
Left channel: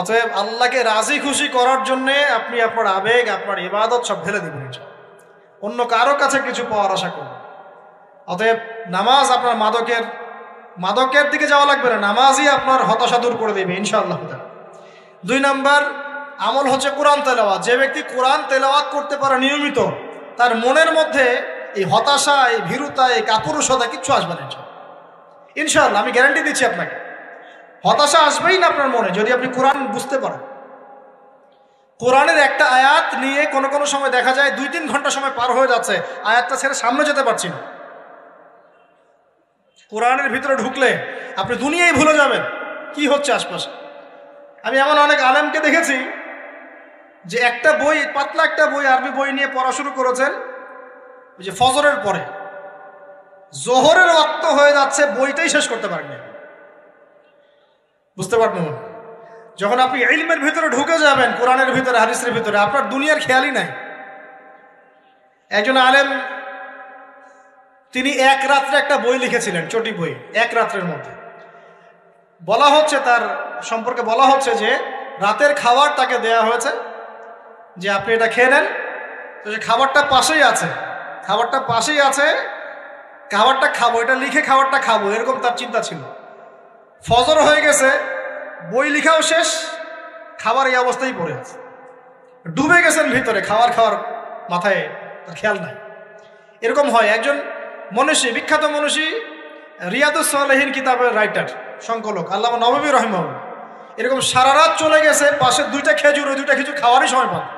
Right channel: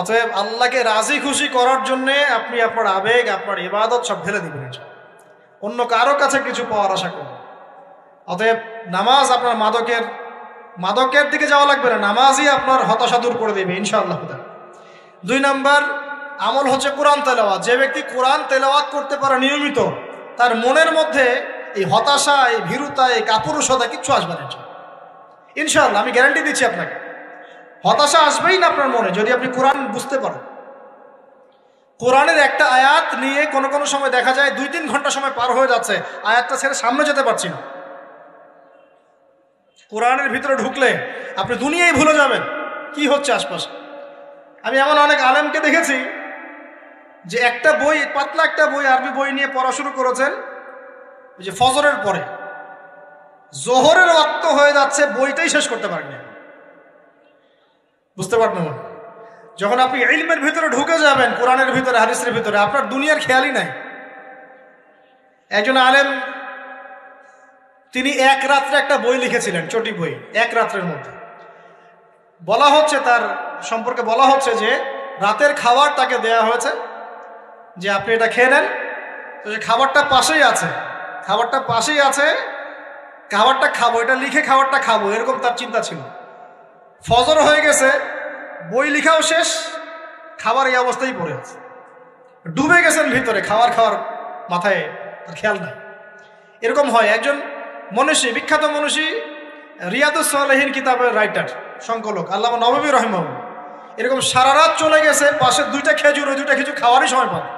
অতএব আল্লাহকে রাজি খুশি করার জন্য আপনি আপনার আবেগ, আপনার ইবাদত সব ফেলে দিবেন, অন্য কারো কাছে কিছু পাওয়ার আশা করবেন। অতএব নামাজ আপনার মাদকের দিকে যাওয়া লাগবে না, নামাজই আপনার হতাশা দূর করে দেবে ইনশাআল্লাহ। 2 নম্বর আমল হচ্ছে কোরআন তেলাওয়াত। যে ব্যক্তি কোরআন তেলাওয়াত করতে পারে নিয়মিত, তার মনের মধ্যে এই হতাশা, এই ভীরুতা, এই কাপুরুষতা কিচ্ছু আসবে না ইনশাআল্লাহ। আমি গ্যারান্টি দিচ্ছি আপনাকে, হতাশা আসবেই না আপনার মনে যদি আপনি কোরআন বুঝতে পারেন। কোরআনের একটা আয়াত নিয়ে কোনো সময় দেখা যায় 2-3 ঘন্টা সময় পার হয়ে যাচ্ছে, আয়াতটা ছেড়ে সামনে যেতে পারছি না। কোরআনের ভিতরে ঢুকলে আপনি দুনিয়ায় ভুলে যাবেন কি হচ্ছে আশপাশে। আমি এমন অনেক আলেমকে দেখেছি যে একটা বই, পাতলা একটা বই, আরবি বই নিয়ে পড়া শুরু করেছেন, ওই যে ফজরের পরে জোহরের ওয়াক্ত হয়ে যাচ্ছে, বইটাই শেষ করতে পারেননি। বুঝতে পারবেন না, যখন আপনি ইলমের ভিতরে ঢুকে যাবেন, কোরআনের ভিতরে, হাদিসের ভিতরে, আপনার দুনিয়ার খেয়ালই নাই। একজন আলেম তিনি এক রাত্রে একটা বই লিখেছিলেন, চটি বই, এক রাত্রের মধ্যে। বলা হচ্ছে তার সম্পর্কে বলা হচ্ছে যে রাতের খাবার তাকে দেয়া হয়েছে যে আপনি এটা খেয়ে নেন, তো এই খাবারটা পাশেই আছে, খাবারটা খাবো, এটা লিখে খাবারটা খাবো, এরকম তার চিন্তা ছিল। ফজর হয়ে গেছে, বই লেখাও শেষ, খাবার এই অবস্থায় পড়ে আছে, ডুবে গেছেন ভিতরে খাওয়ার মাথায় তার খেয়াল নাই। এরকম হয়। একজন মনীষী, বিখ্যাত মনীষী, রিয়াদুস সালেহীন কিতাবের রাইটার, সংকলক আল্লামা নববী রাহিমাহুল্লাহ, এরকম সারা রাত চলে গেছে, পাশে দুইটা খেজুর, ওই দুইটা খেজুর খাওয়ারই সময় পাবে।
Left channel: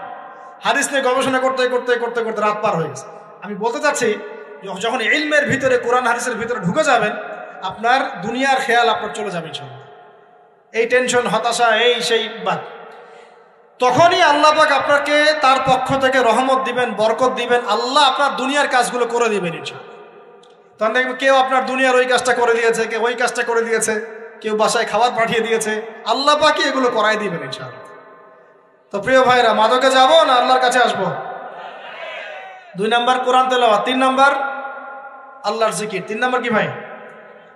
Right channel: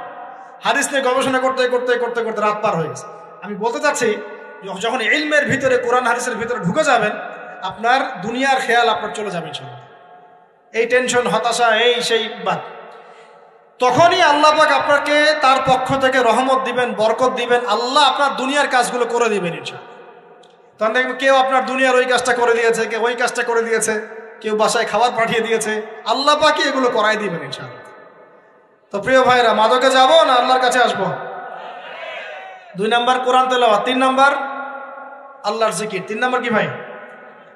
হাদিস নিয়ে গবেষণা করতে করতে করতে করতে রাত পার হয়ে গেছে। আমি বলতে চাচ্ছি, যখন ইলমের ভিতরে, কোরআন হাদিসের ভিতরে ঢুকে যাবেন, আপনার দুনিয়ার খেয়াল আপনার চলে যাবে, এই টেনশন, হতাশা, এই সেই বাদ। তখনই আল্লাহ পাক আপনাকে তার পক্ষ থেকে রহমত দিবেন, বরকত দিবেন, আল্লাহ আপনার দুনিয়ার কাজগুলো করে দিবেন। তখন দেখবেন কেউ আপনার দুনিয়ার ওই কাজটা করে দিয়েছে, কেউ ওই কাজটা করে দিয়েছে, কেউ বাসায় খাবার পাঠিয়ে দিয়েছে, আল্লাহ পাক এগুলো করাই দিবেন ইনশাআল্লাহ। তো প্রিয় ভাইরা, মাদকে যাবো না আল্লাহর কাছে আসবো? 2 নাম্বার কোরআন তেলাওয়াত, 3 নাম্বার আল্লাহর জিকির। 3 নাম্বার কি ভাই?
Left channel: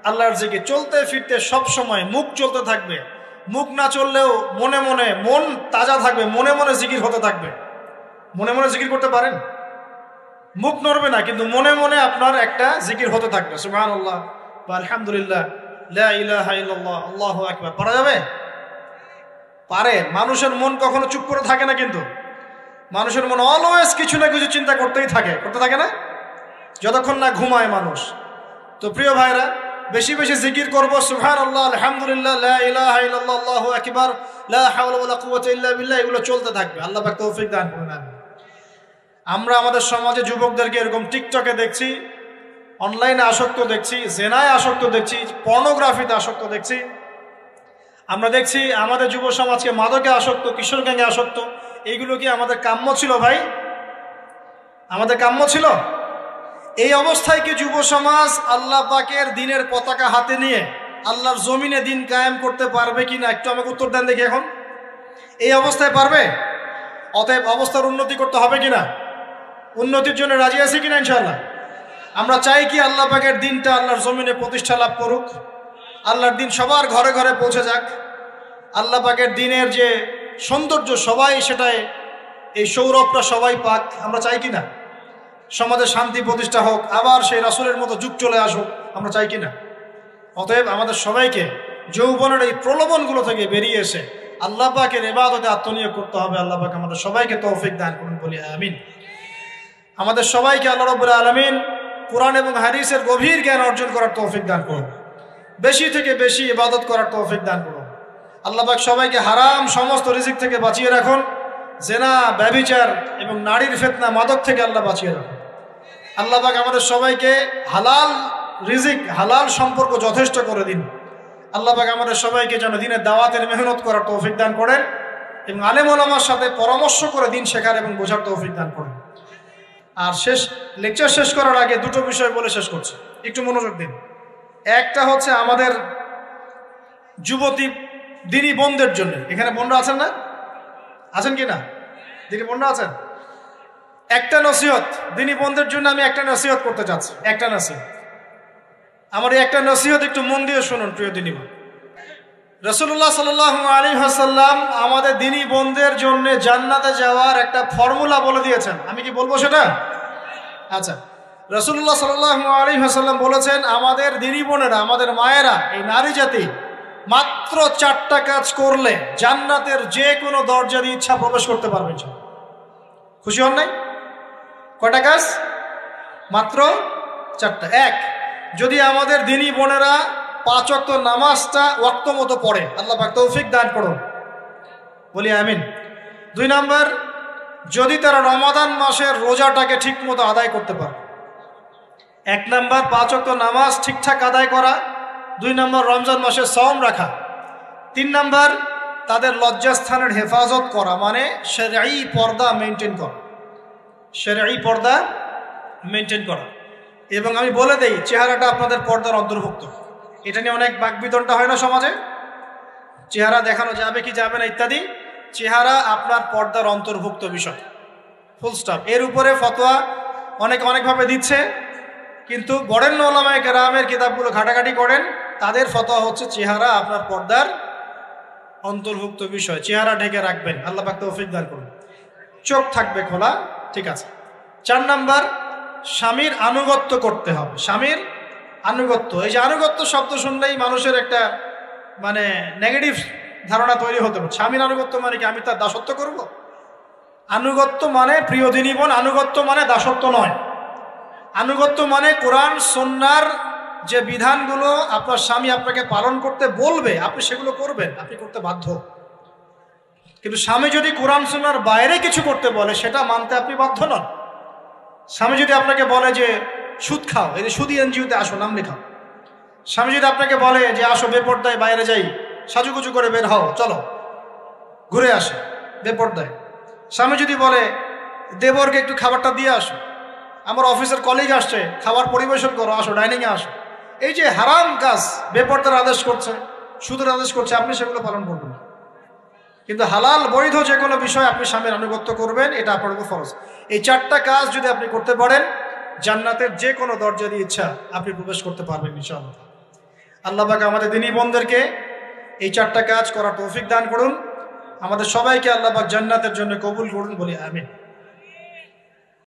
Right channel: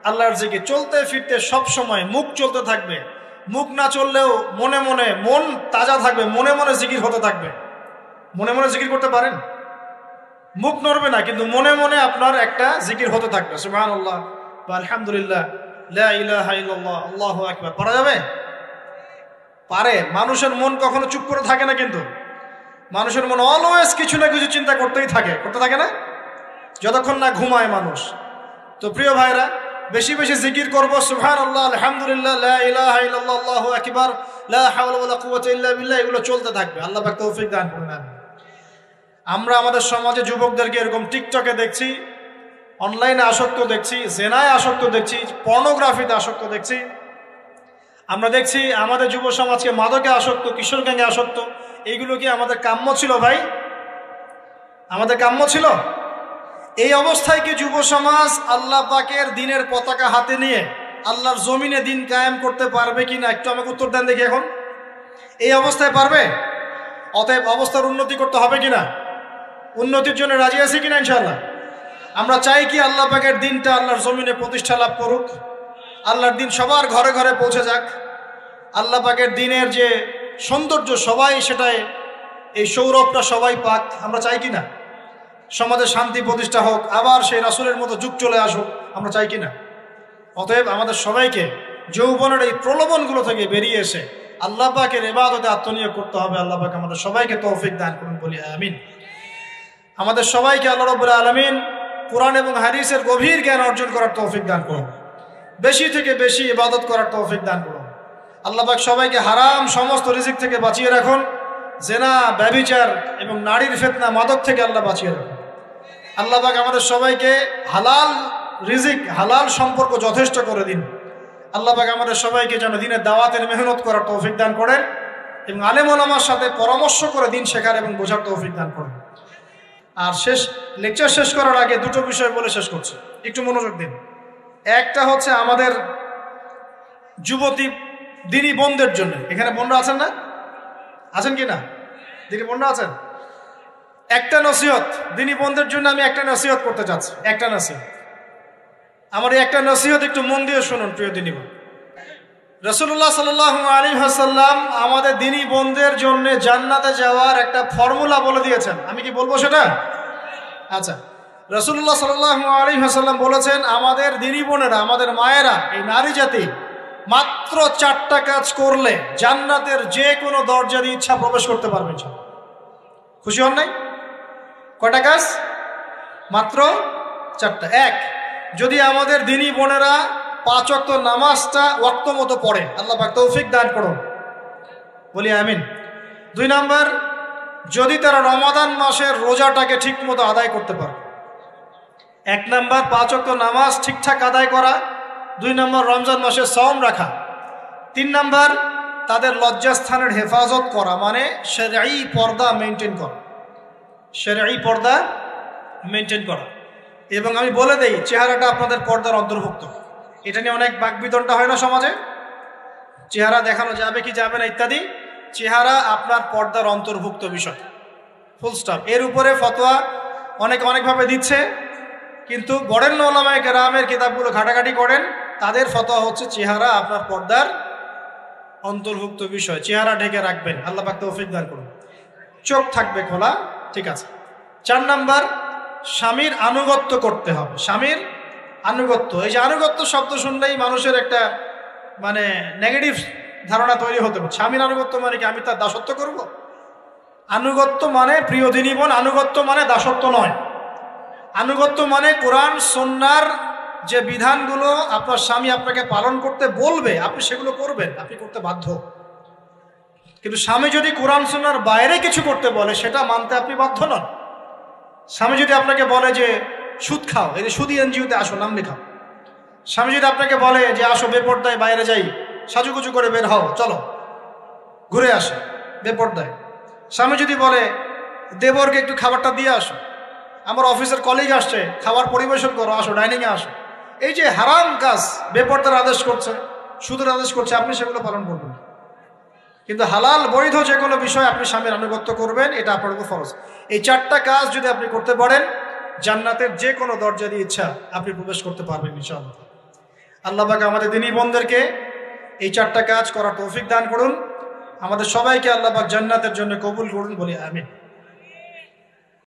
আল্লাহর জিকির। চলতে ফিরতে সব সময় মুখ চলতে থাকবে, মুখ না চললেও মনে মনে মন তাজা থাকবে, মনে মনে জিকির হতে থাকবে। মনে মনে জিকির করতে পারেন? মুখ নড়বে না, কিন্তু মনে মনে আপনার একটা জিকির হতে থাকবে, সুবহানাল্লাহ, আলহামদুলিল্লাহ, লা ইলাহা ইল্লাল্লাহ, আল্লাহু আকবার। পারা যাবে? পারে। মানুষের মন কখনো চুপ করে থাকে না, কিন্তু মানুষের মন অলওয়েজ কিছু না কিছু চিন্তা করতেই থাকে, করতে থাকে না, যতক্ষণ না ঘুমায় মানুষ। তো প্রিয় ভাইরা, বেশি বেশি জিকির করবো, সুবহানাল্লাহ, আলহামদুলিল্লাহ, লা ইলাহা ইল্লাল্লাহ, আল্লাহু আকবার, লা হাওলা ওয়ালা কুওয়াতা ইল্লা বিল্লাহ, এগুলো চলতে থাকবে। আল্লাহ পাক তৌফিক দান করুন। আমরা আমাদের সমাজে যুবকদেরকে এরকম টিকটকে দেখছি, অনলাইনে আসক্ত দেখছি, জেনায় আসক্ত দেখছি, পর্নোগ্রাফিতে আসক্ত দেখছি। আমরা দেখছি আমাদের যুব সমাজকে মাদকে আসক্ত, কিশোর গ্যাংয়ে আসক্ত। এইগুলো কি আমাদের কাম্য ছিল ভাই? আমাদের কাম্য ছিল? এই অবস্থায় কি যুব সমাজ আল্লাহ পাকের দিনের পতাকা হাতে নিয়ে আল্লাহর জমিনে দিন কায়েম করতে পারবে কিনা, একটু আমাকে উত্তর দেন দেখি। এখন এই অবস্থায় পারবে? অতএব অবস্থার উন্নতি করতে হবে কিনা? উন্নতির জন্য রাজি আছি কিনা ইনশাআল্লাহ? আমরা চাই কি আল্লাহ পাকের দিনটা আল্লাহর জমিনে প্রতিষ্ঠা লাভ করুক, আল্লাহর দিন সবার ঘরে ঘরে পৌঁছে যাক, আল্লাহ পাকের দিনের যে সৌন্দর্য সবাই সেটাই, এই সৌরভটা সবাই পাক। আমরা চাই কিনা? সমাজে শান্তি প্রতিষ্ঠা হোক, আবার সেই রাসূলের মতো যুগ চলে আসুক, আমরা চাই কিনা? অতএব আমাদের সবাইকে যৌবনের এই প্রলোভনগুলো থেকে বেরিয়ে এসে আল্লাহ পাকের ইবাদতে আত্মনিয়োগ করতে হবে। আল্লাহ পাক আমাদের সবাইকে তৌফিক দান করুন, বলি আমিন। আমাদের সবাইকে আল্লাহ রাব্বুল আলামিন কোরআন এবং হাদিসের গভীর জ্ঞান অর্জন করার তৌফিক দান করুন, বেশি থেকে বেশি ইবাদত করার তৌফিক দান করুন। আল্লাহ পাক সবাইকে হারাম সমস্ত রিজিক থেকে বাঁচিয়ে রাখুন, জিনা, ব্যভিচার এবং নারীর ফিতনা, মাদক থেকে আল্লাহ বাঁচিয়ে রাখুন। আল্লাহ পাক আমাদের সবাইকে হালাল রিজিক, হালাল সম্পর্ক যথেষ্ট করে দিন। আল্লাহ পাক আমাদের সবাইকে যেন দিনের দাওয়াতের মেহনত করার তৌফিক দান করেন এবং আলেম ওলামার সাথে পরামর্শ করে দিন শেখার এবং বোঝার তৌফিক দান করেন। আর লেকচার শেষ করার আগে দুটো বিষয় বলে শেষ করছি, একটু মনোযোগ দিন। একটা হচ্ছে আমাদের যুবতী দিনী বোনদের জন্য। এখানে বোনরা আছেন না? আছেন কি না? দিনী বোনরা আছেন? একটা নসিহত দিনী বোনদের জন্য আমি একটা নসিহত করতে চাচ্ছি, একটা নসিহত। আমার এই একটা নসিহত একটু মন দিয়ে শুনুন প্রিয় দিনী বোন। রাসূলুল্লাহ সাল্লাল্লাহু আলাইহি ওয়াসাল্লাম আমাদের দিনী বোনদের জন্য জান্নাতে যাওয়ার একটা ফর্মুলা বলে দিয়েছেন। আমি কি বলবো সেটা? আচ্ছা, রাসূলুল্লাহ সাল্লাল্লাহু আলাইহি ওয়াসাল্লাম বলেছেন আমাদের দিনী বোনেরা, আমাদের মায়েরা, এই নারী জাতি মাত্র 4টা কাজ করলে জান্নাতের যে কোনো দরজার ইচ্ছা প্রবেশ করতে পারবে। খুশি হন না? কয়টা কাজ? মাত্র 4টা। এক, যদি আমাদের দিনী বোনেরা 5 ওয়াক্ত নামাজটা ওয়াক্ত মতো পড়ে, আল্লাহ পাক তৌফিক দান করুন, বলি আমিন। 2 নাম্বার, যদি তারা রমাদান মাসের রোজাটাকে ঠিক মতো আদায় করতে পারে। 1 নাম্বার 5 ওয়াক্ত নামাজ ঠিকঠাক আদায় করা, 2 নাম্বার রমজান মাসে সওম রাখা, 3 নাম্বার তাদের লজ্জাস্থানের হেফাজত করা, মানে শরঈ পর্দা মেনটেন করা, শরঈ পর্দা মেনটেন করা। এবং আমি বলে দেই, চেহারাটা আপনাদের পর্দার অন্তর্ভুক্ত। এটা নিয়ে অনেক বাকবিতণ্ডা হয় না সমাজে, চেহারা দেখানো যাবে কি যাবে না ইত্যাদি। চেহারা আপনার পর্দার অন্তর্ভুক্ত বিষয়, ফুল স্টপ। এর উপরে ফতোয়া অনেকভাবে দিচ্ছে, কিন্তু বরেণ্য উলামায়ে কেরামের কিতাবগুলো ঘাটাঘাটি করেন, তাদের ফতোয়া হচ্ছে চেহারা আপনার পর্দার অন্তর্ভুক্ত বিষয়, চেহারা ঢেকে রাখবেন, আল্লাহ পাক তৌফিক দান করুন। চোখ থাকবে খোলা, ঠিক আছে। 4 নাম্বার, স্বামীর আনুগত্য করতে হবে। স্বামীর আনুগত্য, এই যে আনুগত্য শব্দ শুনলেই মানুষের একটা মানে নেগেটিভ ধারণা তৈরি হতে পারে। স্বামীর আনুগত্য মানে কি আমি তার দাসত্ব করবো? আনুগত্য মানে প্রিয় দিনী বোন, আনুগত্য মানে দাসত্ব নয়। আনুগত্য মানে কোরআন সুন্নাহর যে বিধানগুলো আপনার স্বামী আপনাকে পালন করতে বলবে আপনি সেগুলো করবেন, আপনি করতে বাধ্য। কিন্তু স্বামী যদি কোরআন সুন্নাহর বাইরে কিছু করতে বলে সেটা মানতে আপনি বাধ্য নন। স্বামী যদি আপনাকে বলে যে সুদ খাও, এই সুদী এনজিওতে আসো, নাম লেখাও। স্বামী যদি আপনাকে বলে যে আসো বেপরদায় বাইরে যাই, সাজুগুজু করে বের হও, চলো ঘুরে আসো বেপরদায়। স্বামী যদি বলে দেবরকে একটু খাবারটা দিয়ে আসো, আমার অফিসের কলিগ আসছে, খাবার পরিবেশন করো, আসো ডাইনিংয়ে আসো, এই যে হারাম কাজ বেপরদার আদেশ করছে, সুদের আদেশ করছে, আপনি সেগুলো পালন করবেন। কিন্তু হালাল বৈধ যে কোনো বিষয় আপনি স্বামীর আনুগত্য করবেন, এটা আপনার উপর ফরজ। এই 4টা কাজ যদি আপনি করতে পারেন জান্নাতের যে কোনো দরজা দিয়ে ইচ্ছা আপনি প্রবেশ করতে পারবেন ইনশাআল্লাহ। আল্লাহ পাক আমাদের দিনী বোনদেরকে এই 4টা কাজ করার তৌফিক দান করুন। আমাদের সবাইকে আল্লাহ পাক জান্নাতের জন্য কবুল করুন বলি আমিন।